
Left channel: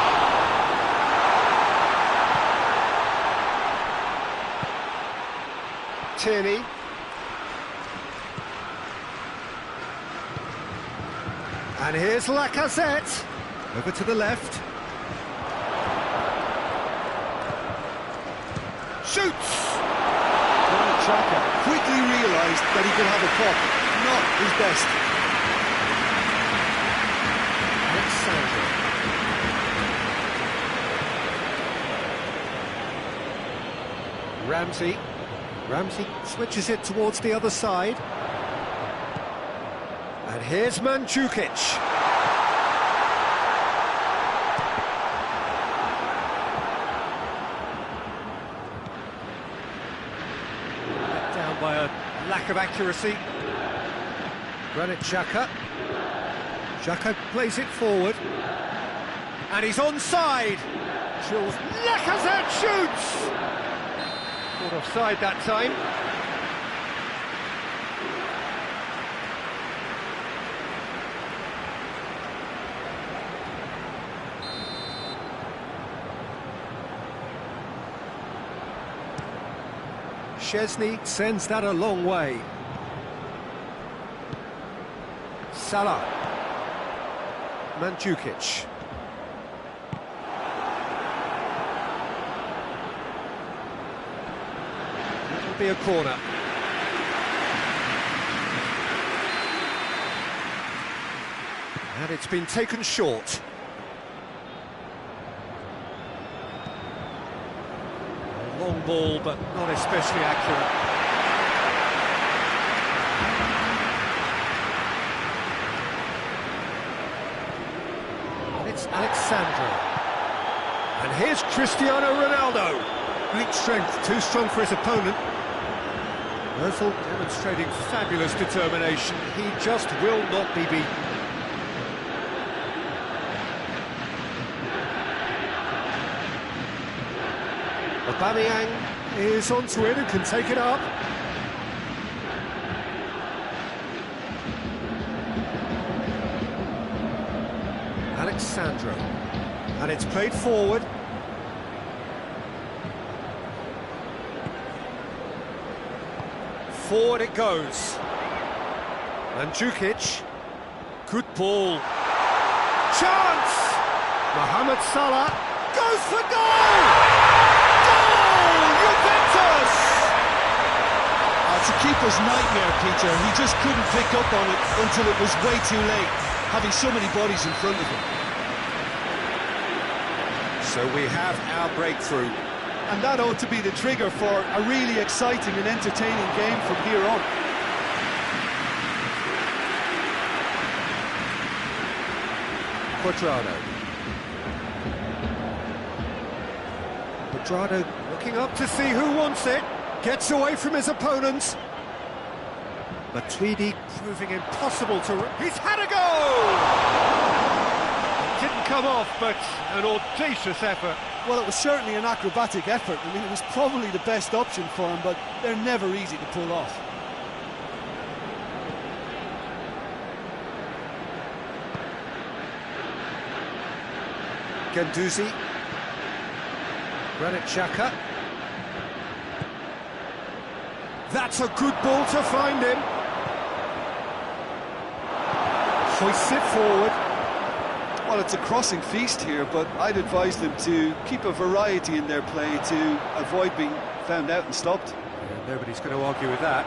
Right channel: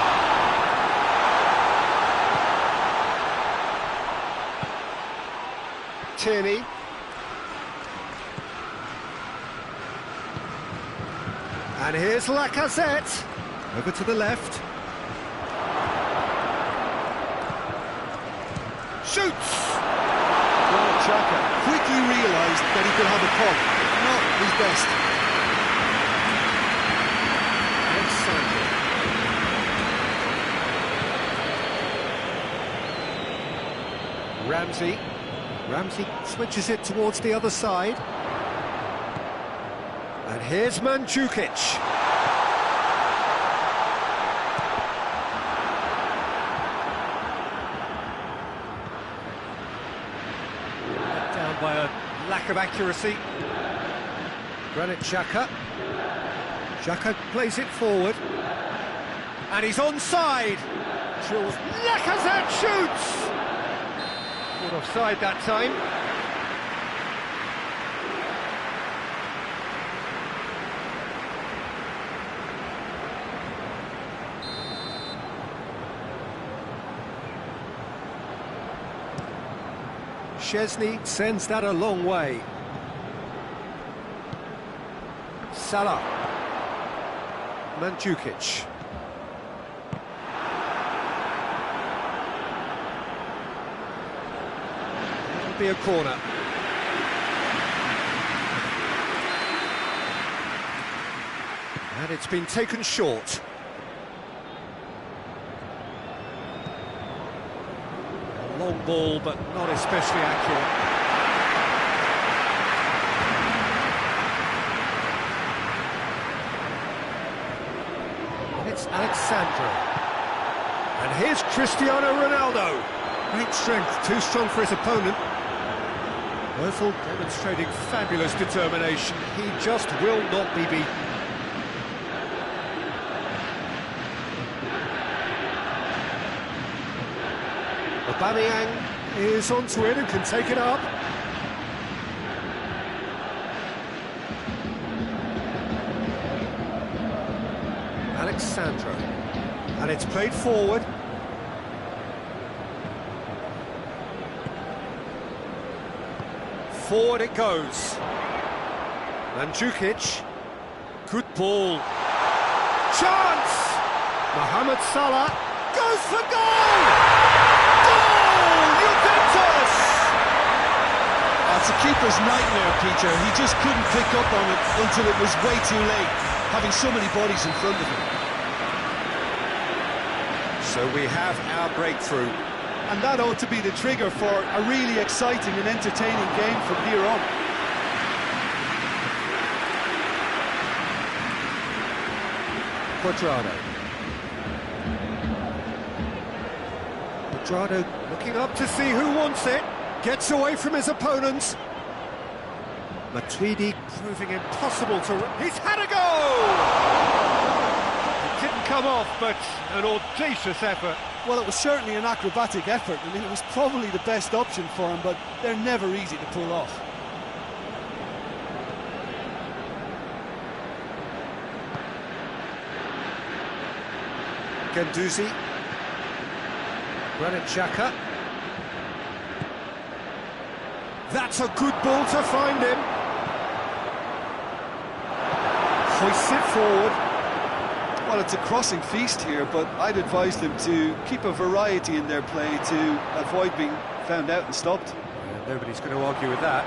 Tierney. And here's Lacazette. Over to the left. Shoots! Granit Xhaka quickly realised that he could have a pop. Not his best. Alexandro. Ramsey switches it towards the other side. And here's Mandzukic. Let down by a lack of accuracy. Granit Xhaka. Xhaka plays it forward. And he's onside. Lacazette shoots! Caught offside that time. Szczesny sends that a long way. Salah. Mandzukic. That'll be a corner. And it's been taken short. A long ball, but not especially accurate. And it's Alexandro. And here's Cristiano Ronaldo. Great strength, too strong for his opponent. Ozil demonstrating fabulous determination. He just will not be beaten. Aubameyang is onto it and can take it up. Alexandro. And it's played forward. Forward it goes. Mandzukic. Good ball. Chance! Mohamed Salah goes for goal! Goal! Juventus! It's a keeper's nightmare, Peter. He just couldn't pick up on it until it was way too late, having so many bodies in front of him. So we have our breakthrough. And that ought to be the trigger for a really exciting and entertaining game from here on. Quadrado looking up to see who wants it. Gets away from his opponents. Matuidi proving impossible to... He's had a go! It didn't come off, but an audacious effort. Well, it was certainly an acrobatic effort. I mean, it was probably the best option for him, but they're never easy to pull off. Guendouzi. Granit Xhaka. That's a good ball to find him. Hoists it forward. Well, it's a crossing feast here, but I'd advise them to keep a variety in their play to avoid being found out and stopped. Yeah, nobody's going to argue with that.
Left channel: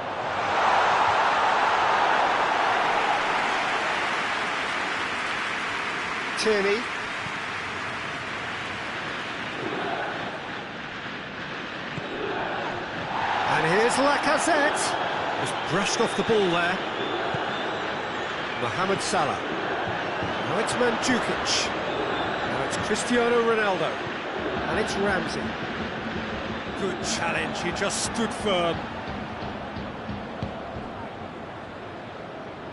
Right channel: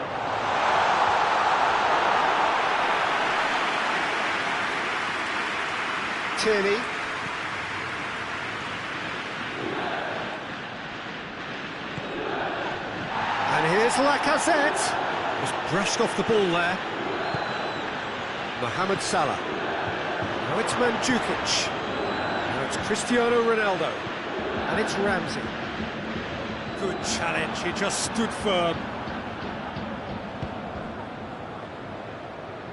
Tierney. And here's Lacazette. Just brushed off the ball there. Mohamed Salah. Now it's Mandzukic. Now it's Cristiano Ronaldo. And it's Ramsey. Good challenge, he just stood firm.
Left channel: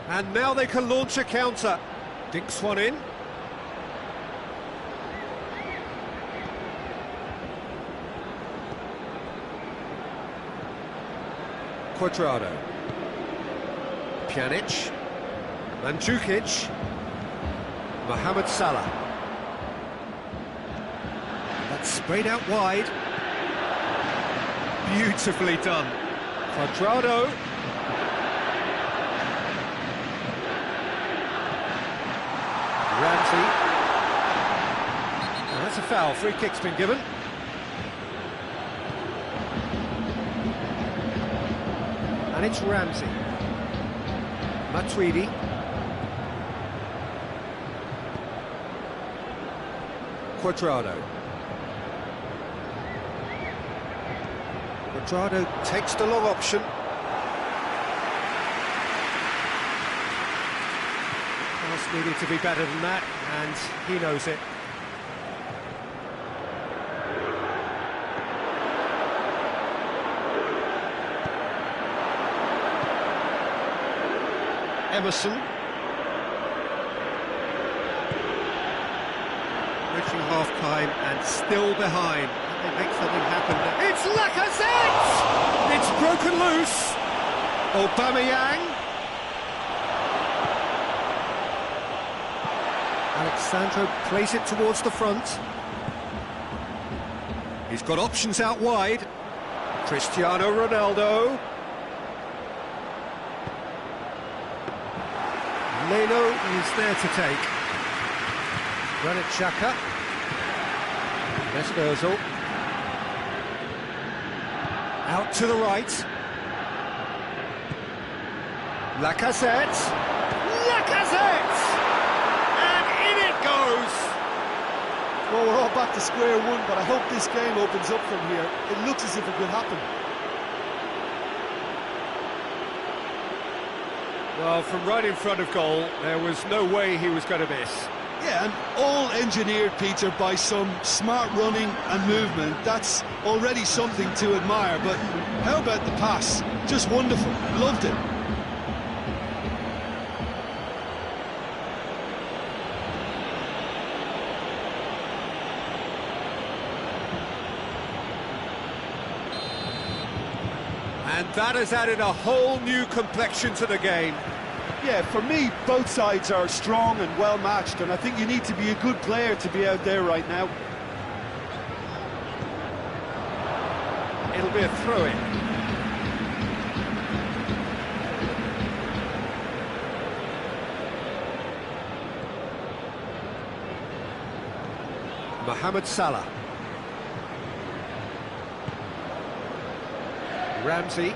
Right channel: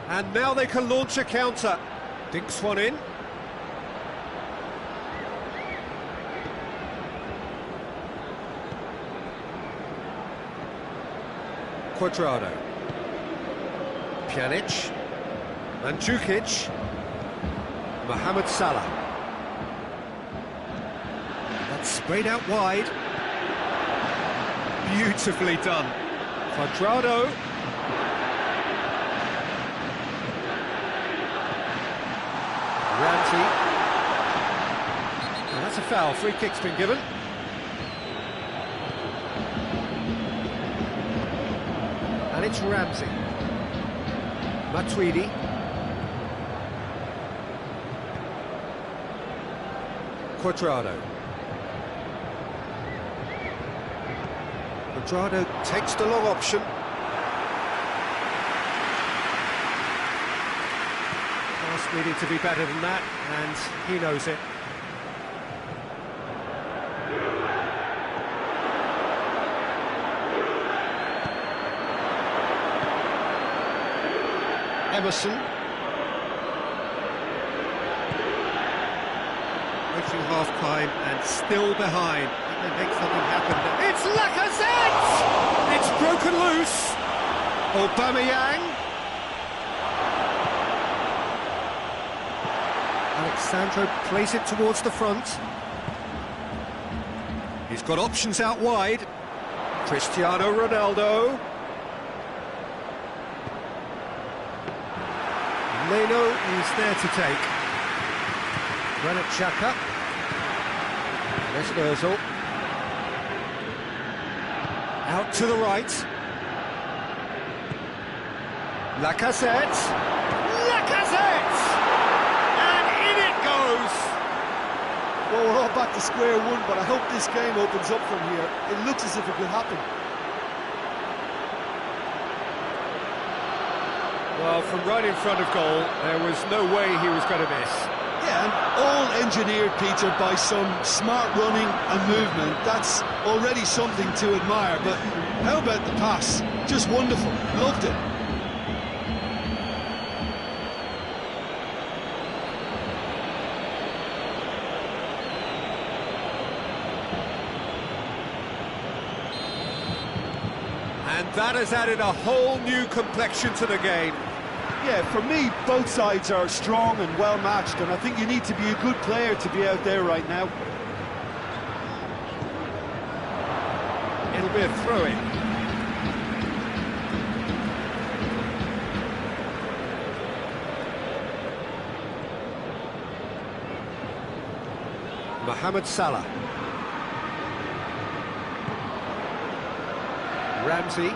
And now they can launch a counter. Dinks one in. Cuadrado. Pjanic. Mandzukic. Mohamed Salah. And that's sprayed out wide. Beautifully done. Cuadrado. Ramsey. Now that's a foul. Free kick's been given. And it's Ramsey. Matuidi. Cuadrado. Cuadrado takes the long option. Pass needed to be better than that, and he knows it. Emerson. Reaching half-time and still behind. Can they make something happen there? It's Lacazette! It's broken loose. Aubameyang. Alexandro plays it towards the front. He's got options out wide. Cristiano Ronaldo. Leno is there to take. Granit Xhaka. Mesut Ozil. Out to the right. Lacazette. Lacazette! And in it goes! Well, we're all back to square one, but I hope this game opens up from here. It looks as if it could happen. Well, from right in front of goal, there was no way he was going to miss. Yeah, and all engineered, Peter, by some smart running and movement. That's already something to admire, but how about the pass? Just wonderful. Loved it. And that has added a whole new complexion to the game. Yeah, for me, both sides are strong and well matched, and I think you need to be a good player to be out there right now. It'll be a throw-in. Mohamed Salah. Ramsey.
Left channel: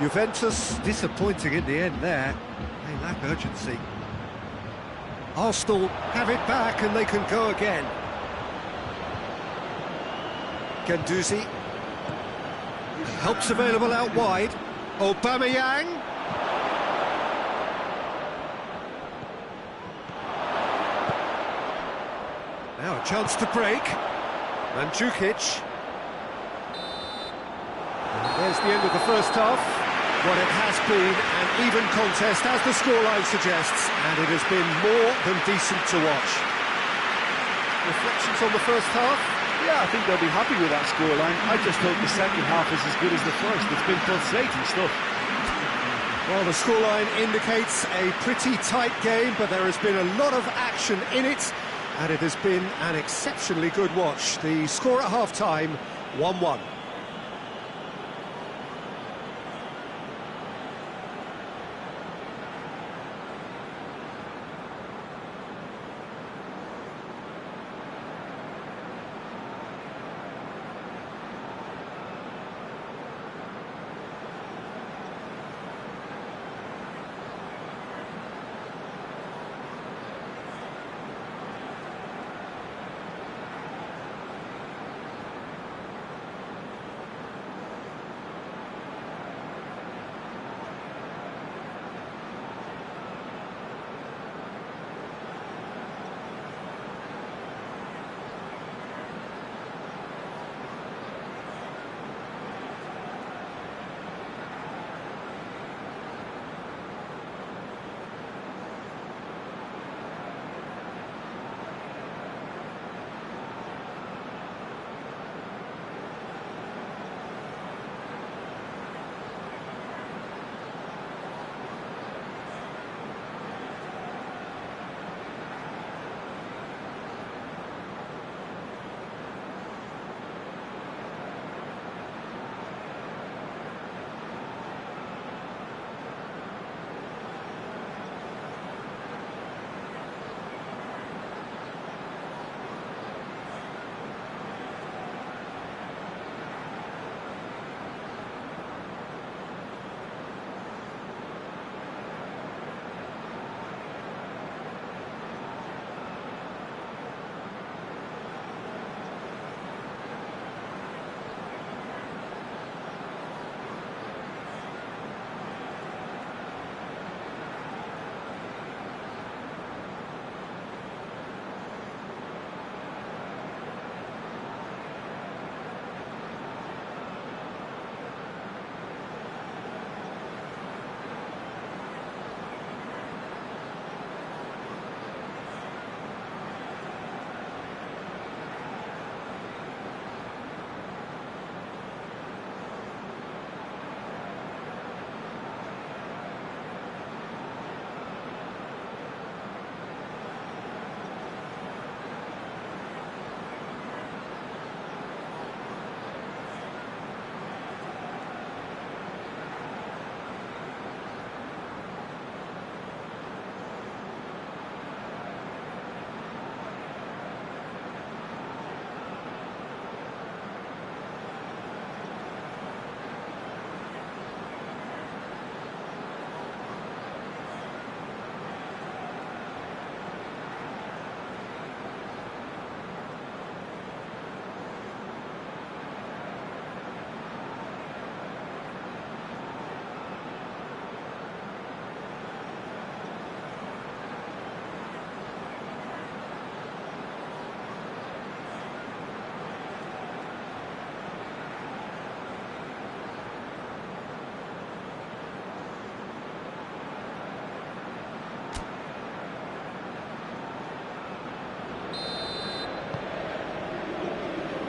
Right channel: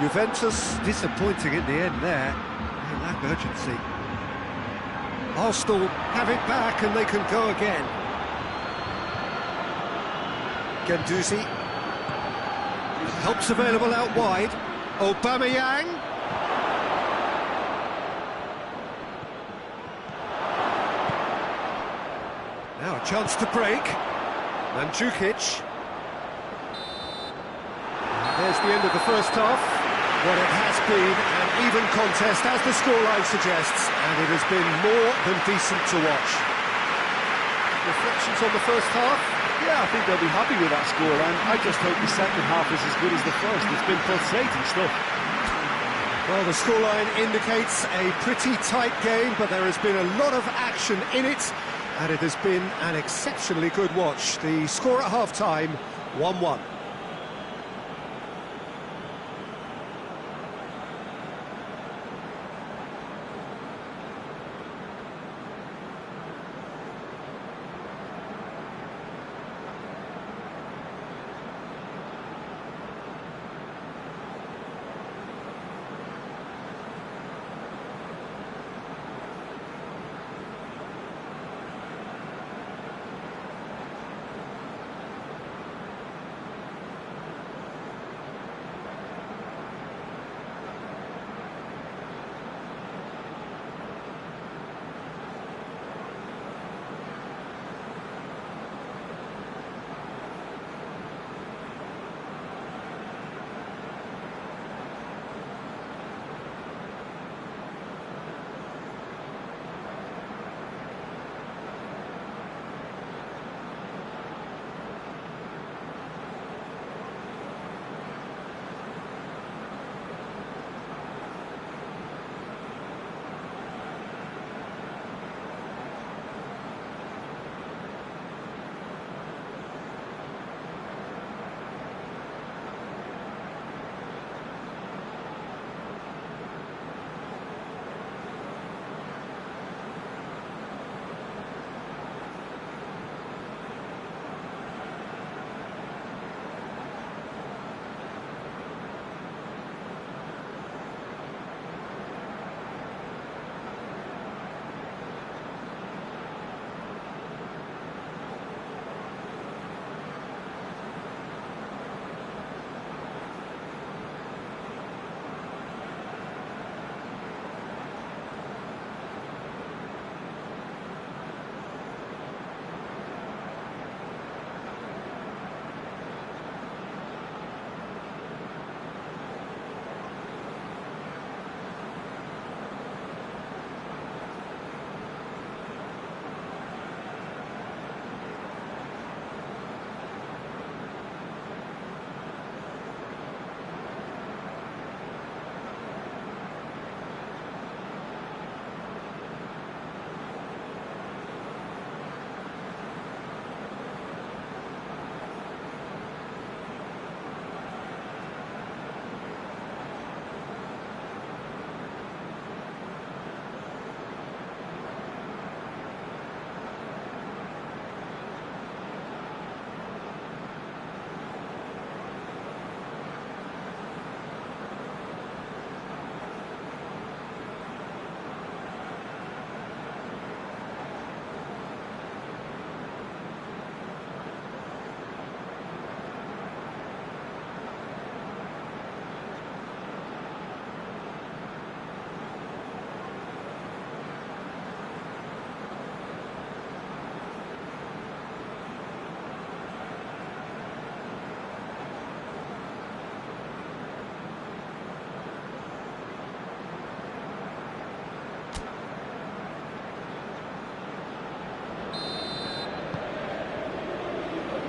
Juventus disappointing in the end there. They lack urgency. Arsenal have it back and they can go again. Guendouzi. And help's available out wide. Aubameyang. Now a chance to break. Mandzukic. And there's the end of the first half. What it has been an even contest, as the scoreline suggests, and it has been more than decent to watch. Reflections on the first half? Yeah, I think they'll be happy with that scoreline. I just hope the second half is as good as the first. It's been pulsating stuff. Well, the scoreline indicates a pretty tight game, but there has been a lot of action in it, and it has been an exceptionally good watch. The score at half-time, 1-1.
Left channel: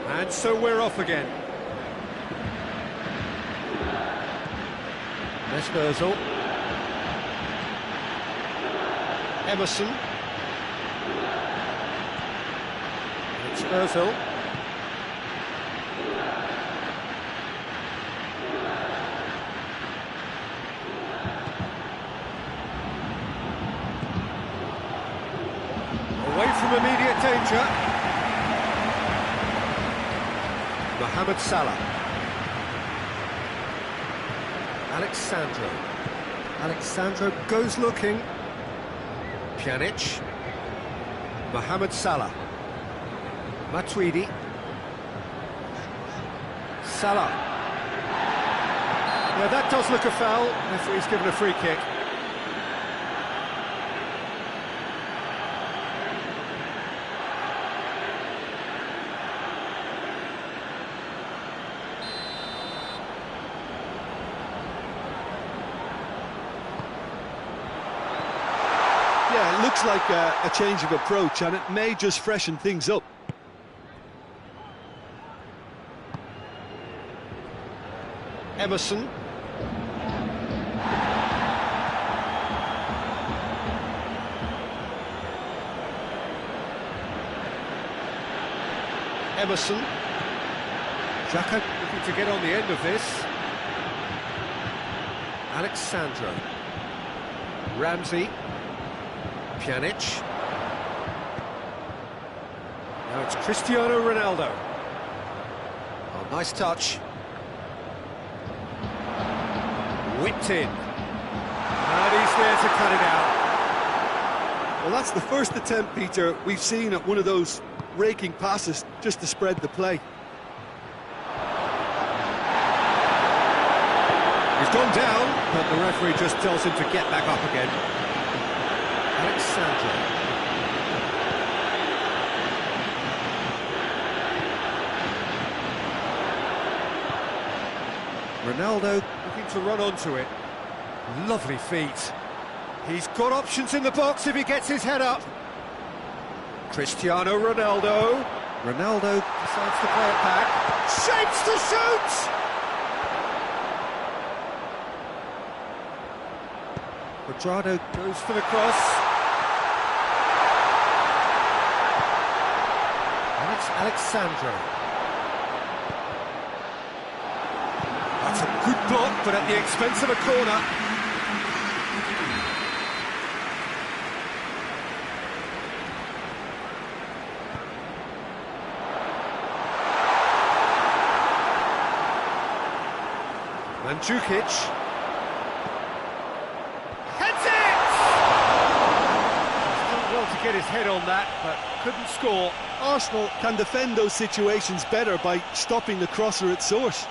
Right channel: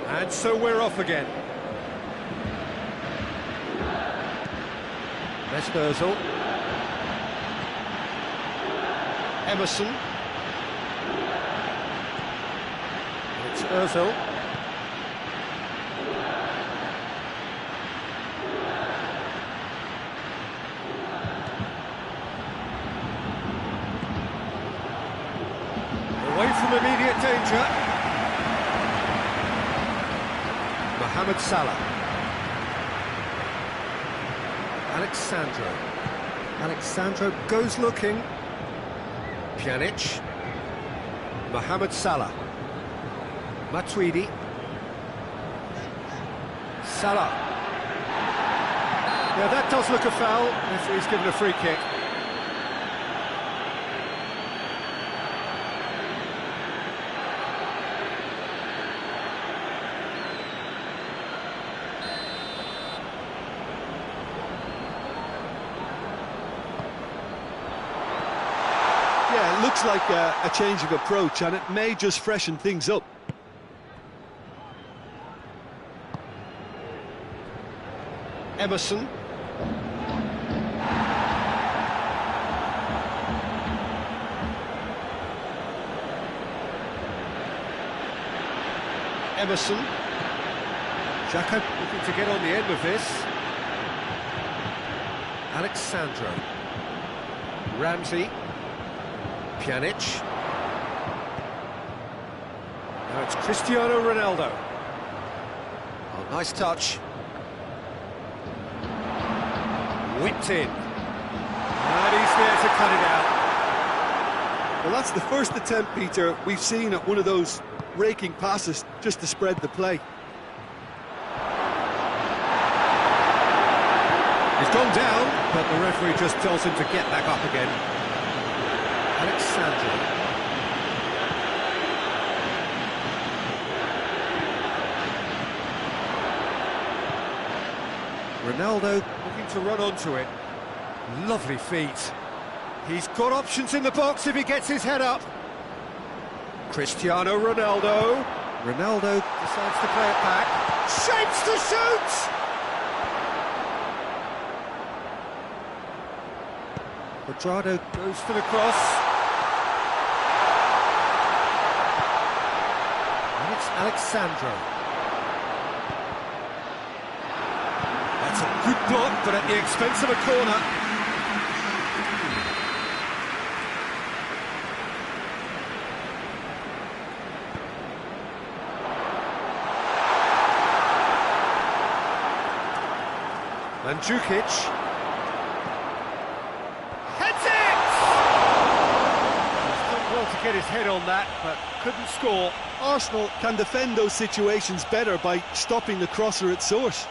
And so we're off again. Mesut Emerson. It's Ozil. Away from immediate danger. Mohamed Salah. Alexandro goes looking. Pjanic. Mohamed Salah. Matuidi. Salah. Yeah, that does look a foul. Referee's given a free kick. Yeah, it looks like a change of approach, and it may just freshen things up. Emerson. Emerson. Xhaka looking to get on the end of this. Alexandro. Ramsey. Pjanic. Now it's Cristiano Ronaldo. Oh, nice touch. Whipped in. And he's there to cut it out. Well, that's the first attempt, Peter, we've seen at one of those raking passes just to spread the play. He's gone down, but the referee just tells him to get back up again. Alexandro. Ronaldo looking to run onto it. Lovely feet. He's got options in the box if he gets his head up. Cristiano Ronaldo. Ronaldo decides to play it back. Shapes to shoot! Quadrado goes for the cross. And it's Alexandro. That's a good block, but at the expense of a corner. Mandzukic. Heads it! He's done well to get his head on that, but couldn't score. Arsenal can defend those situations better by stopping the crosser at source.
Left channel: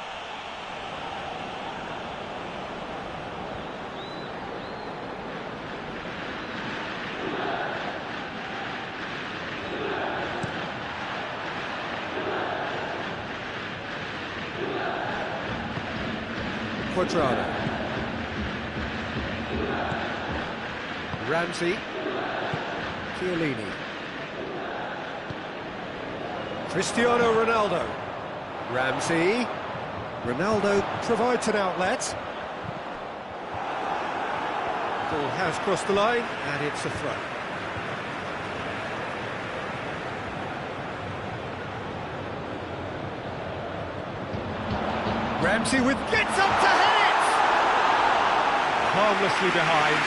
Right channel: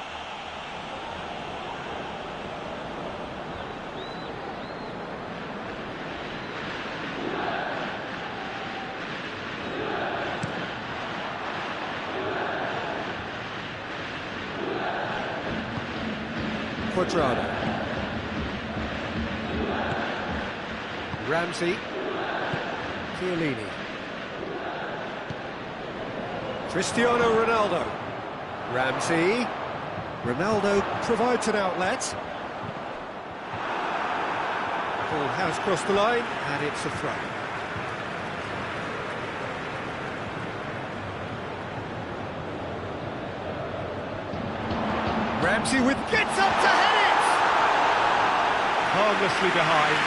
Quadrado. Ramsey. Chiellini. Cristiano Ronaldo. Ramsey. Ronaldo provides an outlet. Ball has crossed the line, and it's a throw. Ramsey gets up to head it! Harmlessly behind.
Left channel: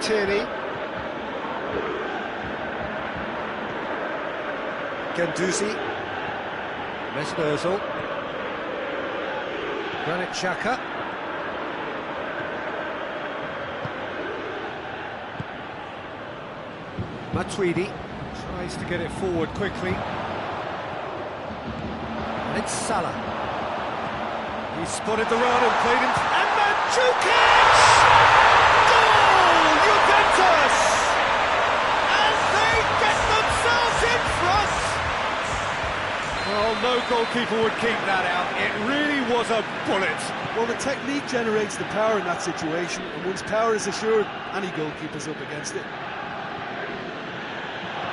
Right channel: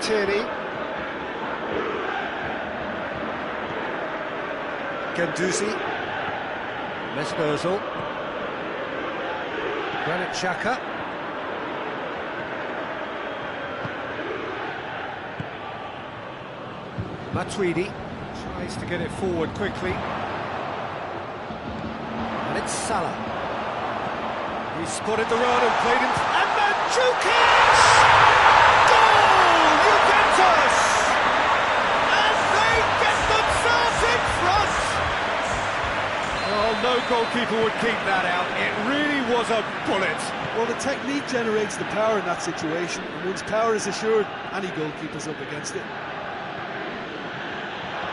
Tierney. Guendouzi. Mesut Ozil. Granit Xhaka. Matuidi tries to get it forward quickly. And it's Salah. He spotted the run and played him. And Mandzukic! Goal! Juventus! And they get themselves in front! Oh, no goalkeeper would keep that out. It really was a bullet. Well, the technique generates the power in that situation, and once power is assured, any goalkeeper's up against it.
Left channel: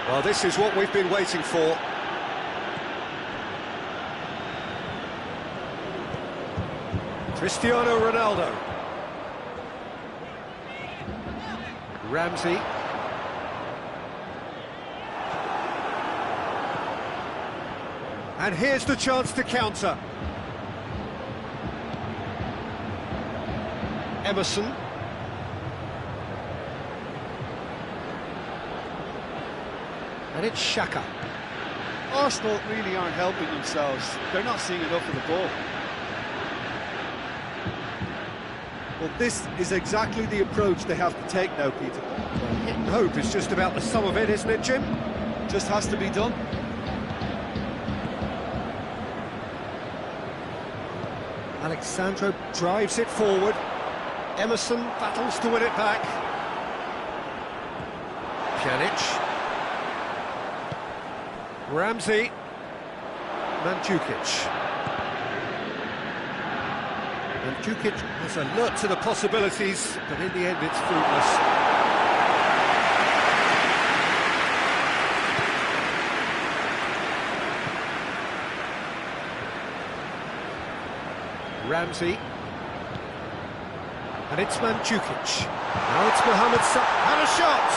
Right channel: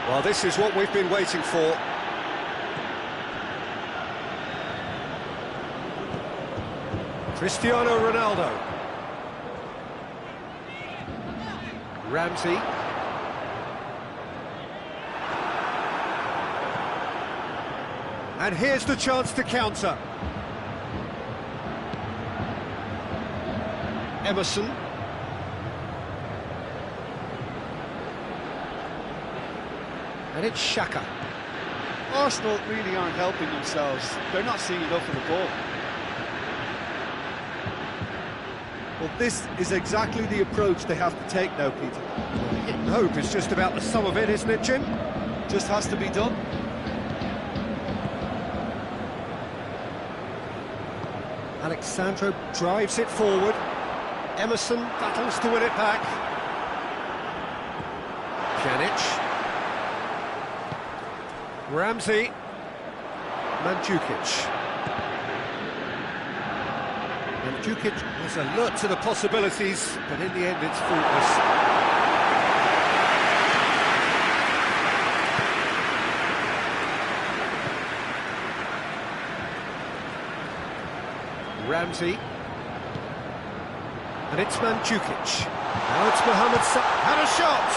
Well, this is what we've been waiting for. Cristiano Ronaldo. Ramsey. And here's the chance to counter. Emerson. And it's Xhaka. Arsenal really aren't helping themselves. They're not seeing enough of the ball. Well, this is exactly the approach they have to take now, Peter. Well, hit and hope is just about the sum of it, isn't it, Jim? Just has to be done. Alexandro drives it forward. Emerson battles to win it back. Pjanic. Ramsey. Mandzukic. Mandzukic was alert to the possibilities, but in the end it's fruitless. Ramsey. And it's Mandzukic. Now it's Mohamed Salah. And a shot!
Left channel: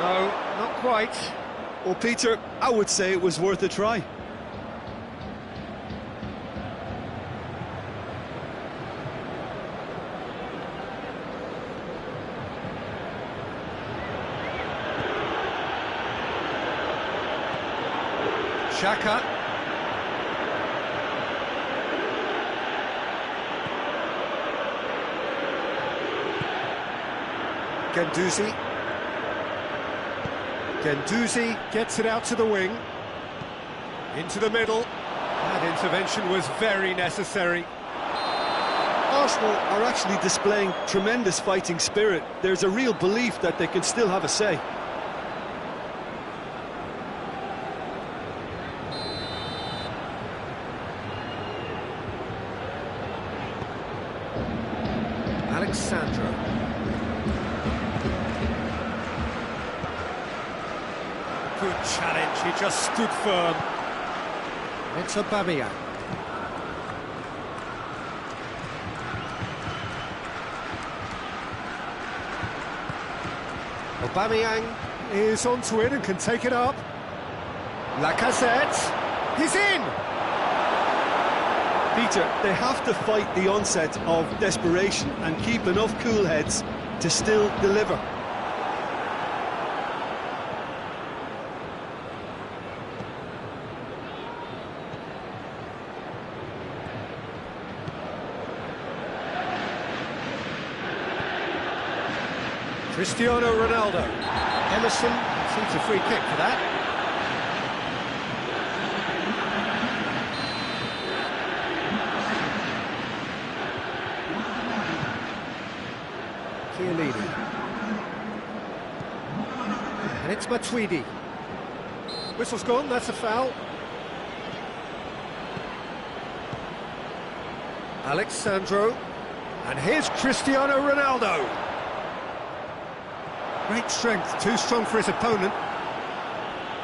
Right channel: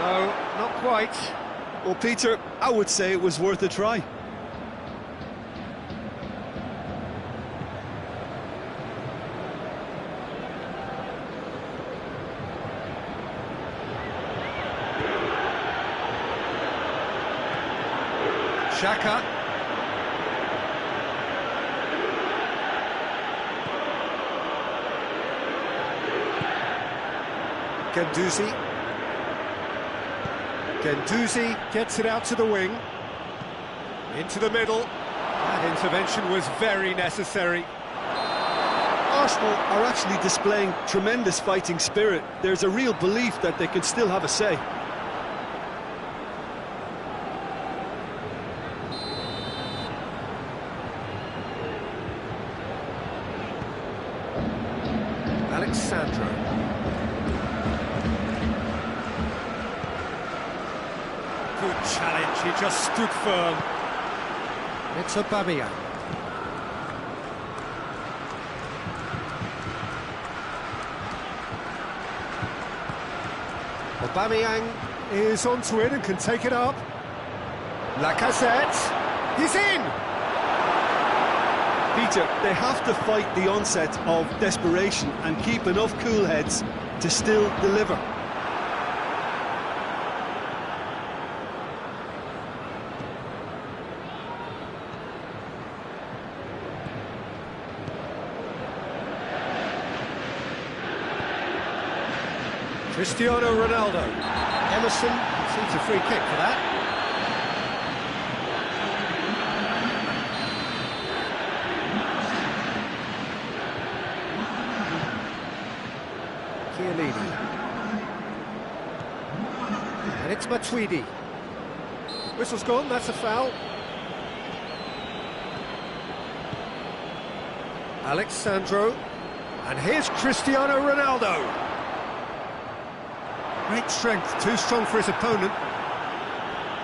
No, not quite. Well, Peter, I would say it was worth a try. Xhaka. Guendouzi. Guendouzi gets it out to the wing. Into the middle. That intervention was very necessary. Arsenal are actually displaying tremendous fighting spirit. There's a real belief that they can still have a say. Alexandro. Good challenge, he just stood firm. It's Aubameyang. Aubameyang is onto it and can take it up. Lacazette, he's in! Peter, they have to fight the onset of desperation and keep enough cool heads to still deliver. Cristiano Ronaldo. Emerson seeks a free kick for that. Chiellini. And it's Matuidi. Whistle's gone, that's a foul. Alexandro. And here's Cristiano Ronaldo. Great strength, too strong for his opponent.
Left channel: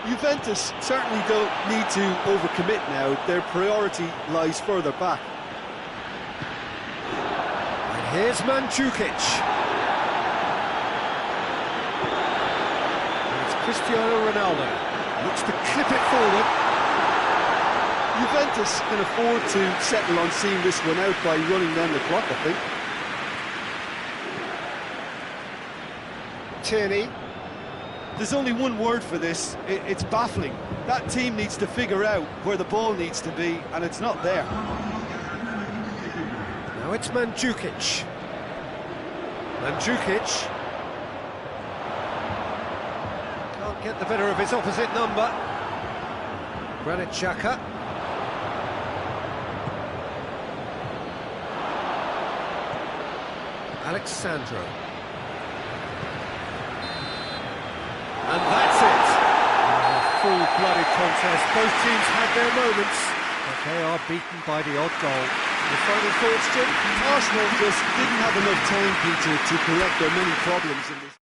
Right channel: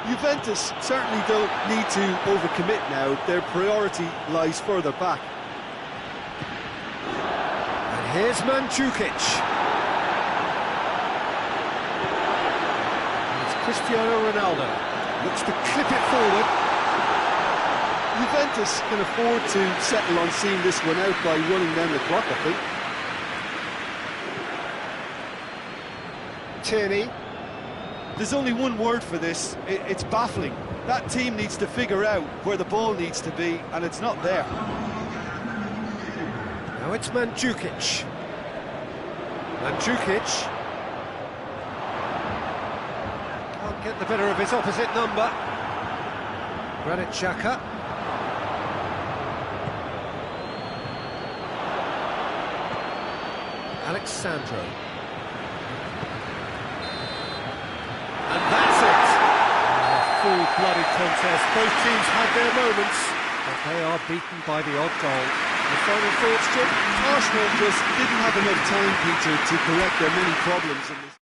Juventus certainly don't need to overcommit now. Their priority lies further back. And here's Mandzukic. And it's Cristiano Ronaldo. Looks to clip it forward. Juventus can afford to settle on seeing this one out by running down the clock, I think. Tierney. There's only one word for this, it's baffling. That team needs to figure out where the ball needs to be, and it's not there. Now it's Mandzukic. Mandzukic. Can't get the better of his opposite number. Granit Xhaka. Alexandro. And that's it. Full blooded contest. Both teams had their moments, but they are beaten by the odd goal. The final thoughts, Jim? Arsenal just didn't have enough time, Peter, to correct their many problems in this.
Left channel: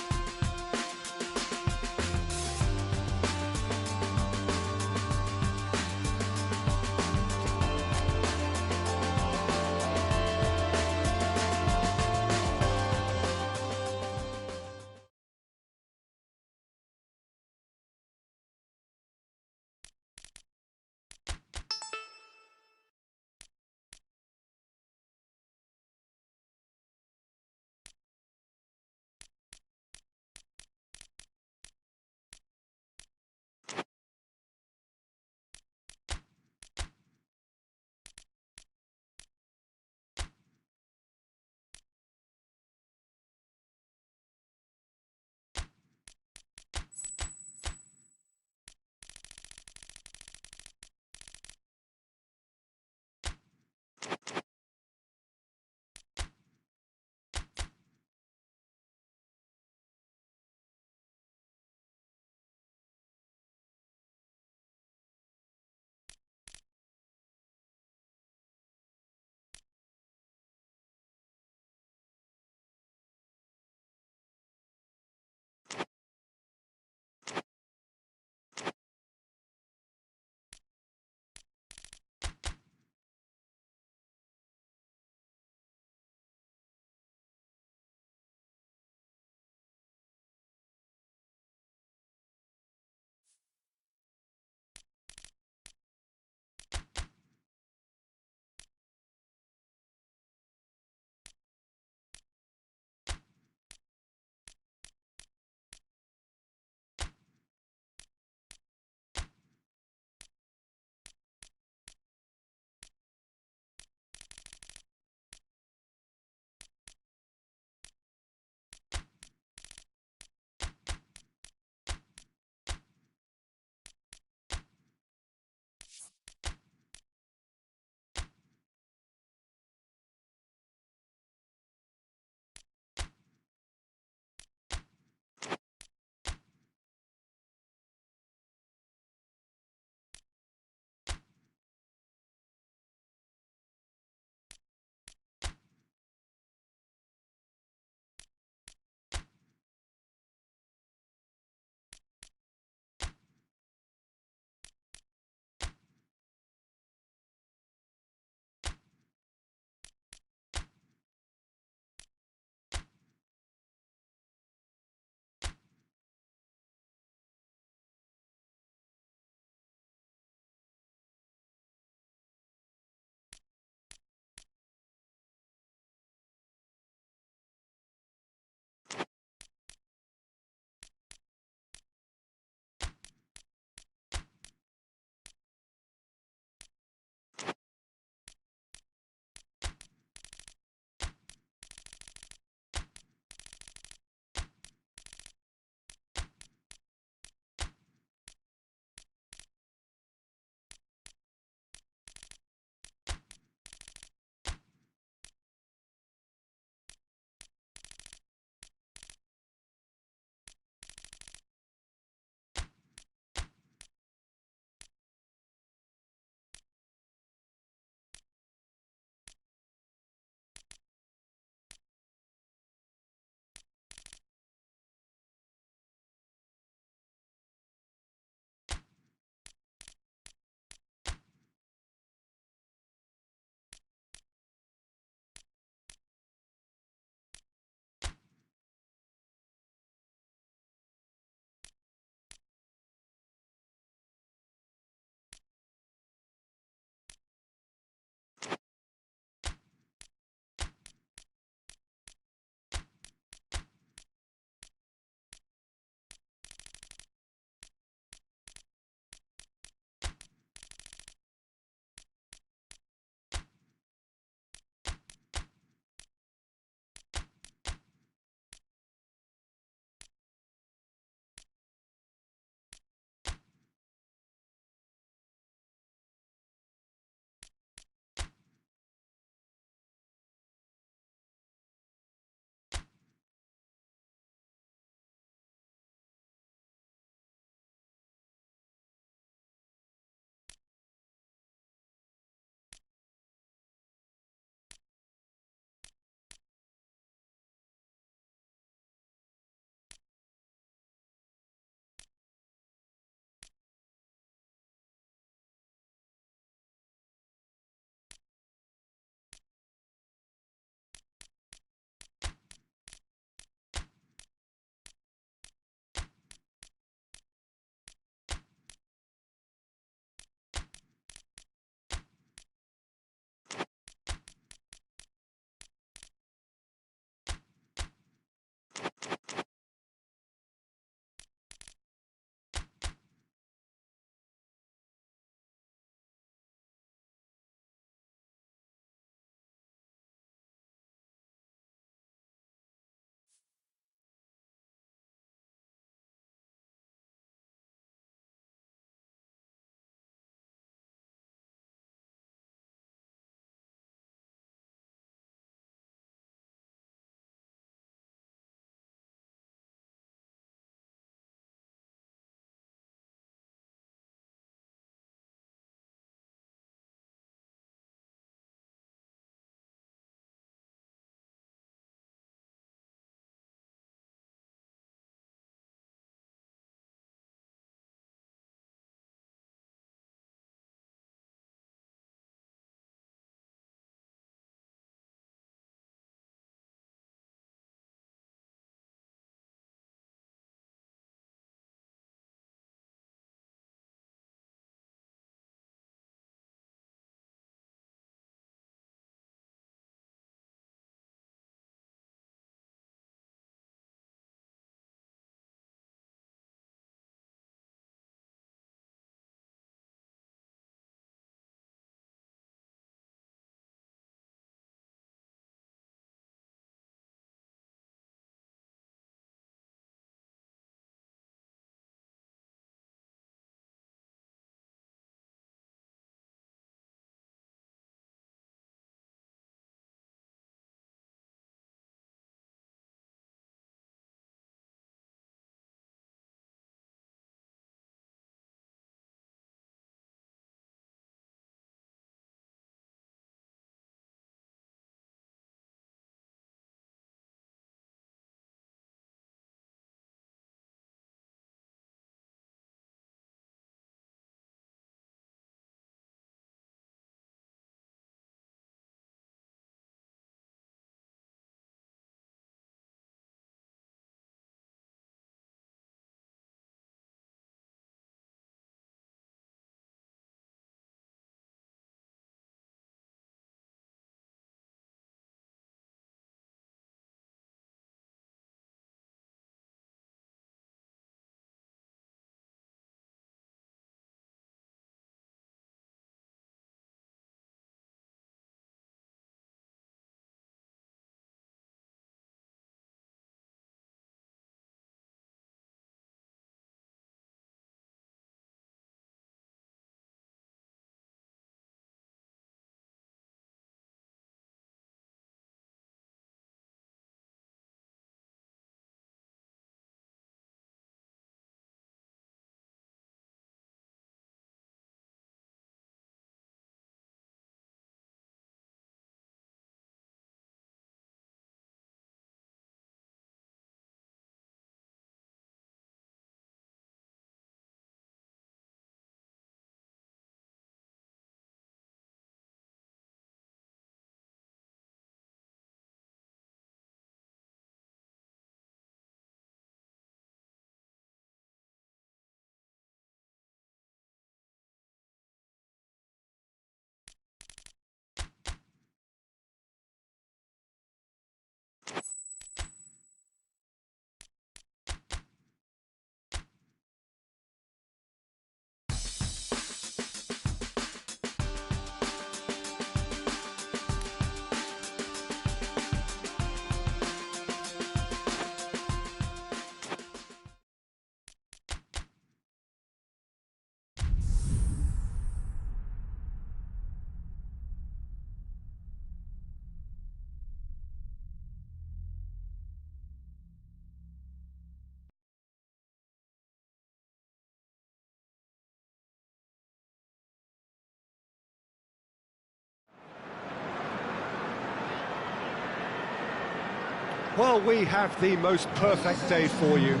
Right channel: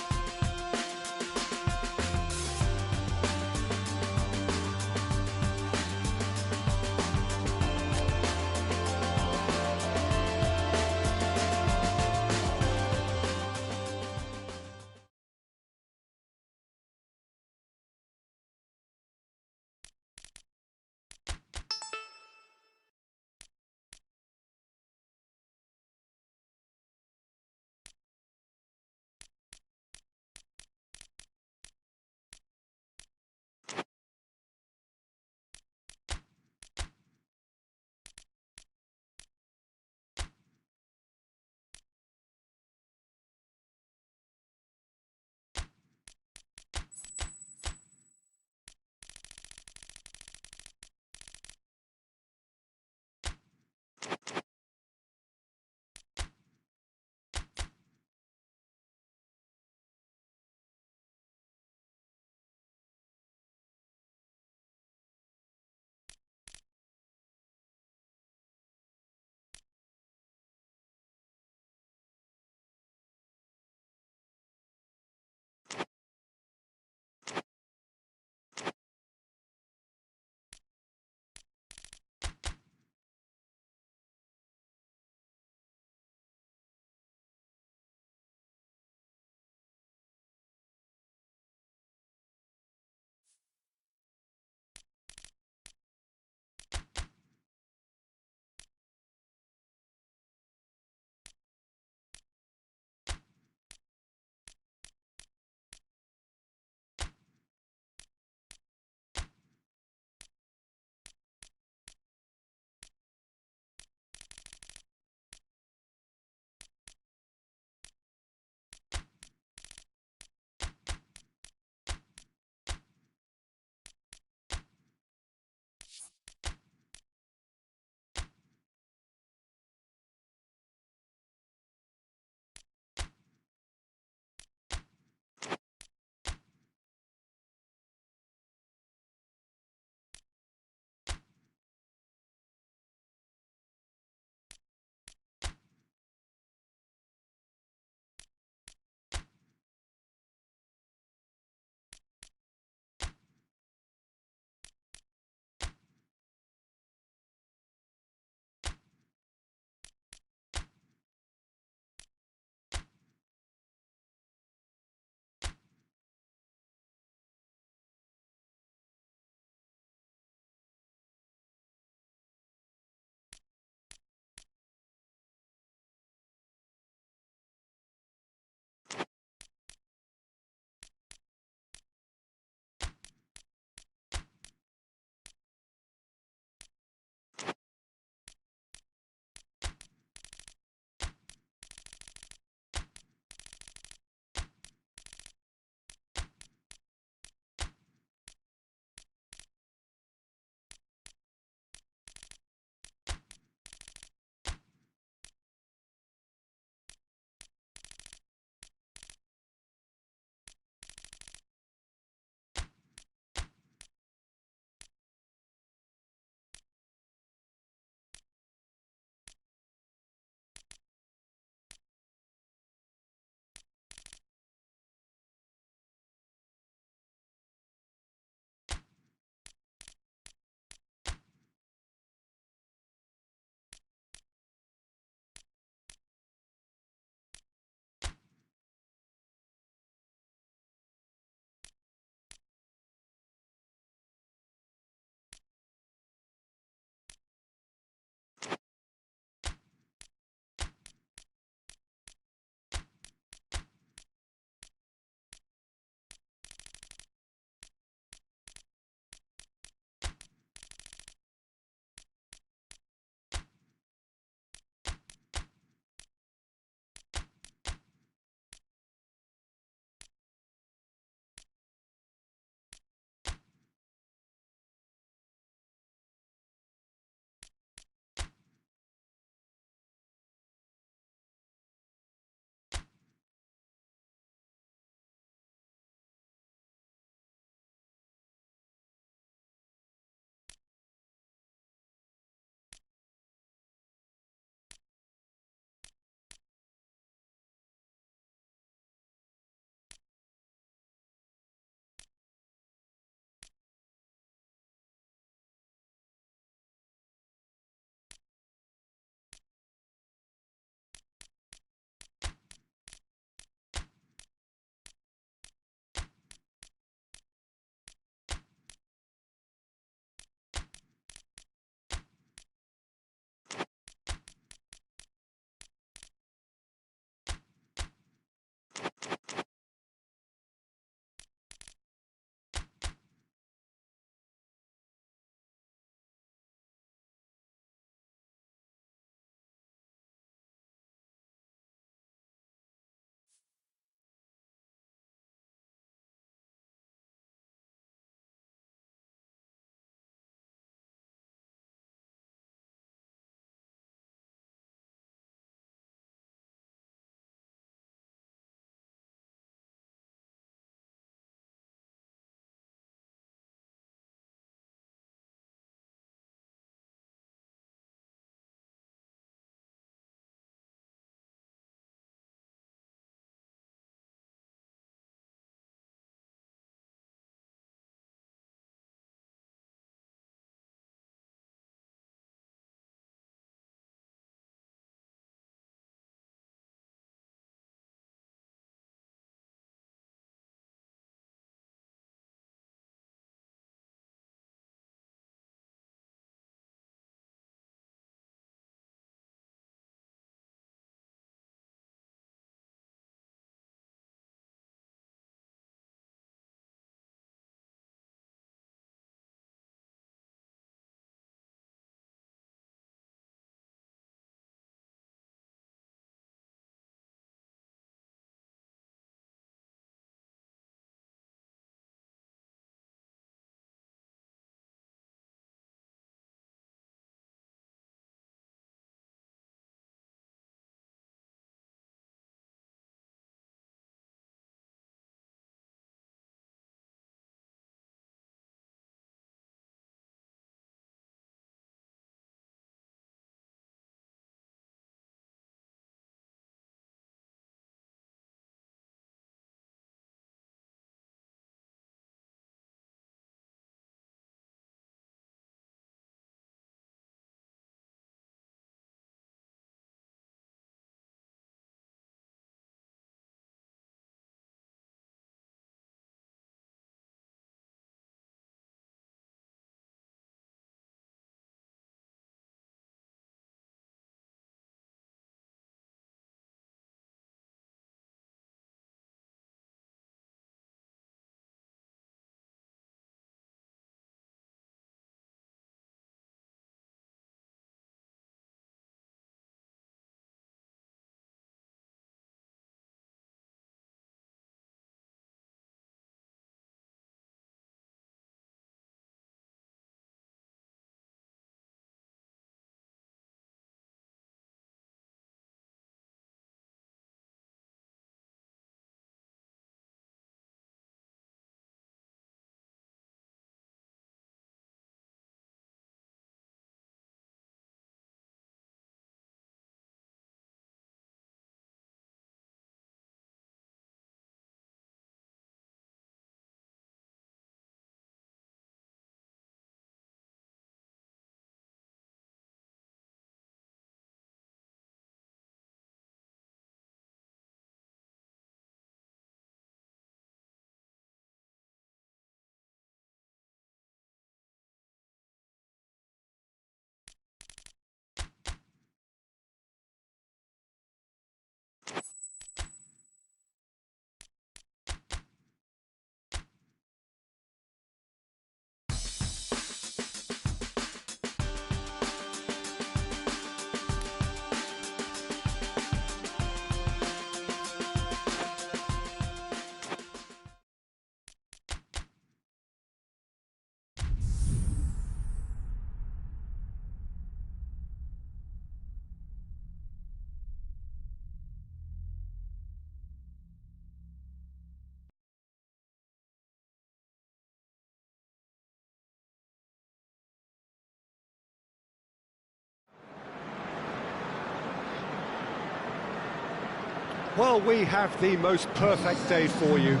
Well, we have the most perfect day for you.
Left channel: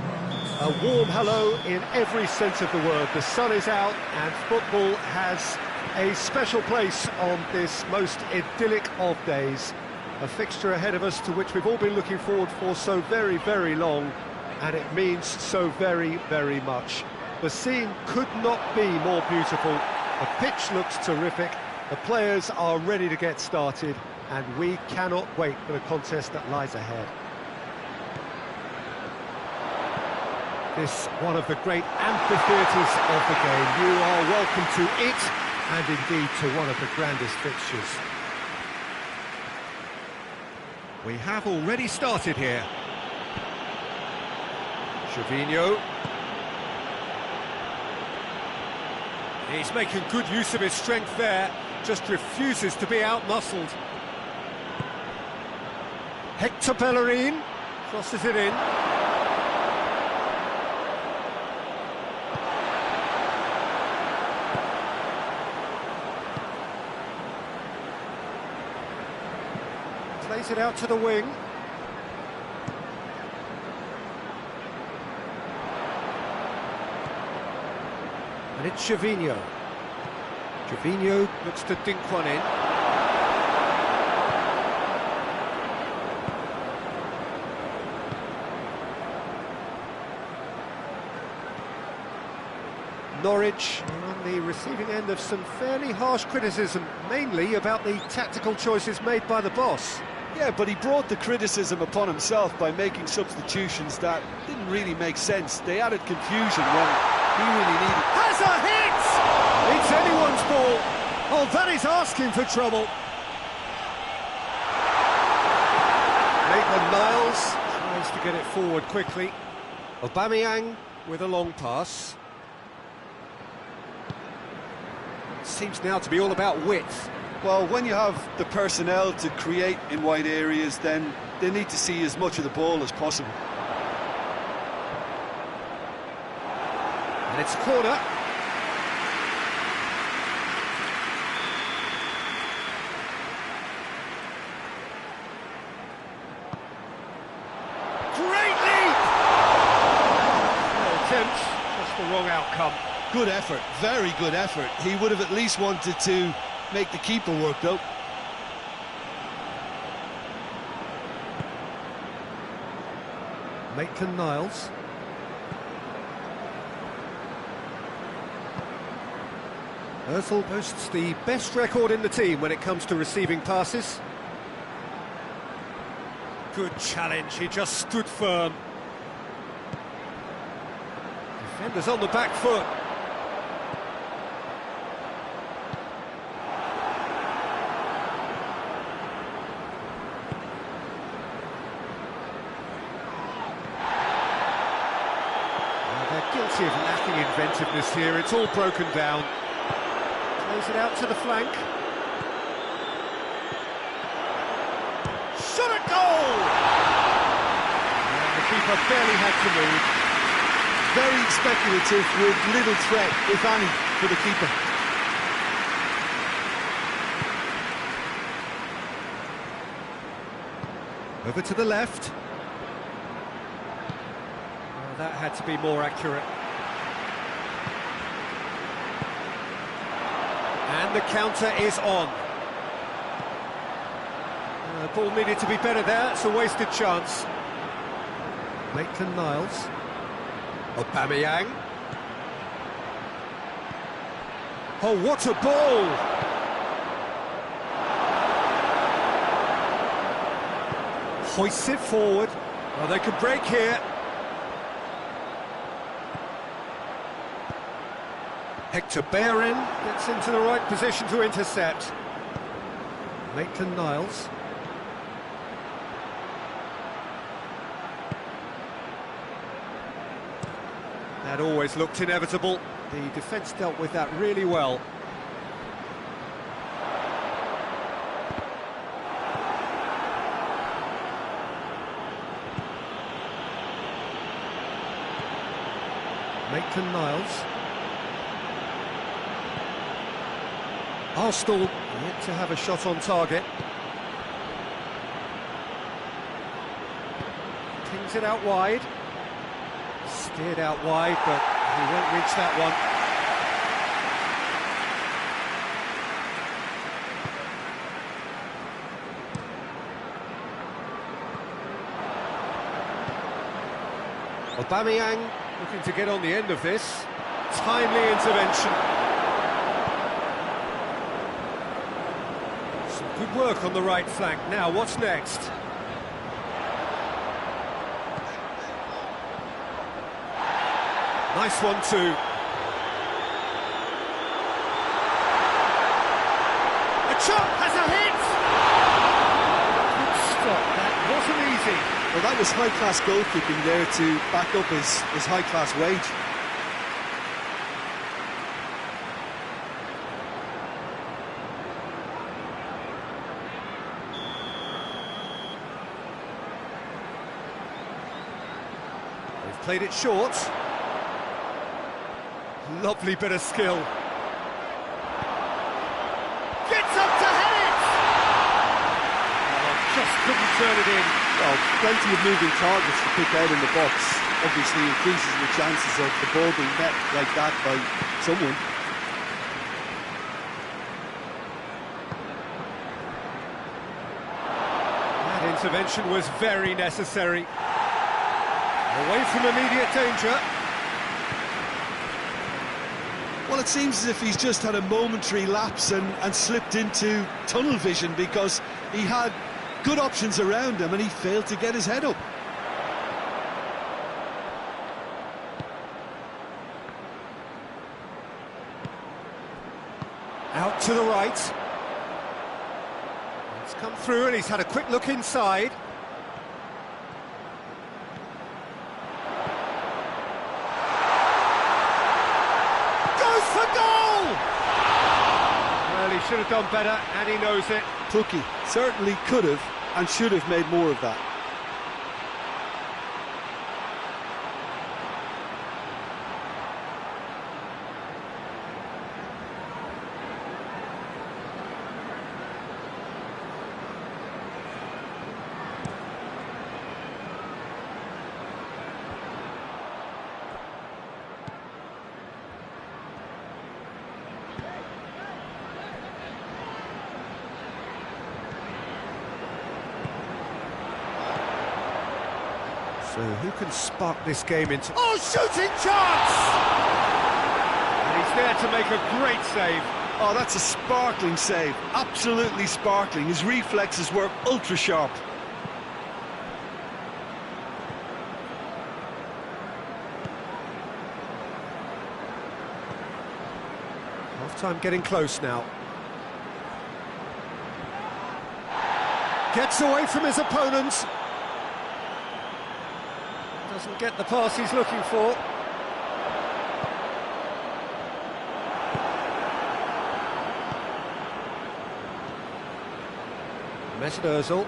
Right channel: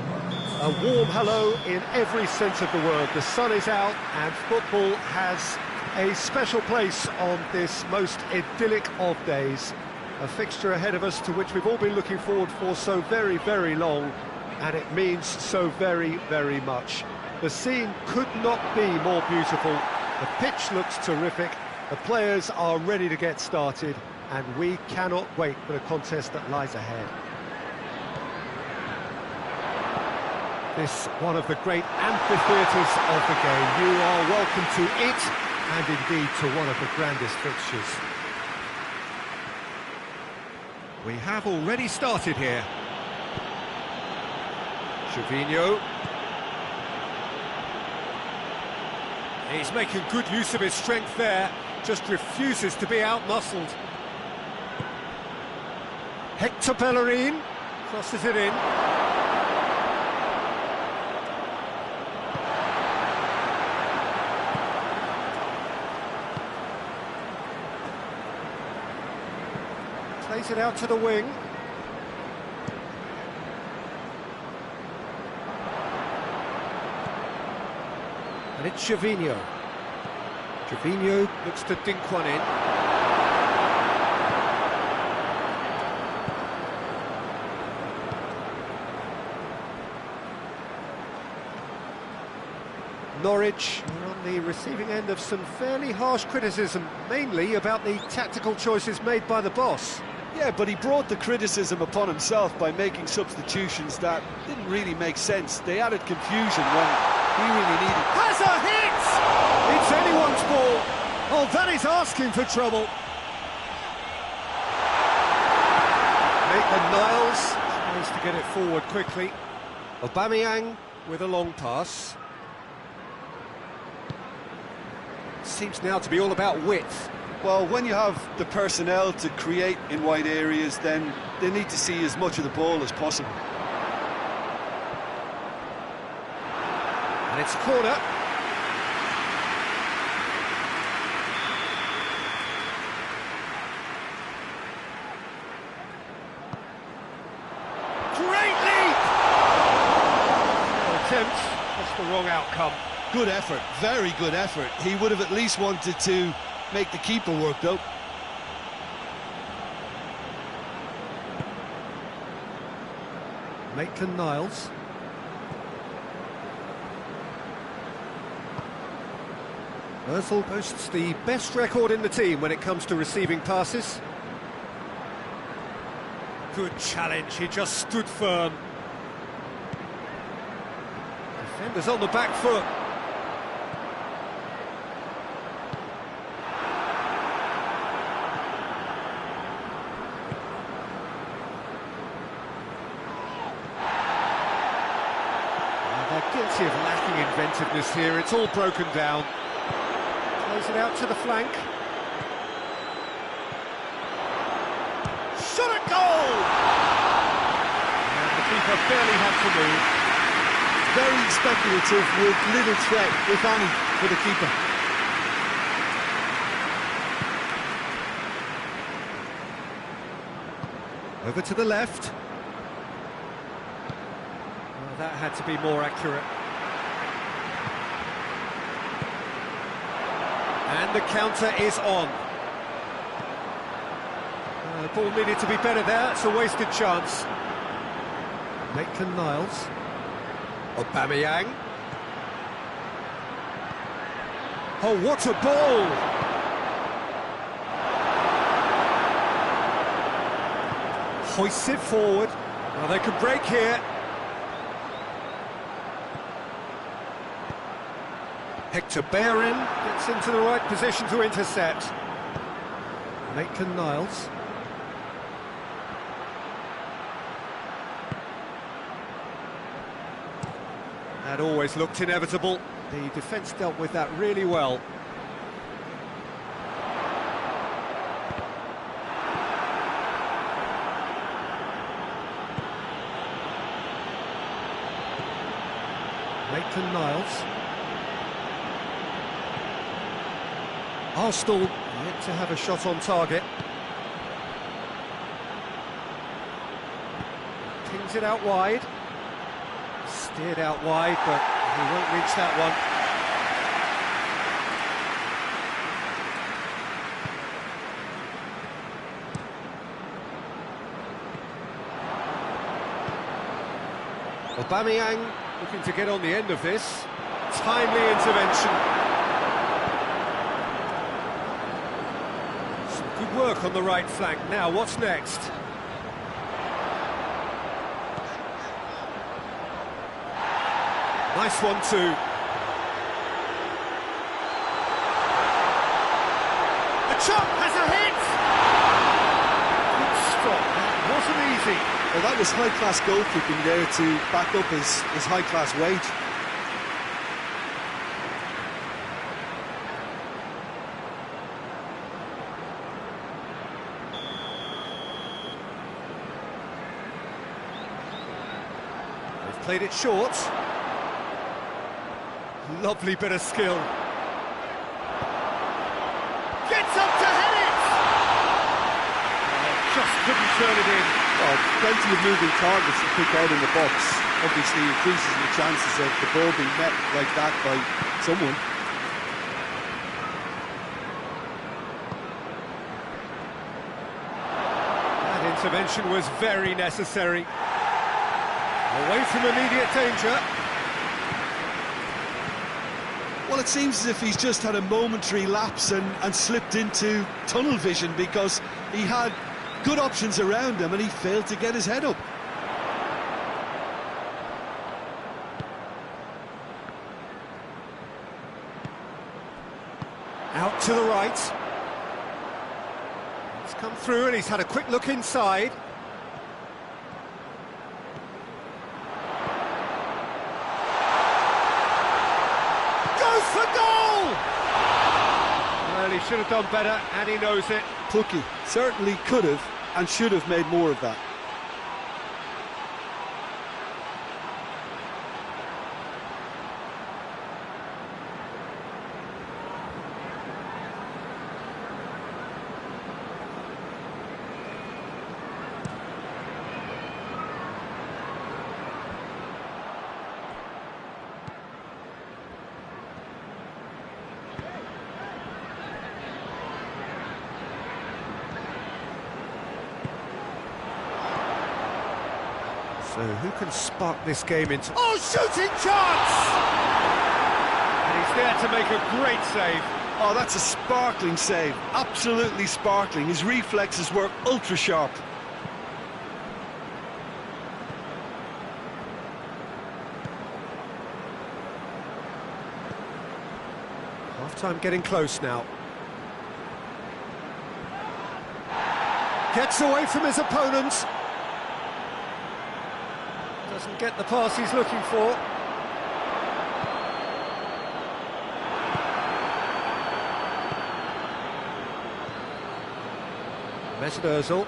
A warm hello in every sense of the word. The sun is out and football has a special place on this most idyllic of days. A fixture ahead of us to which we've all been looking forward for so very, very long, and it means so very, very much. The scene could not be more beautiful. The pitch looks terrific, the players are ready to get started, and we cannot wait for the contest that lies ahead. This one of the great amphitheatres of the game. You are welcome to it, and indeed to one of the grandest fixtures. We have already started here. Gervinho. He's making good use of his strength there, just refuses to be out-muscled. Hector Bellerin crosses it in. Plays it out to the wing. And it's Gervinho. Gervinho looks to dink one in. Norwich are on the receiving end of some fairly harsh criticism, mainly about the tactical choices made by the boss. Yeah, but he brought the criticism upon himself by making substitutions that didn't really make sense. They added confusion when he really needed. Has a hit! It's anyone's ball. Oh, that is asking for trouble. Maitland-Niles tries to get it forward quickly. Aubameyang with a long pass. Seems now to be all about width. Well, when you have the personnel to create in wide areas, then they need to see as much of the ball as possible. And it's a corner. Great leap! Fair attempt, just the wrong outcome. Good effort, very good effort. He would have at least wanted to make the keeper work, though. Maitland-Niles. Ozil boasts the best record in the team when it comes to receiving passes. Good challenge, he just stood firm. Defenders on the back foot. They're guilty of lacking inventiveness here, it's all broken down. Plays it out to the flank. Shot at goal! And the keeper barely had to move. Very speculative with little threat, if any, for the keeper. Over to the left. Oh, that had to be more accurate. And the counter is on. The ball needed to be better there, it's a wasted chance. Maitland-Niles. Aubameyang. Oh, what a ball! Hoists it forward. Well, they could break here. Hector Bellerin gets into the right position to intercept. Maitland-Niles. That always looked inevitable. The defence dealt with that really well. Maitland-Niles. Arsenal yet to have a shot on target. Brings it out wide. Steered out wide, but he won't reach that one. Aubameyang looking to get on the end of this. Timely intervention. Some good work on the right flank. Now, what's next? Nice one too. A chop has a hit! Good stop, that wasn't easy. Well, that was high-class goalkeeping there to back up his high-class wage. They've played it short. Lovely bit of skill. Gets up to head it! Oh, just couldn't turn it in. Well, plenty of moving targets to pick out in the box. Obviously increases the chances of the ball being met like that by someone. That intervention was very necessary. Away from immediate danger. Well, it seems as if he's just had a momentary lapse and slipped into tunnel vision, because he had good options around him and he failed to get his head up. Out to the right. It's come through and he's had a quick look inside. Goes for goal! Well, he should have done better, and he knows it. Pookie certainly could have and should have made more of that. So who can spark this game into... Oh, shooting chance! And he's there to make a great save. Oh, that's a sparkling save. Absolutely sparkling. His reflexes were ultra sharp. Half-time getting close now. Gets away from his opponent. Doesn't get the pass he's looking for. Mesut Ozil.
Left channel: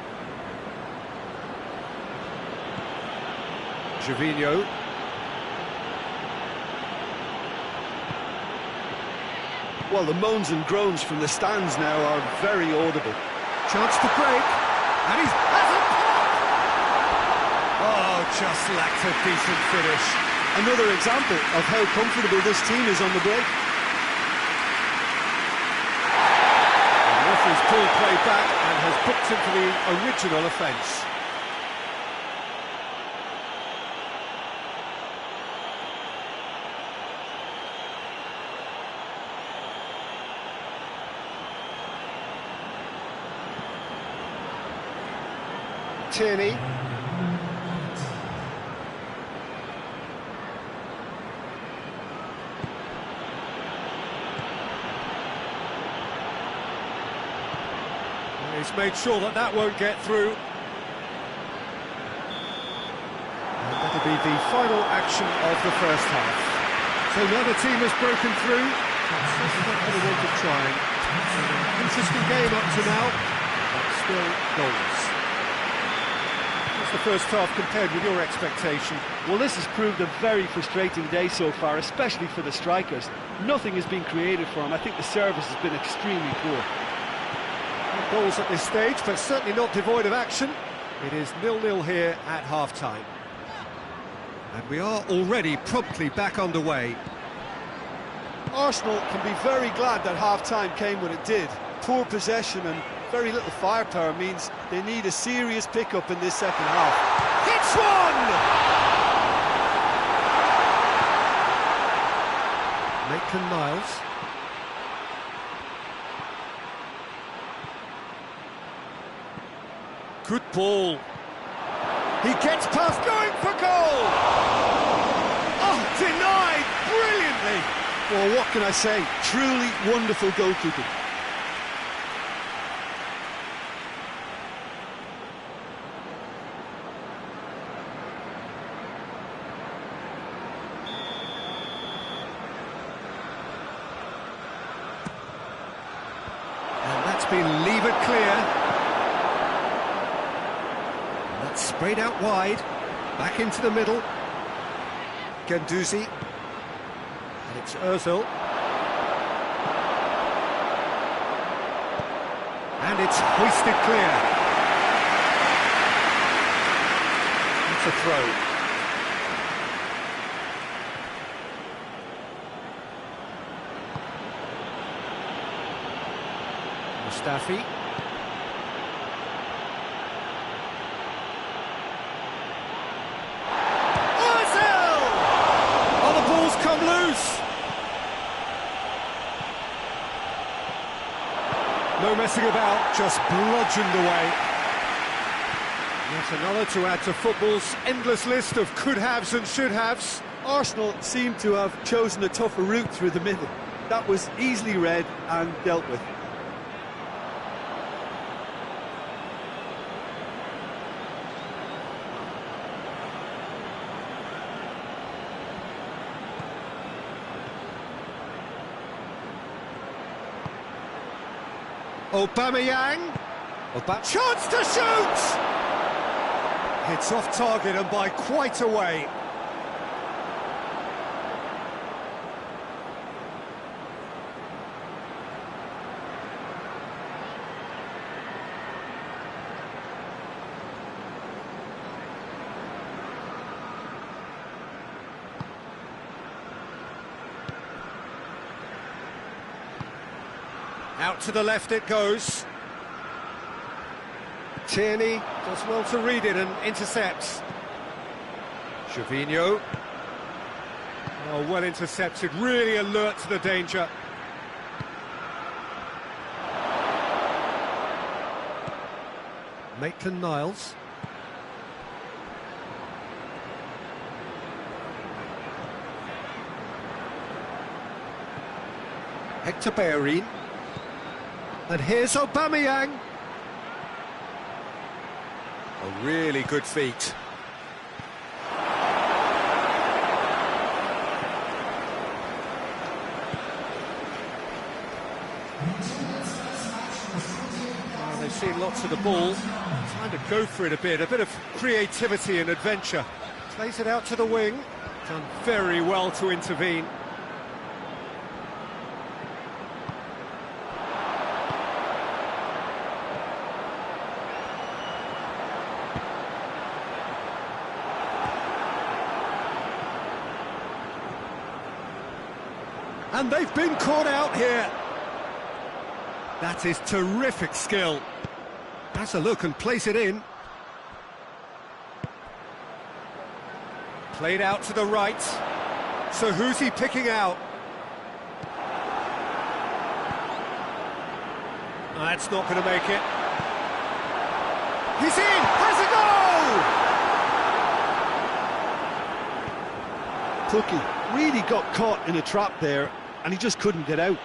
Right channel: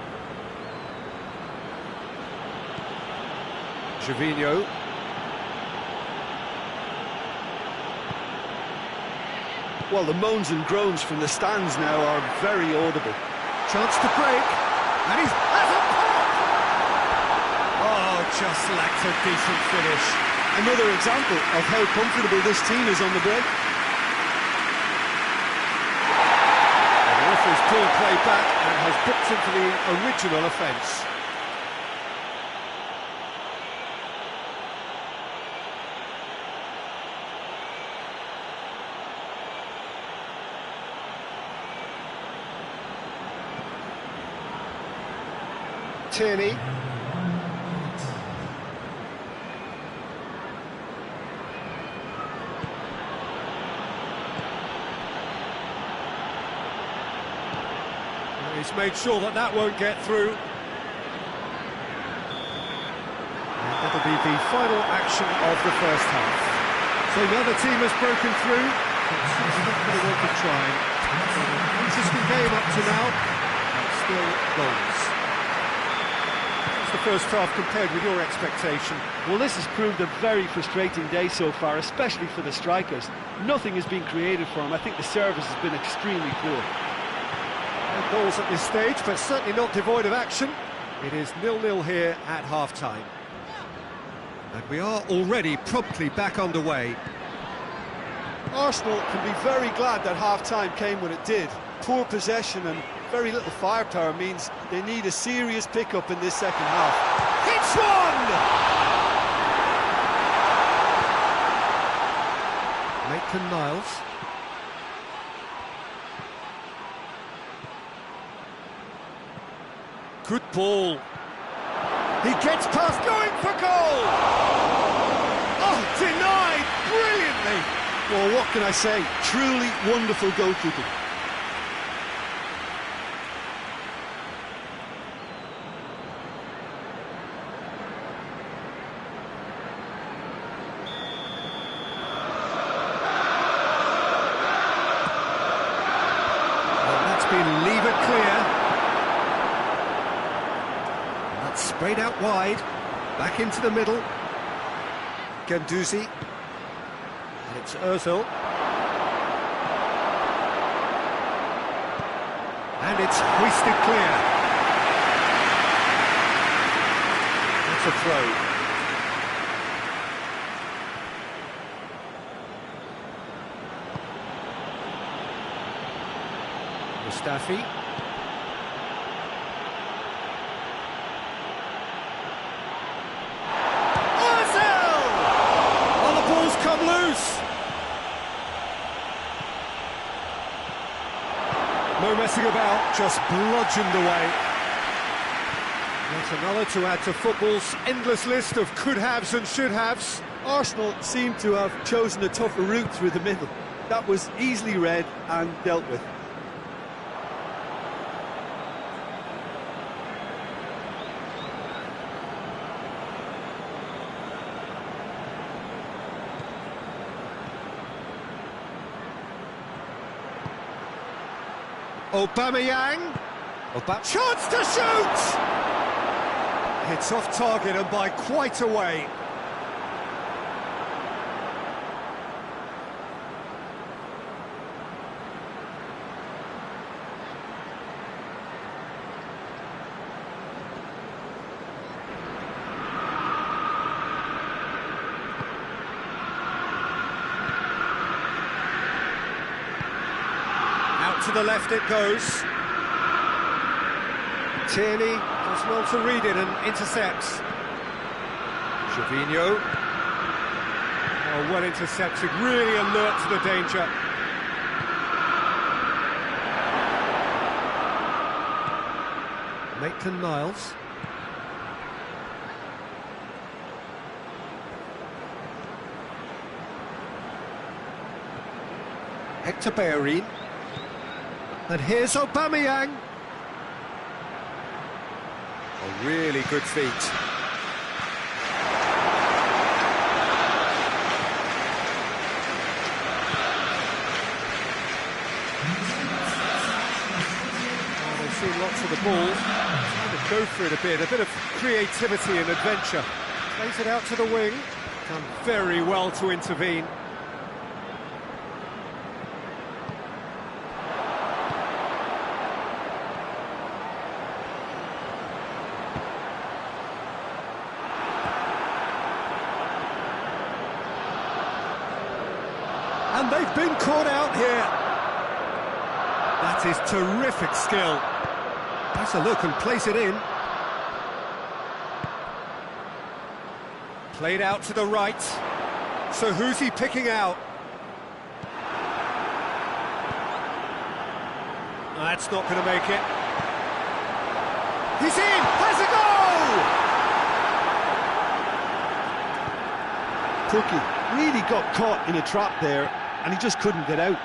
Gervinho. Well, the moans and groans from the stands now are very audible. Chance to break. And he's... has a pop! Oh, just lacked a decent finish. Another example of how comfortable this team is on the break. And the referee's pulled play back and has booked him for the original offence. Tierney. He's made sure that that won't get through. And that'll be the final action of the first half. So the other team has broken through, but certainly not going to want to try. An interesting game up to now, but still goals. How's the first half compared with your expectation? Well, this has proved a very frustrating day so far, especially for the strikers. Nothing has been created for them. I think the service has been extremely poor. No goals at this stage, but certainly not devoid of action. It is 0-0 here at half-time. And we are already promptly back underway. Arsenal can be very glad that half-time came when it did. Poor possession and very little firepower means they need a serious pickup in this second half. Hits one! Maitland-Niles. Good ball. He gets past, going for goal! Oh, denied brilliantly! Well, what can I say? Truly wonderful goalkeeping. And that's been levered clear. And that's sprayed out wide. Back into the middle. Guendouzi. And it's Ozil. And it's hoisted clear. That's a throw. Mustafi. Ozil! Oh, the ball's come loose. No messing about, just bludgeoned away. Yet another to add to football's endless list of could-haves and should-haves. Arsenal seem to have chosen a tougher route through the middle. That was easily read and dealt with. Aubameyang. Chance to shoot! It's off target and by quite a way. Out to the left it goes. Tierney does well to read it and intercepts. Gervinho. Oh, well intercepted, really alert to the danger. Maitland-Niles. Hector Bellerin. And here's Aubameyang. A really good feat. Oh, they've seen lots of the ball. Trying to go for it a bit of creativity and adventure. Plays it out to the wing. Done very well to intervene. And they've been caught out here. That is terrific skill. Has a look and place it in. Played out to the right. So who's he picking out? That's not going to make it. He's in! Has a goal! Cookie really got caught in a trap there, and he just couldn't get out.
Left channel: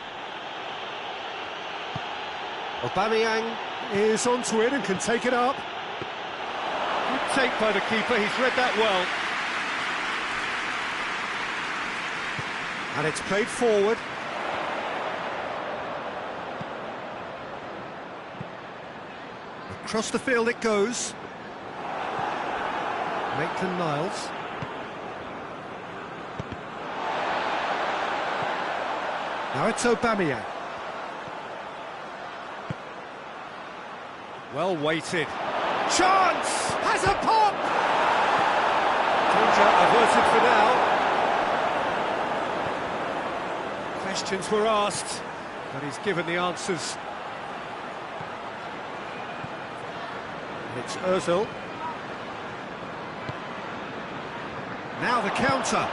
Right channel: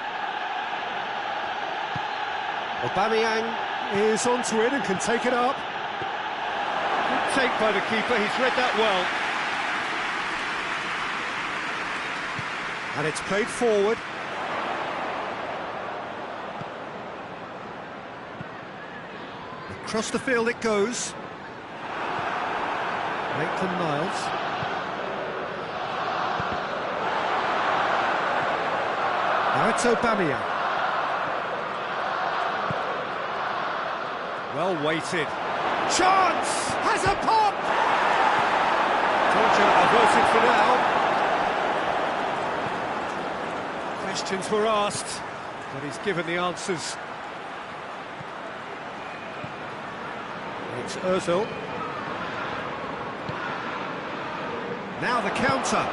Aubameyang is onto it and can take it up. Good take by the keeper, he's read that well. And it's played forward. Across the field it goes. Maitland-Niles. Now it's Aubameyang. Well weighted. Chance! Has a pop! Danger averted for now. Questions were asked, but he's given the answers. It's Ozil. Now the counter.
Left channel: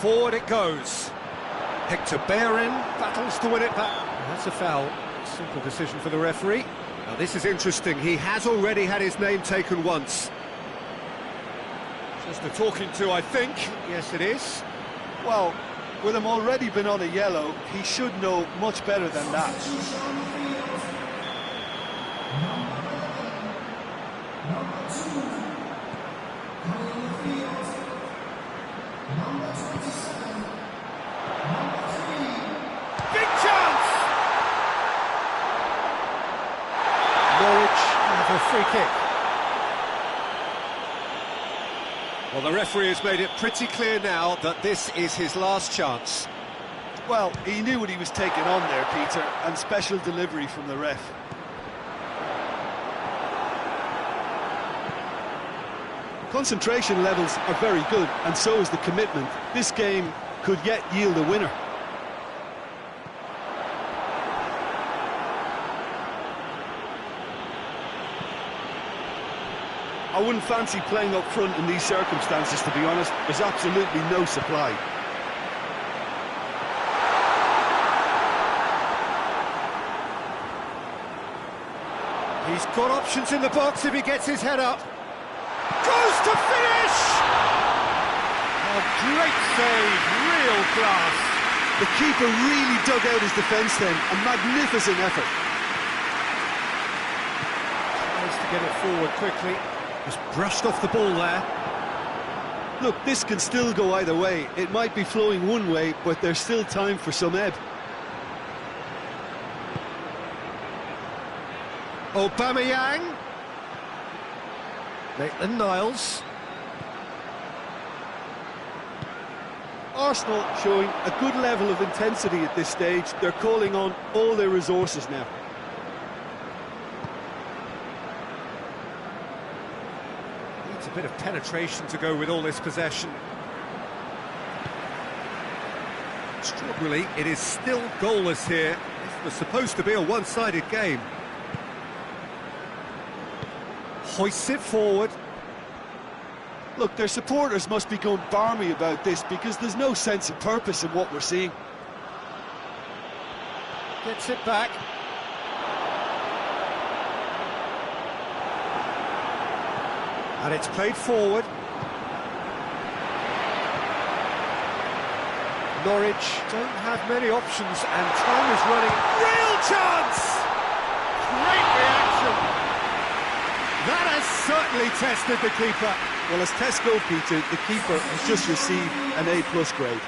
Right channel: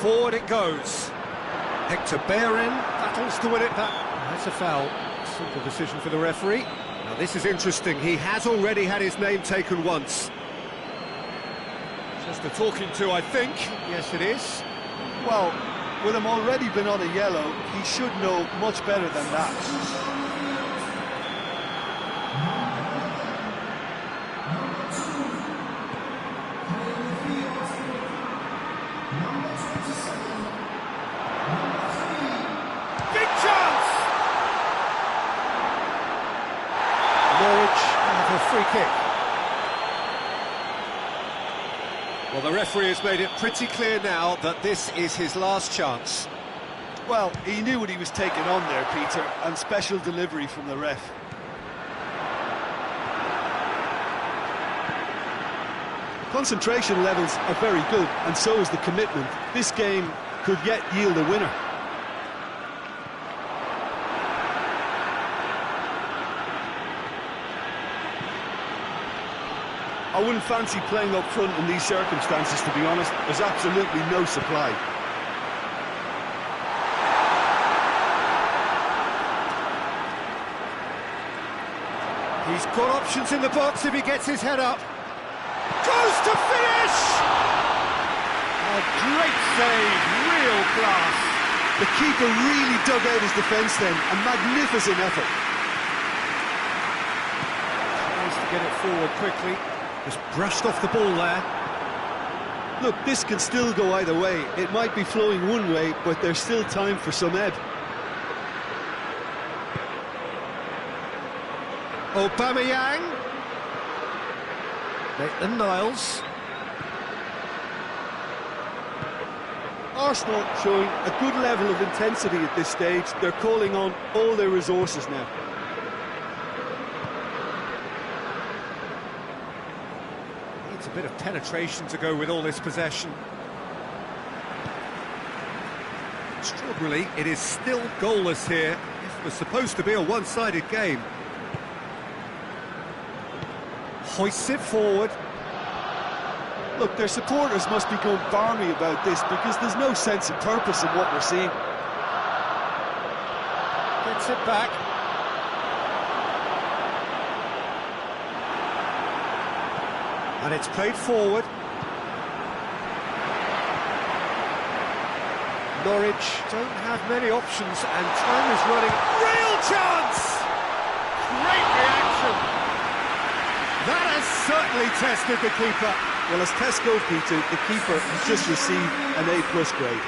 Forward it goes. Hector Bellerin battles to win it back. That's a foul. Simple decision for the referee. Now this is interesting. He has already had his name taken once. Just a talking to, I think. Yes, it is. Well, with him already been on a yellow, he should know much better than that. Big chance! Norwich have a free kick. Well, the referee has made it pretty clear now that this is his last chance. Well, he knew what he was taking on there, Peter, and special delivery from the ref. Concentration levels are very good, and so is the commitment. This game could yet yield a winner. I wouldn't fancy playing up front in these circumstances, to be honest. There's absolutely no supply. He's got options in the box if he gets his head up. Goes to finish! A great save, real class. The keeper really dug out his defence then. A magnificent effort. Tries to get it forward quickly. Just brushed off the ball there. Look, this can still go either way. It might be flowing one way, but there's still time for some ebb. Aubameyang. Maitland-Niles. Arsenal showing a good level of intensity at this stage. They're calling on all their resources now. Needs a bit of penetration to go with all this possession. Extraordinarily, it is still goalless here. This was supposed to be a one-sided game. Hoists it forward. Look, their supporters must be going barmy about this because there's no sense of purpose in what we're seeing. Gets it back. And it's played forward. Norwich don't have many options and time is running. Real chance! Great reaction! That has certainly tested the keeper. Well, as tests go, Peter, the keeper has just received an A+ grade.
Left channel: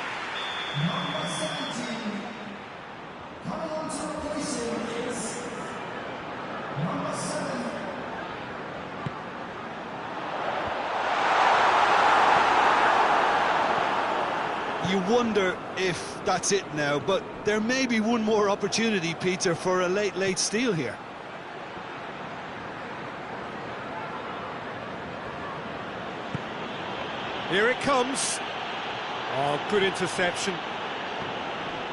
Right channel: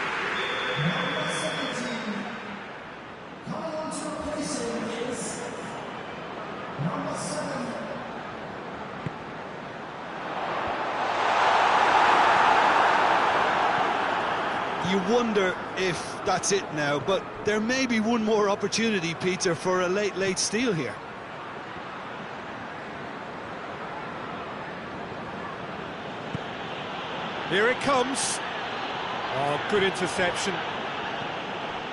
You wonder if that's it now, but there may be one more opportunity, Peter, for a late steal here. Here it comes. Oh, good interception.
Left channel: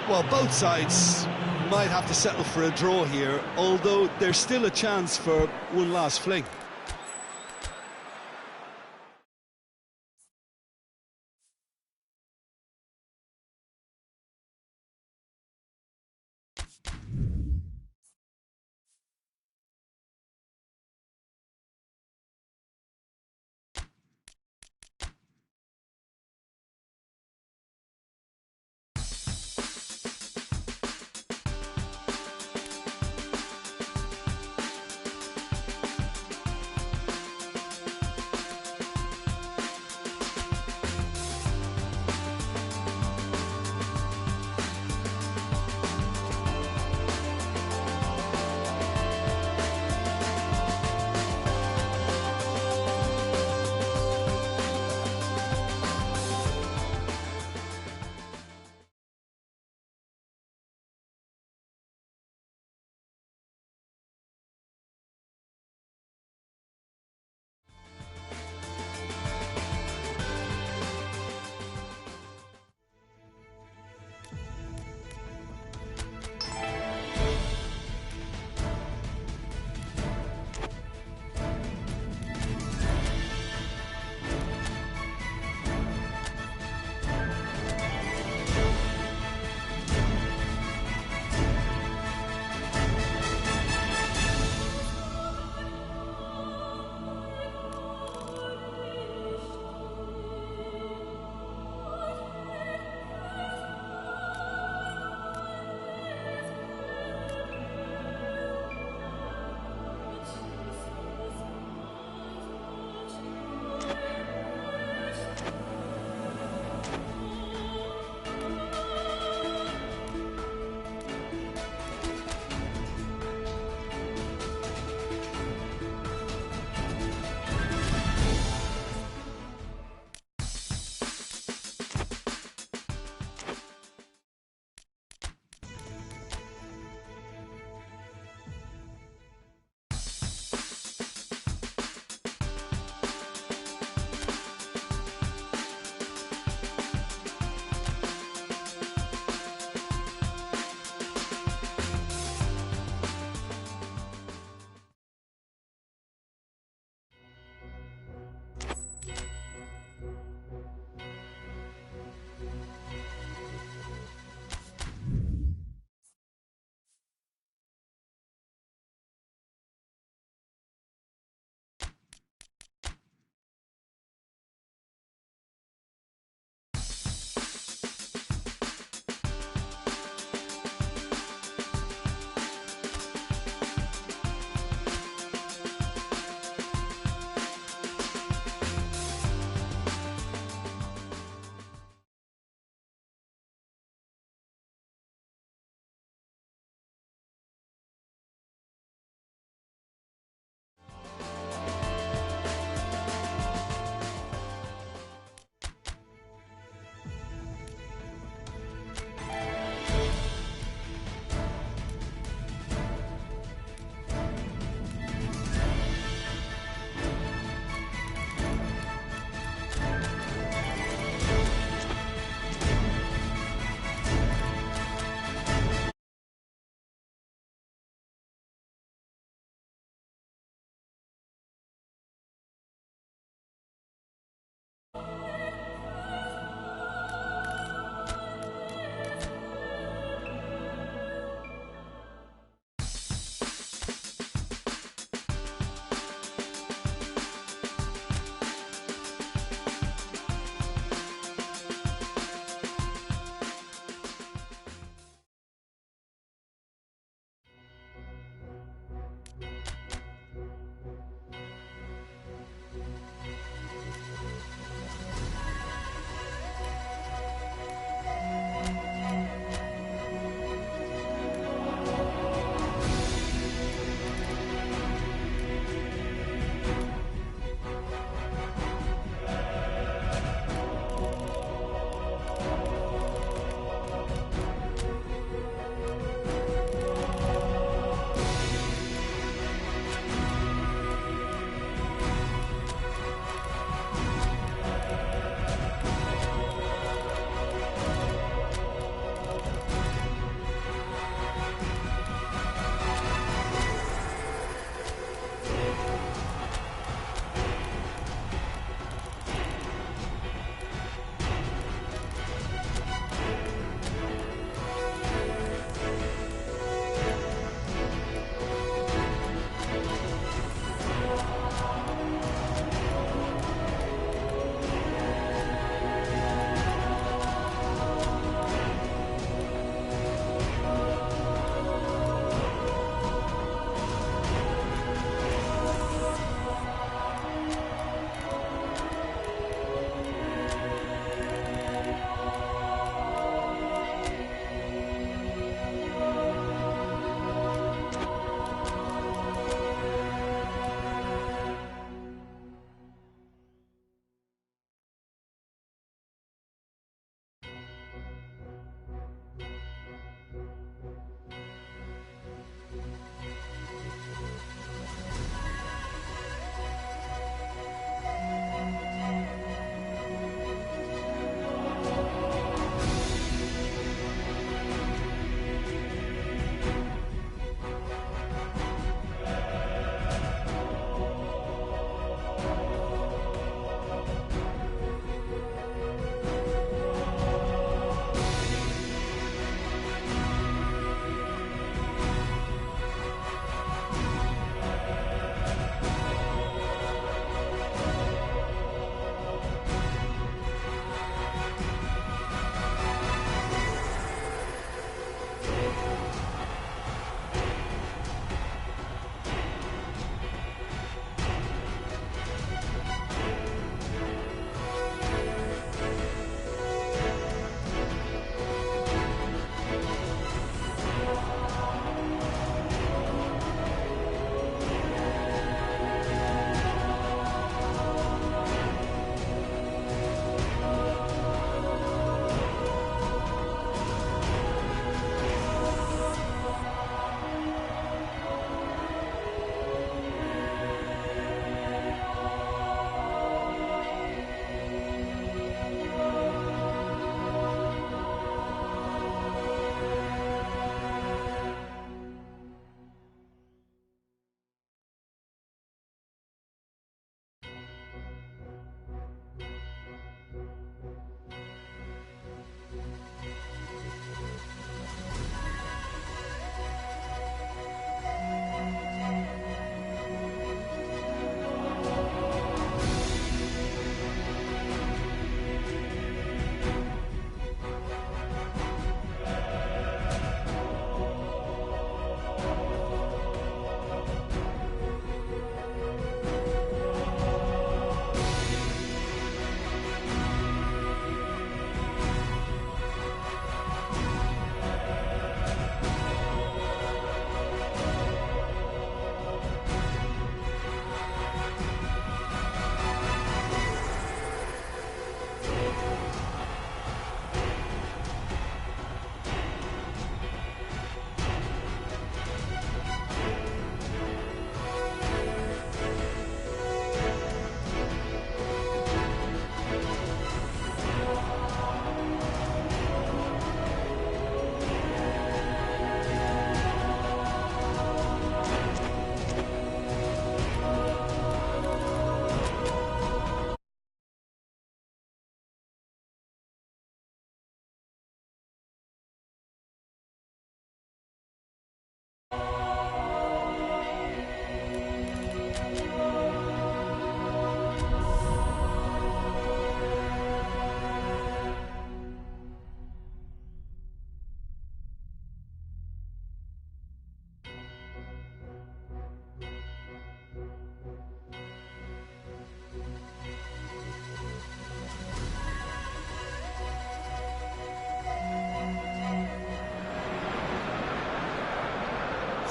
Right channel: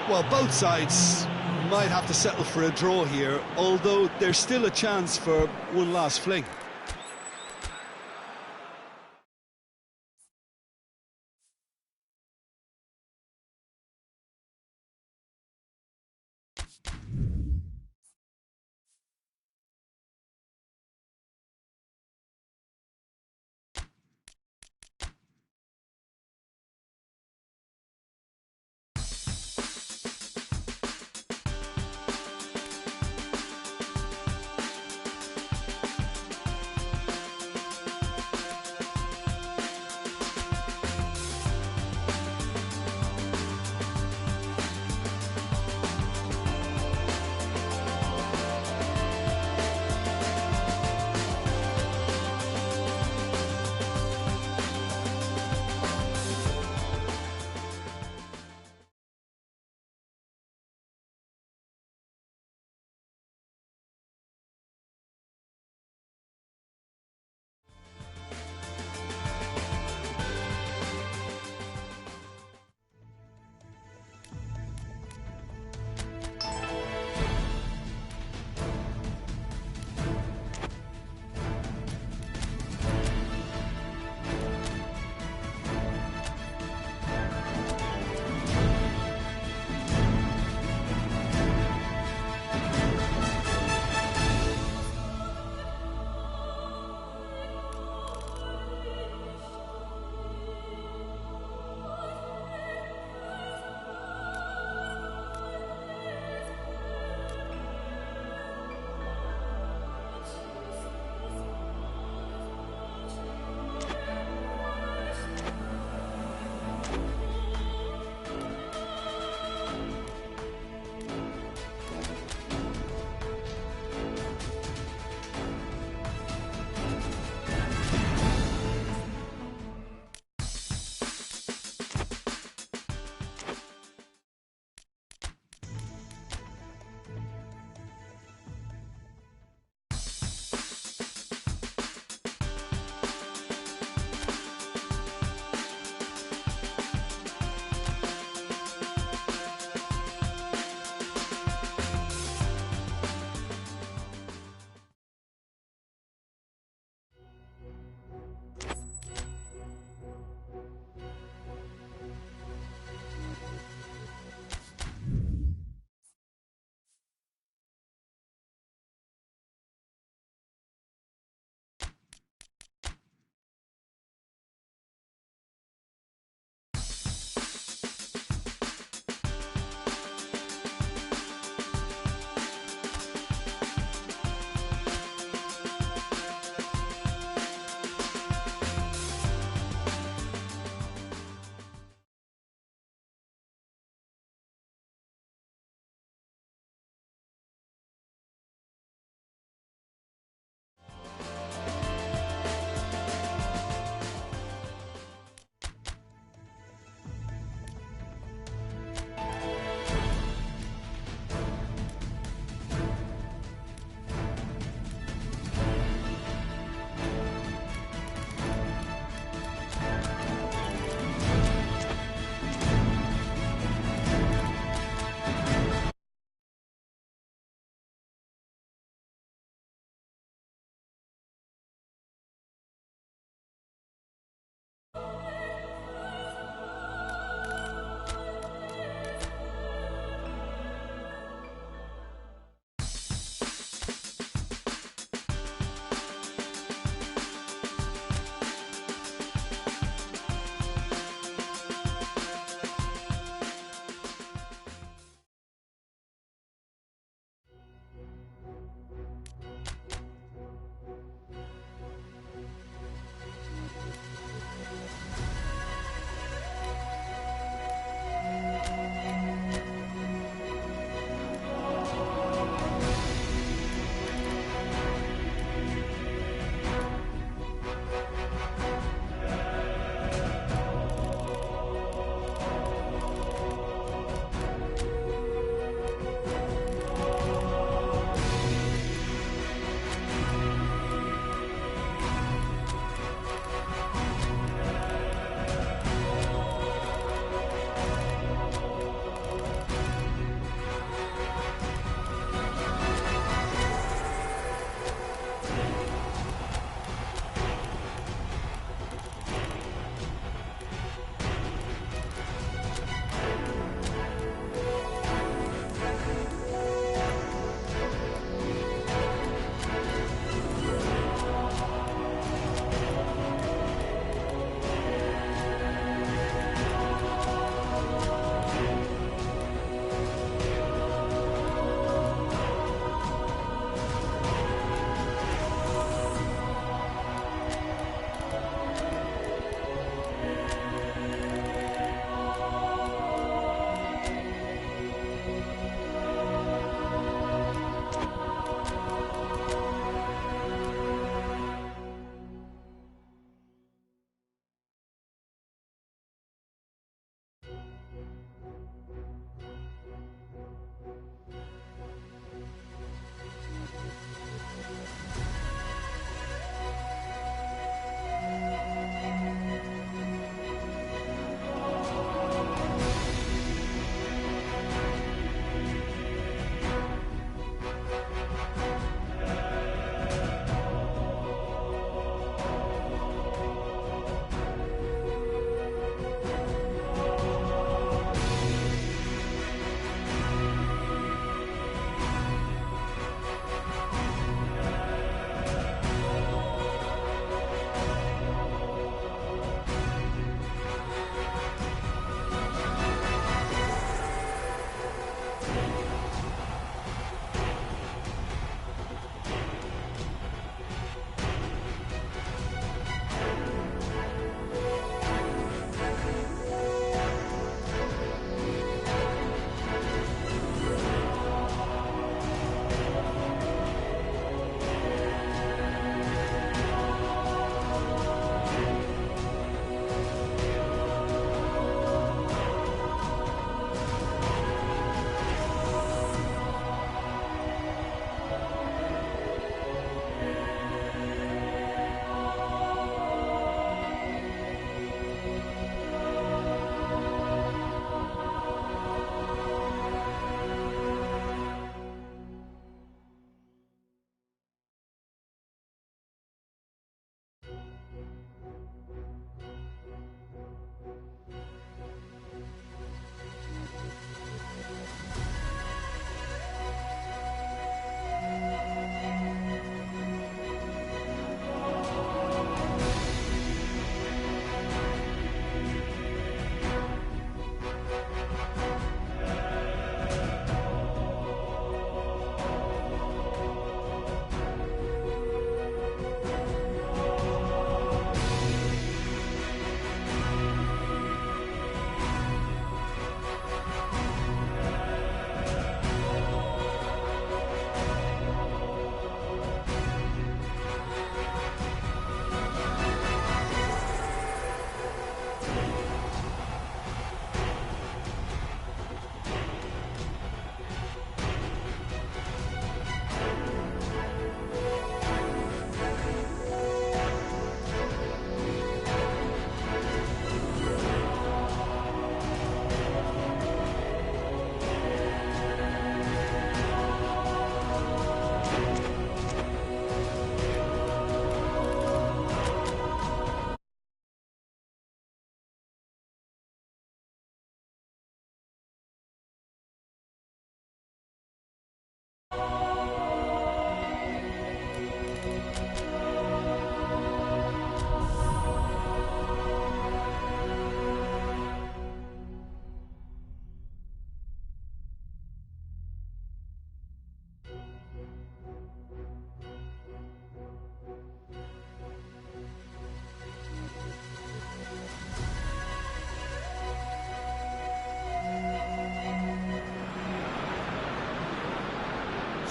Well, both sides might have to settle for a draw here, although there's still a chance for one last fling.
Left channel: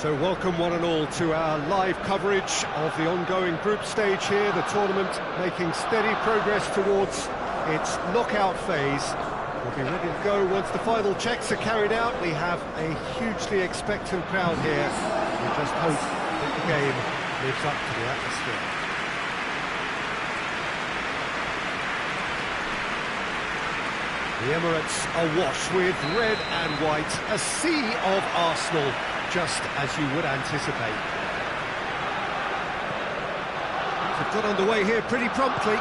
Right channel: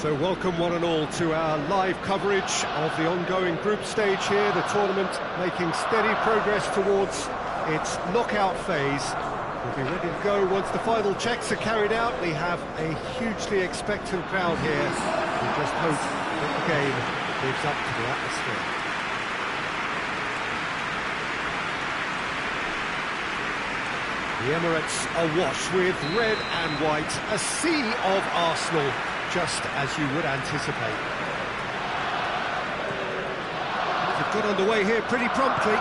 So welcome one and all to our live coverage of the ongoing group stage here, the tournament making steady progress towards its knockout phase. We'll be ready to go once the final checks are carried out. We have a hugely expectant crowd here. We just hope that the game lives up to the atmosphere. The Emirates awash with red and white, a sea of Arsenal, just as you would anticipate. They've got underway here pretty promptly.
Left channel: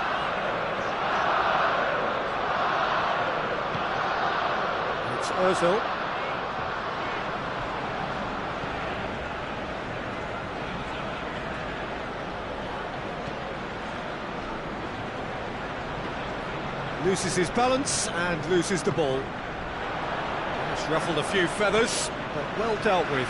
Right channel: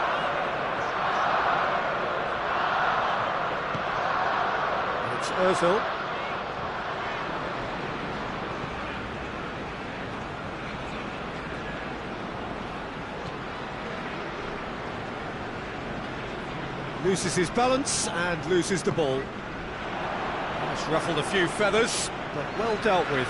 It's Ozil. Loses his balance and loses the ball. It's ruffled a few feathers, but well dealt with.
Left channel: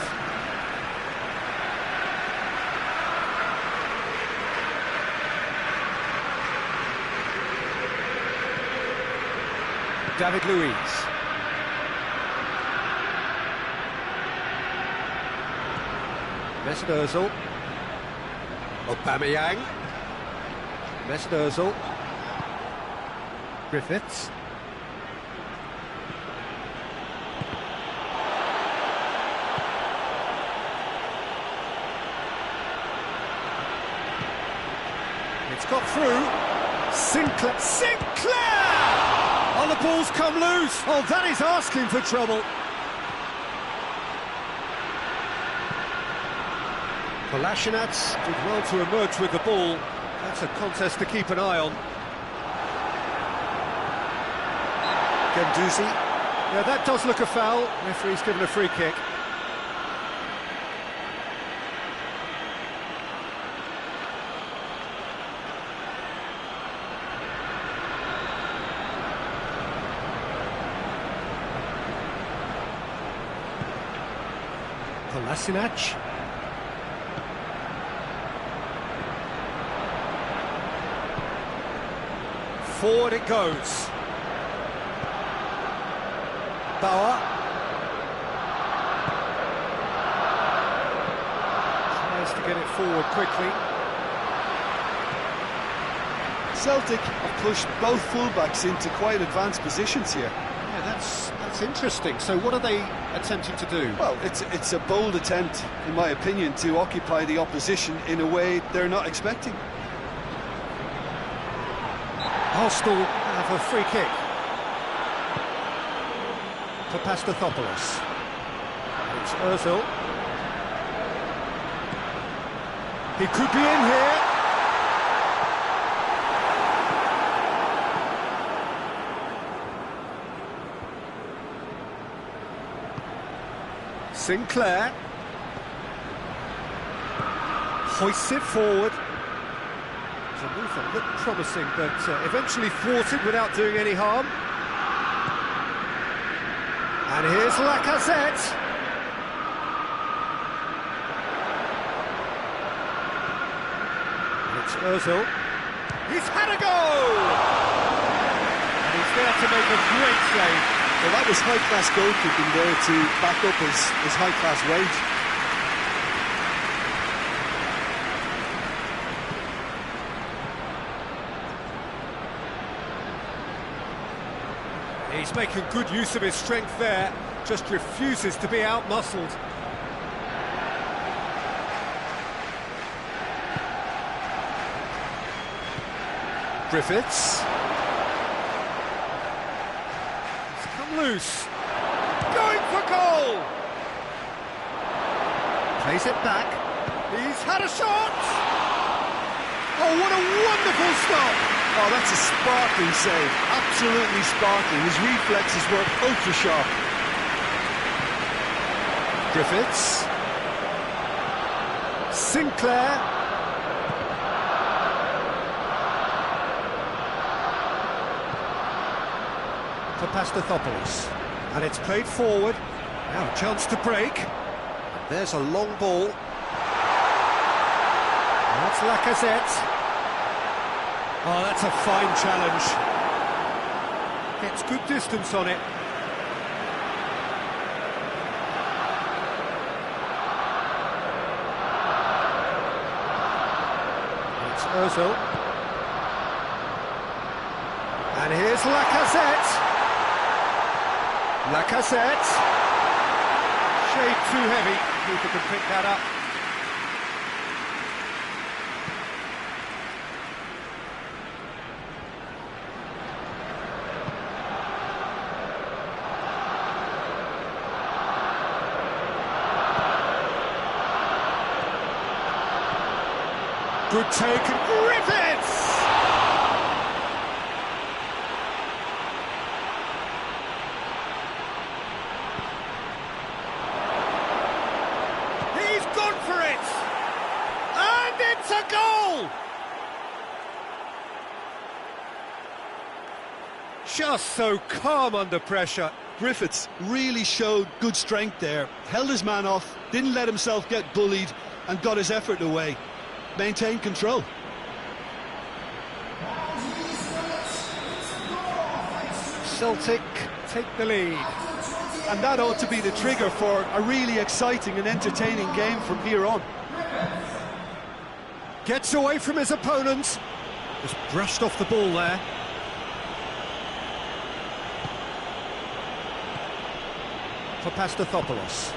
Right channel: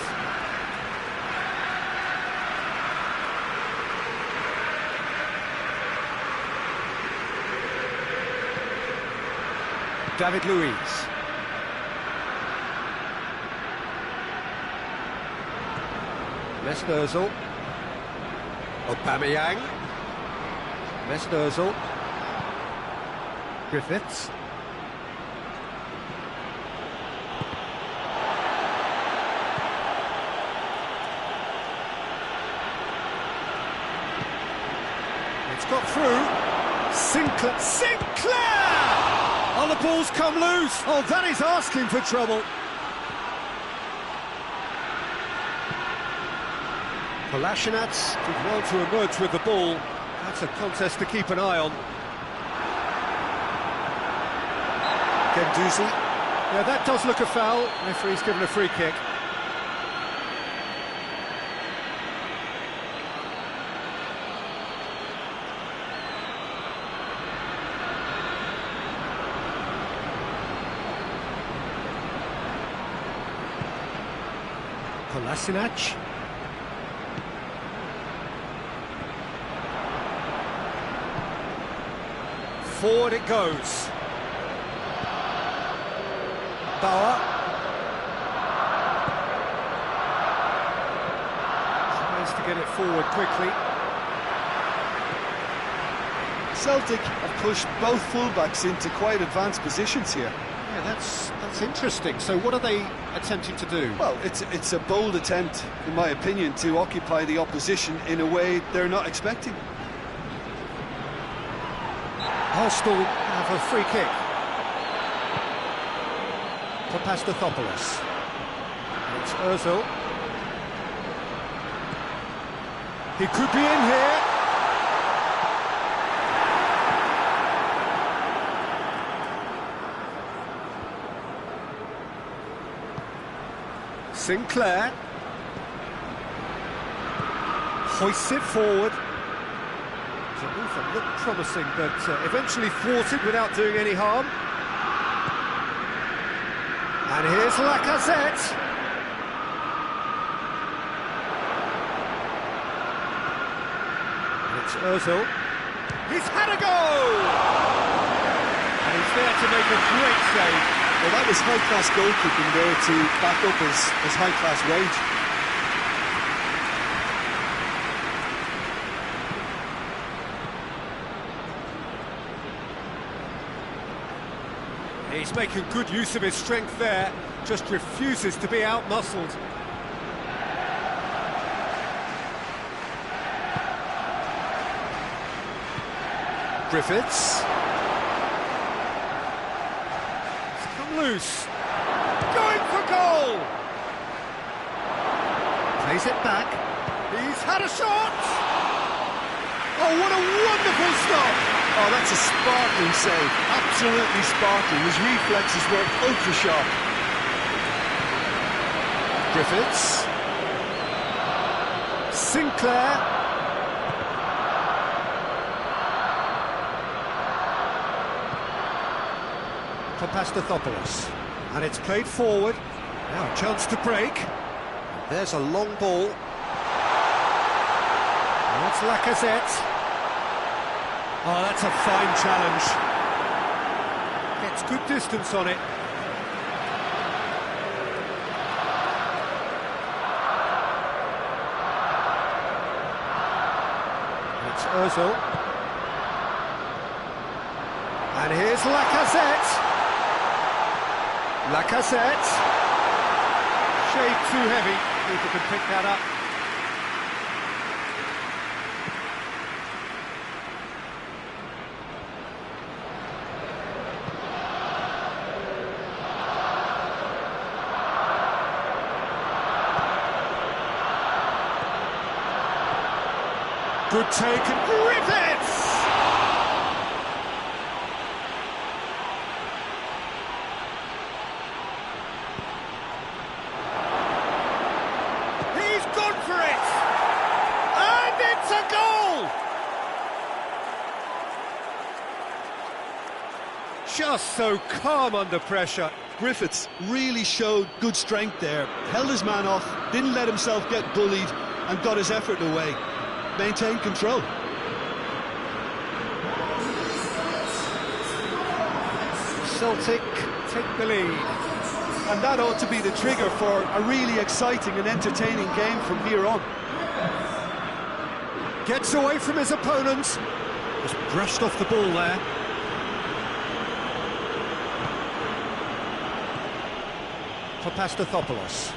David Luiz. Mesut Ozil. Aubameyang. Mesut Ozil. Griffiths. It's got through. Sinclair! Oh, the ball's come loose! Oh, that is asking for trouble. Kolasinac did well to emerge with the ball. That's a contest to keep an eye on. Guendouzi. Yeah, that does look a foul. Referee's given a free kick. Kolasinac. Forward it goes. Bauer. Tries to get it forward quickly. Celtic have pushed both fullbacks into quite advanced positions here. Yeah, that's interesting. So what are they attempting to do? Well, it's a bold attempt, in my opinion, to occupy the opposition in a way they're not expecting. Arsenal have a free kick. Papastathopoulos. It's Ozil. He could be in here. Sinclair. Hoists it forward. It's a move that looked promising, but eventually thwarted without doing any harm. And here's Lacazette. And it's Ozil. He's had a go! And he's there to make a great save. Well, that was high-class goalkeeping there to back up his high-class wage. He's making good use of his strength there, just refuses to be out-muscled. Griffiths. It's come loose. Going for goal! Plays it back. He's had a shot! Oh, what a wonderful stop! Oh, that's a sparkling save. Absolutely sparkling. His reflexes were ultra-sharp. Griffiths. Sinclair. Papastathopoulos. And it's played forward. Now a chance to break. And there's a long ball. And that's Lacazette. Oh, that's a fine challenge. Gets good distance on it. Ozil. And here's Lacazette. Lacazette. Shade too heavy, keeper can pick that up. Good take, and Griffiths! He's gone for it! And it's a goal! Just so calm under pressure. Griffiths really showed good strength there, held his man off, didn't let himself get bullied, and got his effort away. Maintained control. Celtic take the lead. And that ought to be the trigger for a really exciting and entertaining game from here on. Gets away from his opponent. Just brushed off the ball there. For Pastathopoulos.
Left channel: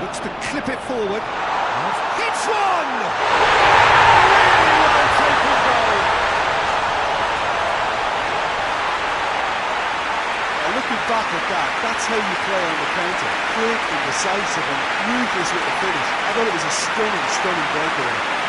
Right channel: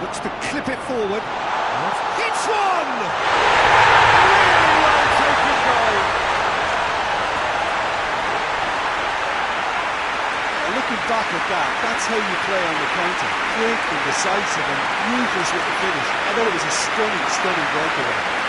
Looks to clip it forward. Hits one! Really well taken goal. Looking back at that, that's how you play on the counter. Quick and decisive and ruthless with the finish. I thought it was a stunning, stunning breakaway.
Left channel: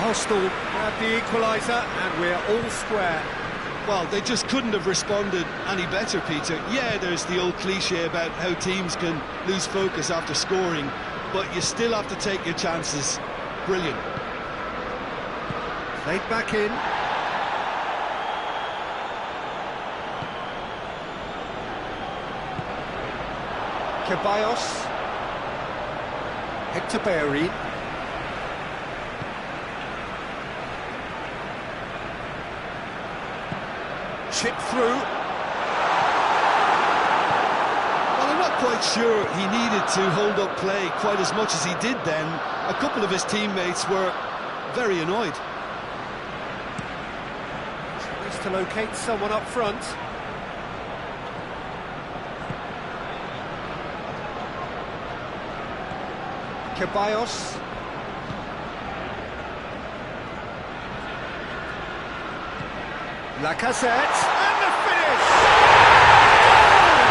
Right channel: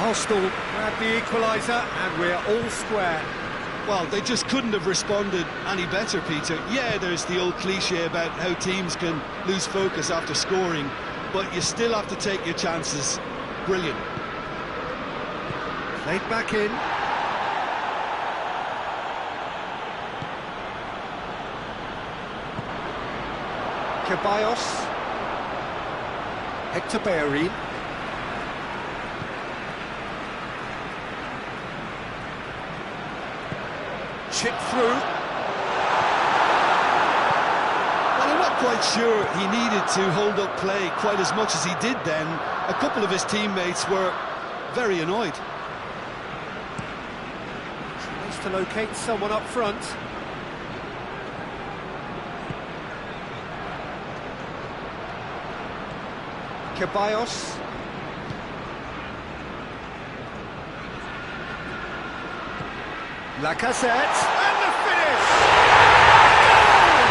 Arsenal grab the equaliser, and we're all square. Well, they just couldn't have responded any better, Peter. Yeah, there's the old cliche about how teams can lose focus after scoring, but you still have to take your chances. Brilliant. Played back in. Ceballos. Hector Bellerin. Chip through. Well, I'm not quite sure he needed to hold up play quite as much as he did then. A couple of his teammates were very annoyed. Tries to locate someone up front. Ceballos. Lacazette, and the finish! Goal!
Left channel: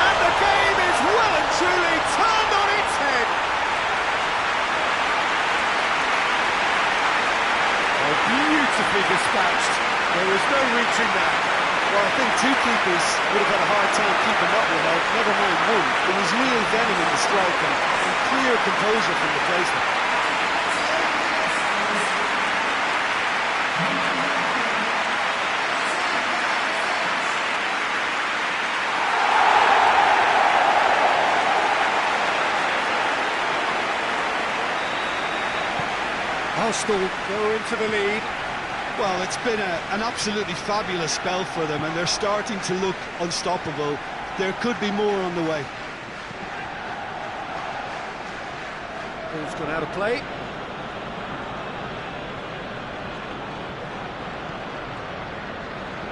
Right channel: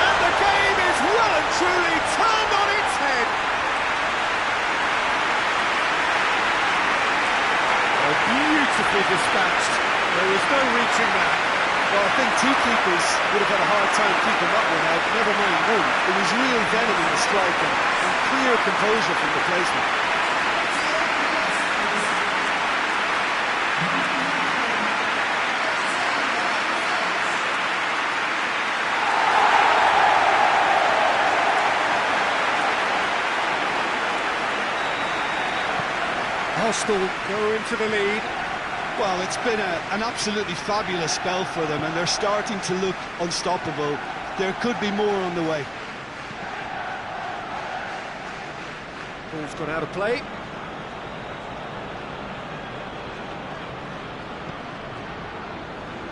And the game is well and truly turned on its head. Oh, beautifully dispatched. There was no reaching that. Well, I think two keepers would have had a hard time keeping that one out, never mind one. It was real venom in the strike and clear composure from the placement. Arsenal go into the lead. Well, it's been an absolutely fabulous spell for them, and they're starting to look unstoppable. There could be more on the way. Ball's gone out of play.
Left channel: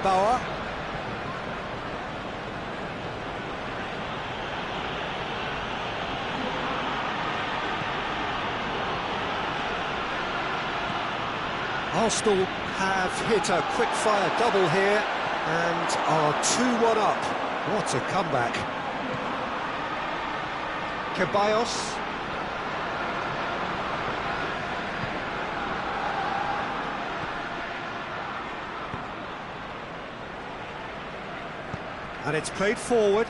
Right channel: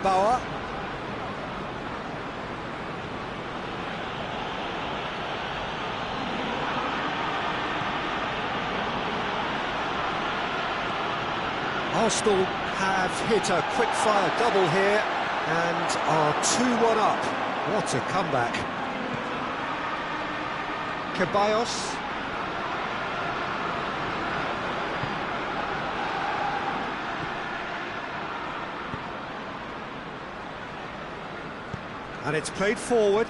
Bauer. Arsenal have hit a quick-fire double here and are 2-1 up. What a comeback. Ceballos. And it's played forward.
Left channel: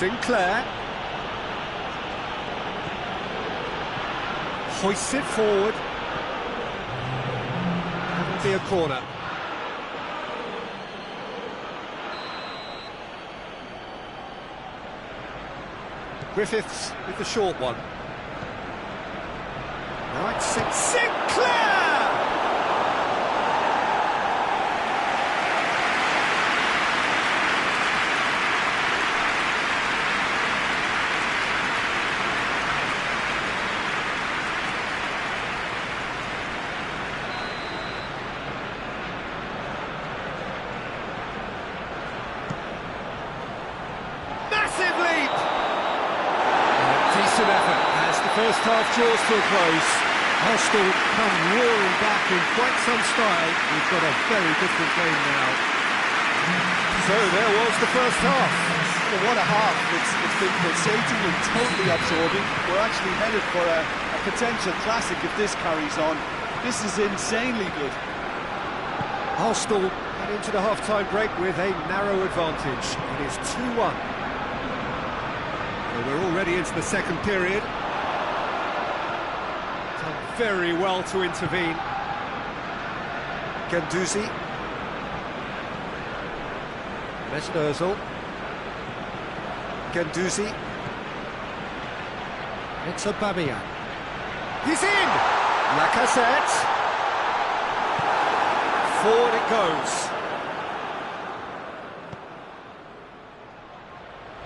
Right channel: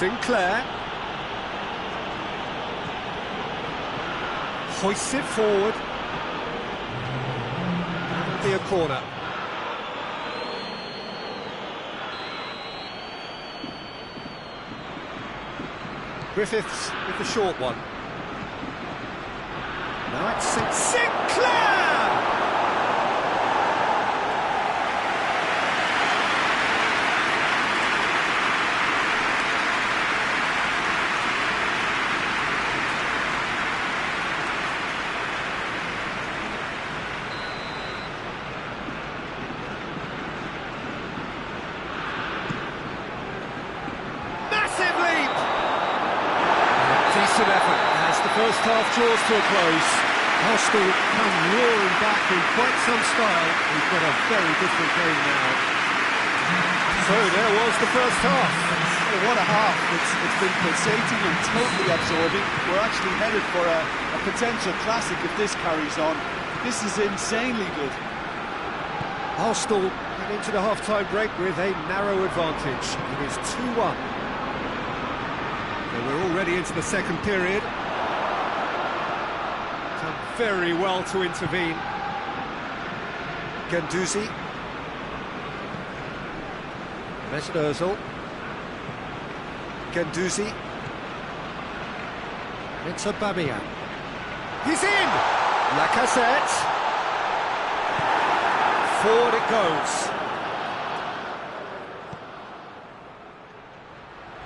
Sinclair. Hoists it forward. That'll be a corner. Griffiths with the short one. Now it's Sinclair! Massive leap! Decent effort as the first half draws to a close. Arsenal come roaring back in quite some style. We've got a very different game now. So there was the first half. Well, what a half. It's been pulsating and totally absorbing. We're actually headed for a potential classic if this carries on. This is insanely good. Arsenal head into the half-time break with a narrow advantage. It is 2-1. So we're already into the second period. Done very well to intervene. Guendouzi. Mesut Ozil. Guendouzi. It's Aubameyang. He's in! Lacazette. Forward it goes.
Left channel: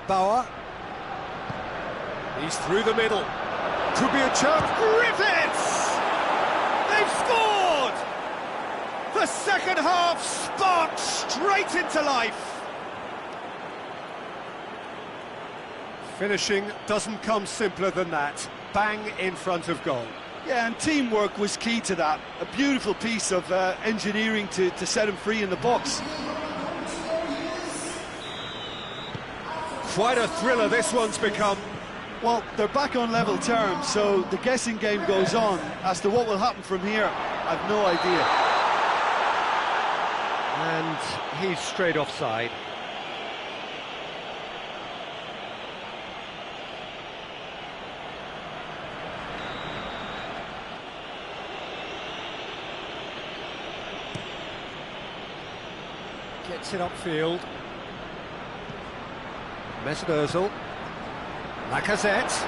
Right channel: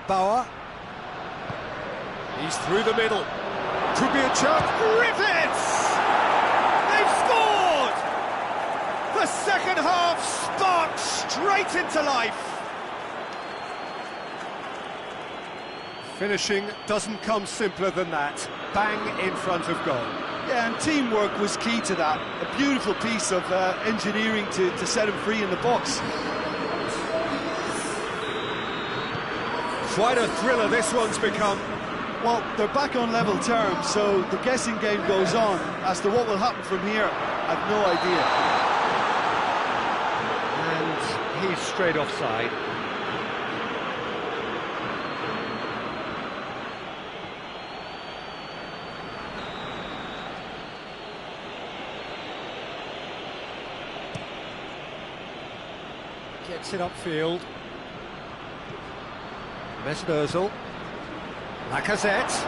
Bauer. He's through the middle. Could be a chance. Griffiths! They've scored! The second half sparked straight into life. Finishing doesn't come simpler than that. Bang in front of goal. Yeah, and teamwork was key to that. A beautiful piece of engineering to set him free in the box. Quite a thriller this one's become. Well, they're back on level terms, so the guessing game goes on. As to what will happen from here, I've no idea. And he's straight offside. Gets it upfield. Mesut Ozil. Lacazette.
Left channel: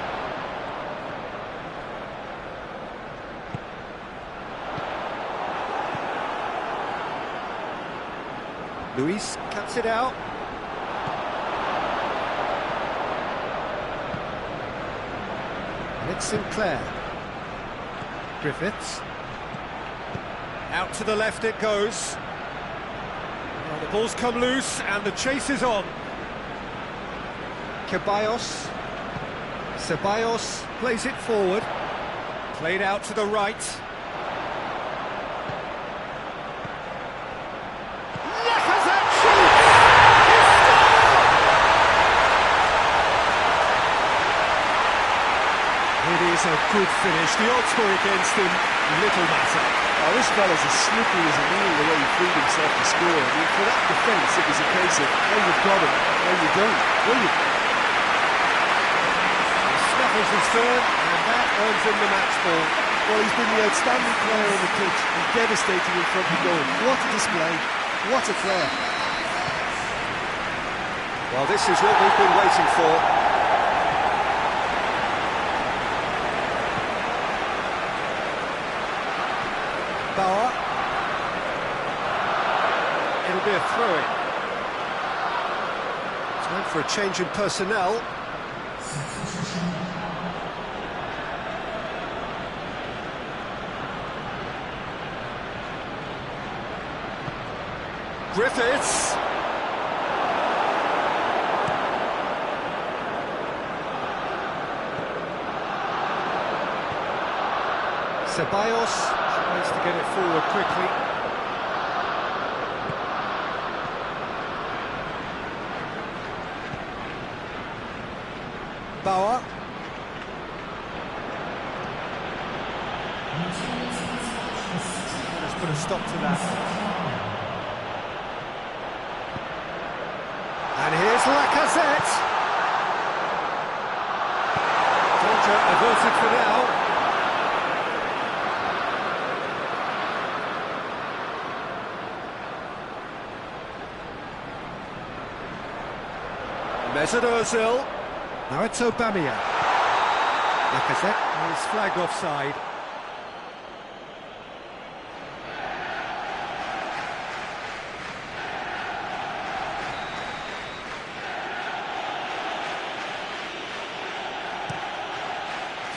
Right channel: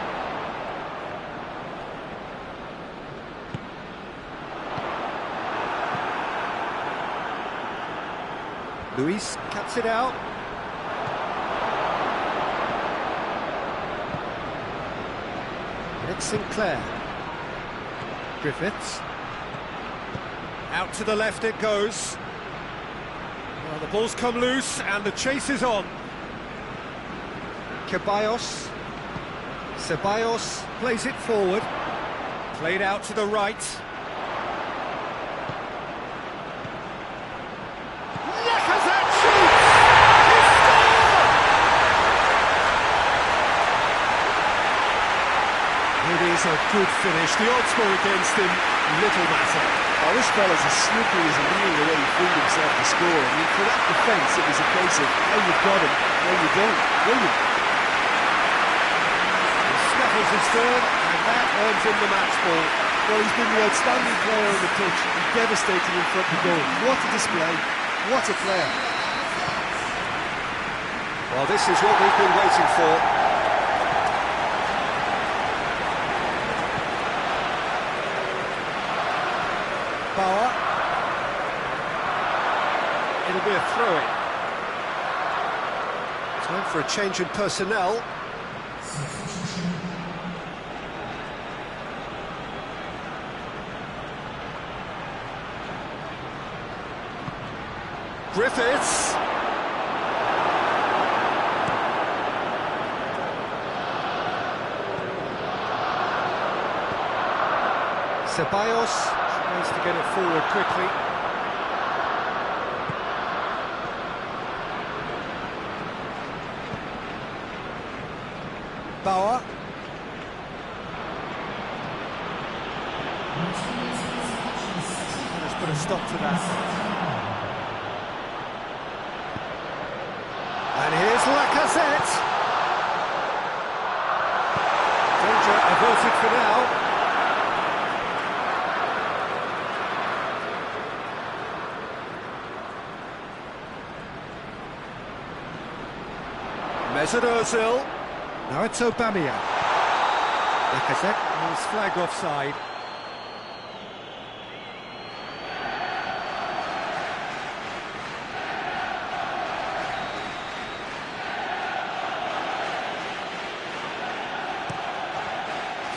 Luis cuts it out. And it's Sinclair. Griffiths. Out to the left it goes. Well, the ball's come loose and the chase is on. Ceballos. Ceballos plays it forward. Played out to the right. Lacazette shoots! He scored! It is a good finish. The odds were against him. Little matter. Oh, this fella's as slippery as a needle the way he freed himself to score. I mean, for that defence, it was a case of, well, you've got him, well, you don't. Brilliant. Snuffles his third, and that earns him the match ball. Well, he's been the outstanding player on the pitch and devastating in front of goal. What a display, what a player. Well, this is what we've been waiting for. Bauer. It'll be a throw-in. Time for a change in personnel. Griffiths. Ceballos tries to get it forward quickly. Bauer. Let's put a stop to that. And here's Lacazette. Danger averted for now. Mesut Ozil. Now it's Aubameyang. Lacazette is flagged offside.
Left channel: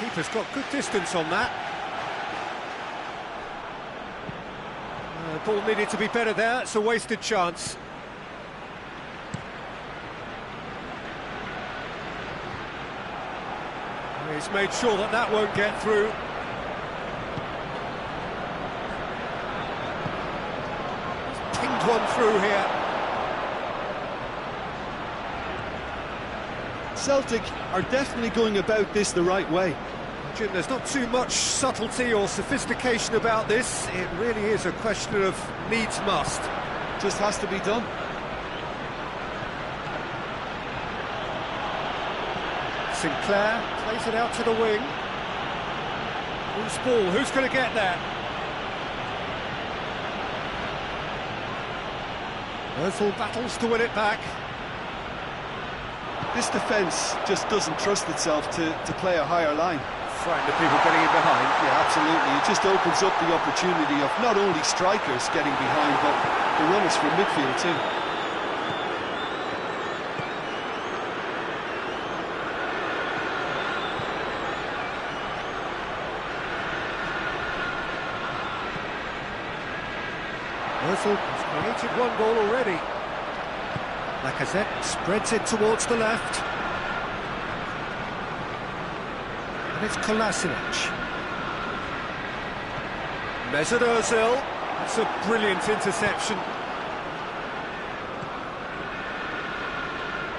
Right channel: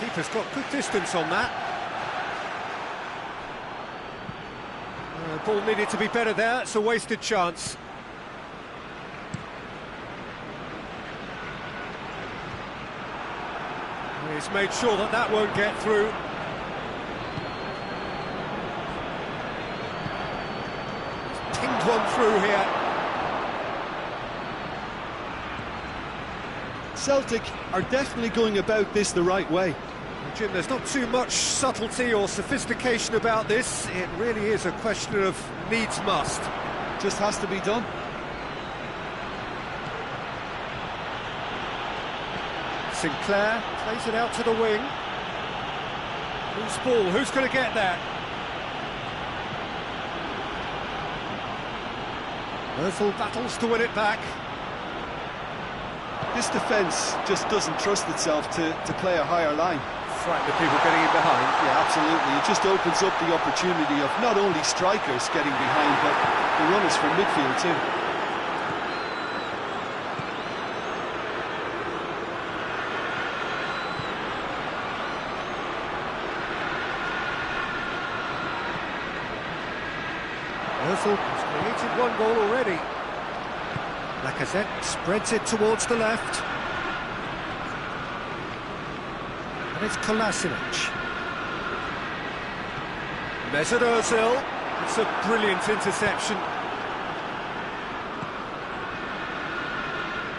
Keeper's got good distance on that. Ball needed to be better there, it's a wasted chance. He's made sure that that won't get through. He's pinged one through here. Celtic are definitely going about this the right way. Jim, there's not too much subtlety or sophistication about this. It really is a question of needs must. Just has to be done. Sinclair plays it out to the wing. Loose ball, who's going to get that? Ozil battles to win it back. This defence just doesn't trust itself to play a higher line. Frightened of people getting in behind. Yeah, absolutely. It just opens up the opportunity of not only strikers getting behind, but the runners from midfield too. Ozil has created one goal already. Lacazette spreads it towards the left. And it's Kolasinac. Mesut Ozil. It's a brilliant interception.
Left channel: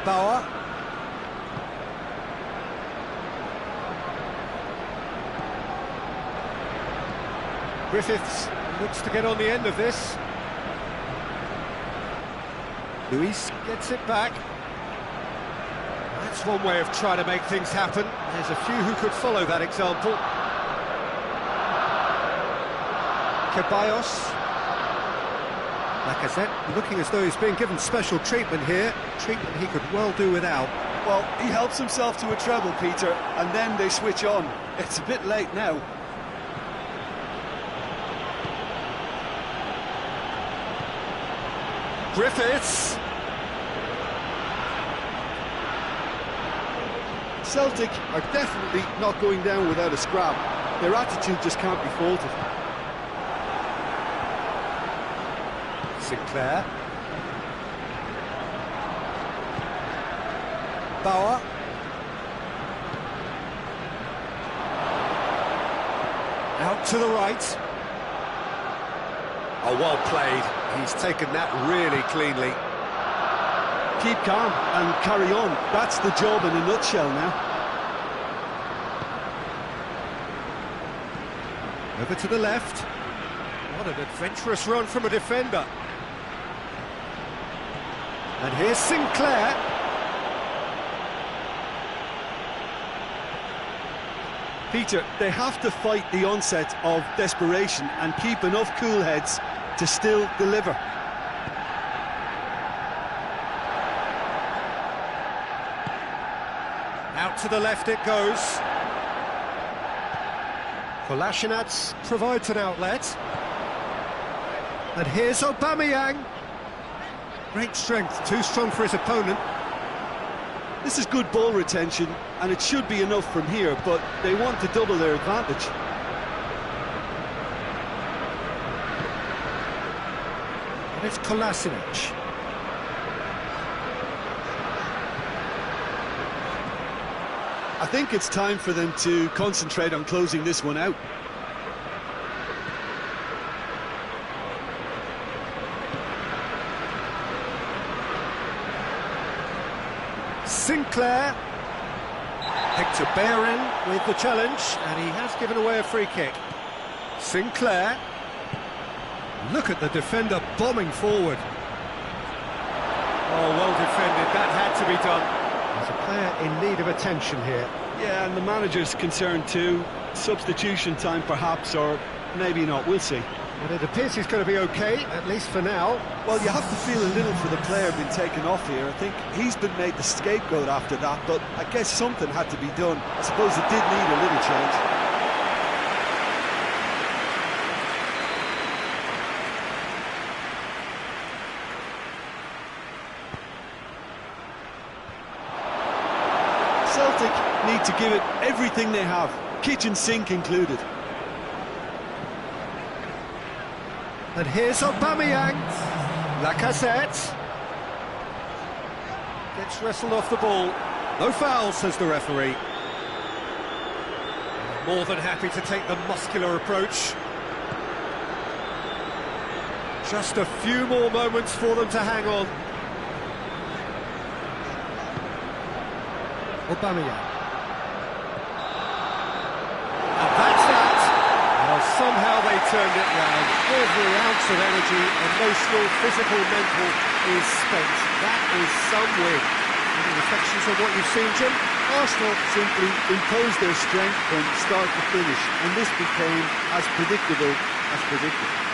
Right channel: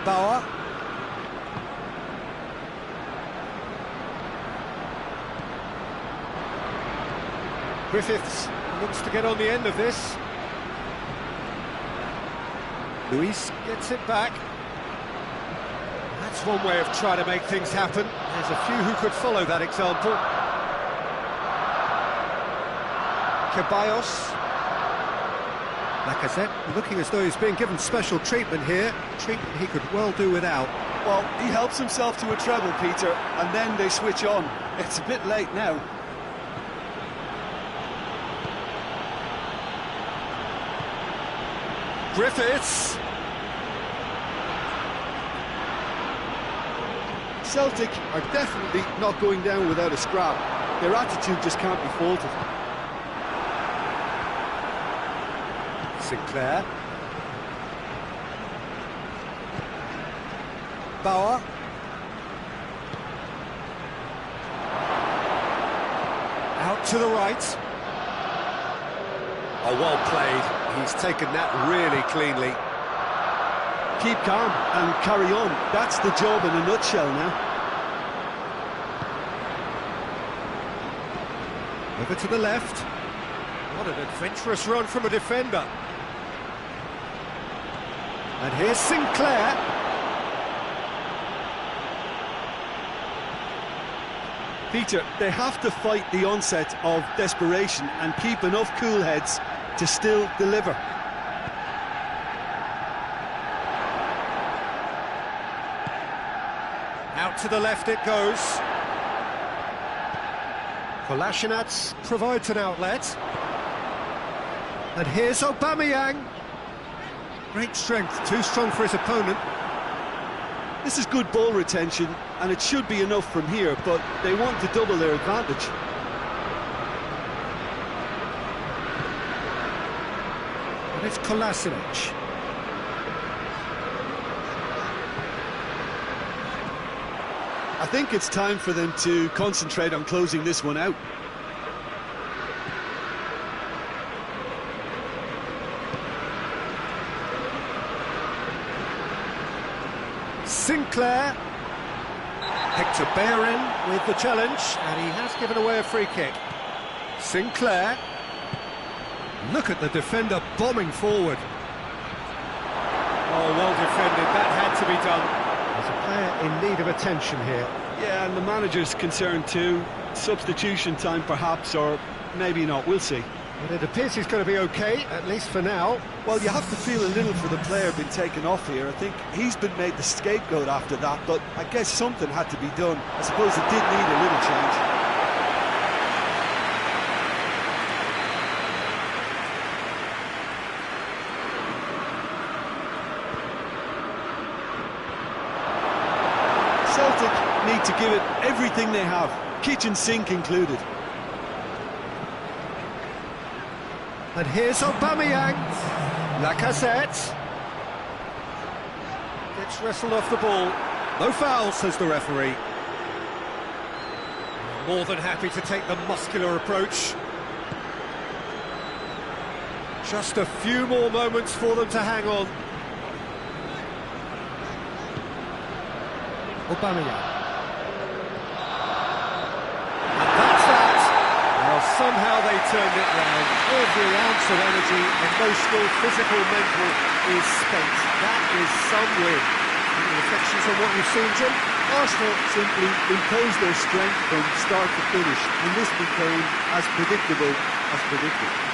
Bauer. Griffiths looks to get on the end of this. Luis gets it back. That's one way of trying to make things happen. There's a few who could follow that example. Ceballos. Lacazette looking as though he's being given special treatment here. Treatment he could well do without. Well, he helps himself to a treble, Peter, and then they switch on. It's a bit late now. Griffiths. Celtic are definitely not going down without a scrap. Their attitude just can't be faulted. Sinclair. Bauer. Out to the right. Oh, well played. He's taken that really cleanly. Keep calm and carry on. That's the job in a nutshell now. Over to the left. What an adventurous run from a defender. And here's Sinclair. Peter, they have to fight the onset of desperation and keep enough cool heads to still deliver. Out to the left it goes. Kolasinac provides an outlet. And here's Aubameyang. Great strength, too strong for his opponent. This is good ball retention, and it should be enough from here, but they want to double their advantage. And it's Kolasinac. I think it's time for them to concentrate on closing this one out. Sinclair. Hector Bellerin with the challenge, and he has given away a free kick. Sinclair. Look at the defender bombing forward. Oh, well defended, that had to be done. There's a player in need of attention here. Yeah, and the manager's concerned too. Substitution time perhaps, or maybe not, we'll see. But it appears he's going to be okay, at least for now. Well, you have to feel a little for the player being taken off here. I think he's been made the scapegoat after that, but I guess something had to be done. I suppose it did need a little change. Celtic need to give it everything they have, kitchen sink included. And here's Aubameyang. Lacazette. Gets wrestled off the ball. No foul, says the referee. More than happy to take the muscular approach. Just a few more moments for them to hang on. Aubameyang. And that's that. Well, somehow they turned it round. Every ounce of energy, emotional, physical, mental, is spent. That is some win. Any reflections on what you've seen, Jim? Arsenal simply imposed their strength from start to finish, and this became as predictable as predicted.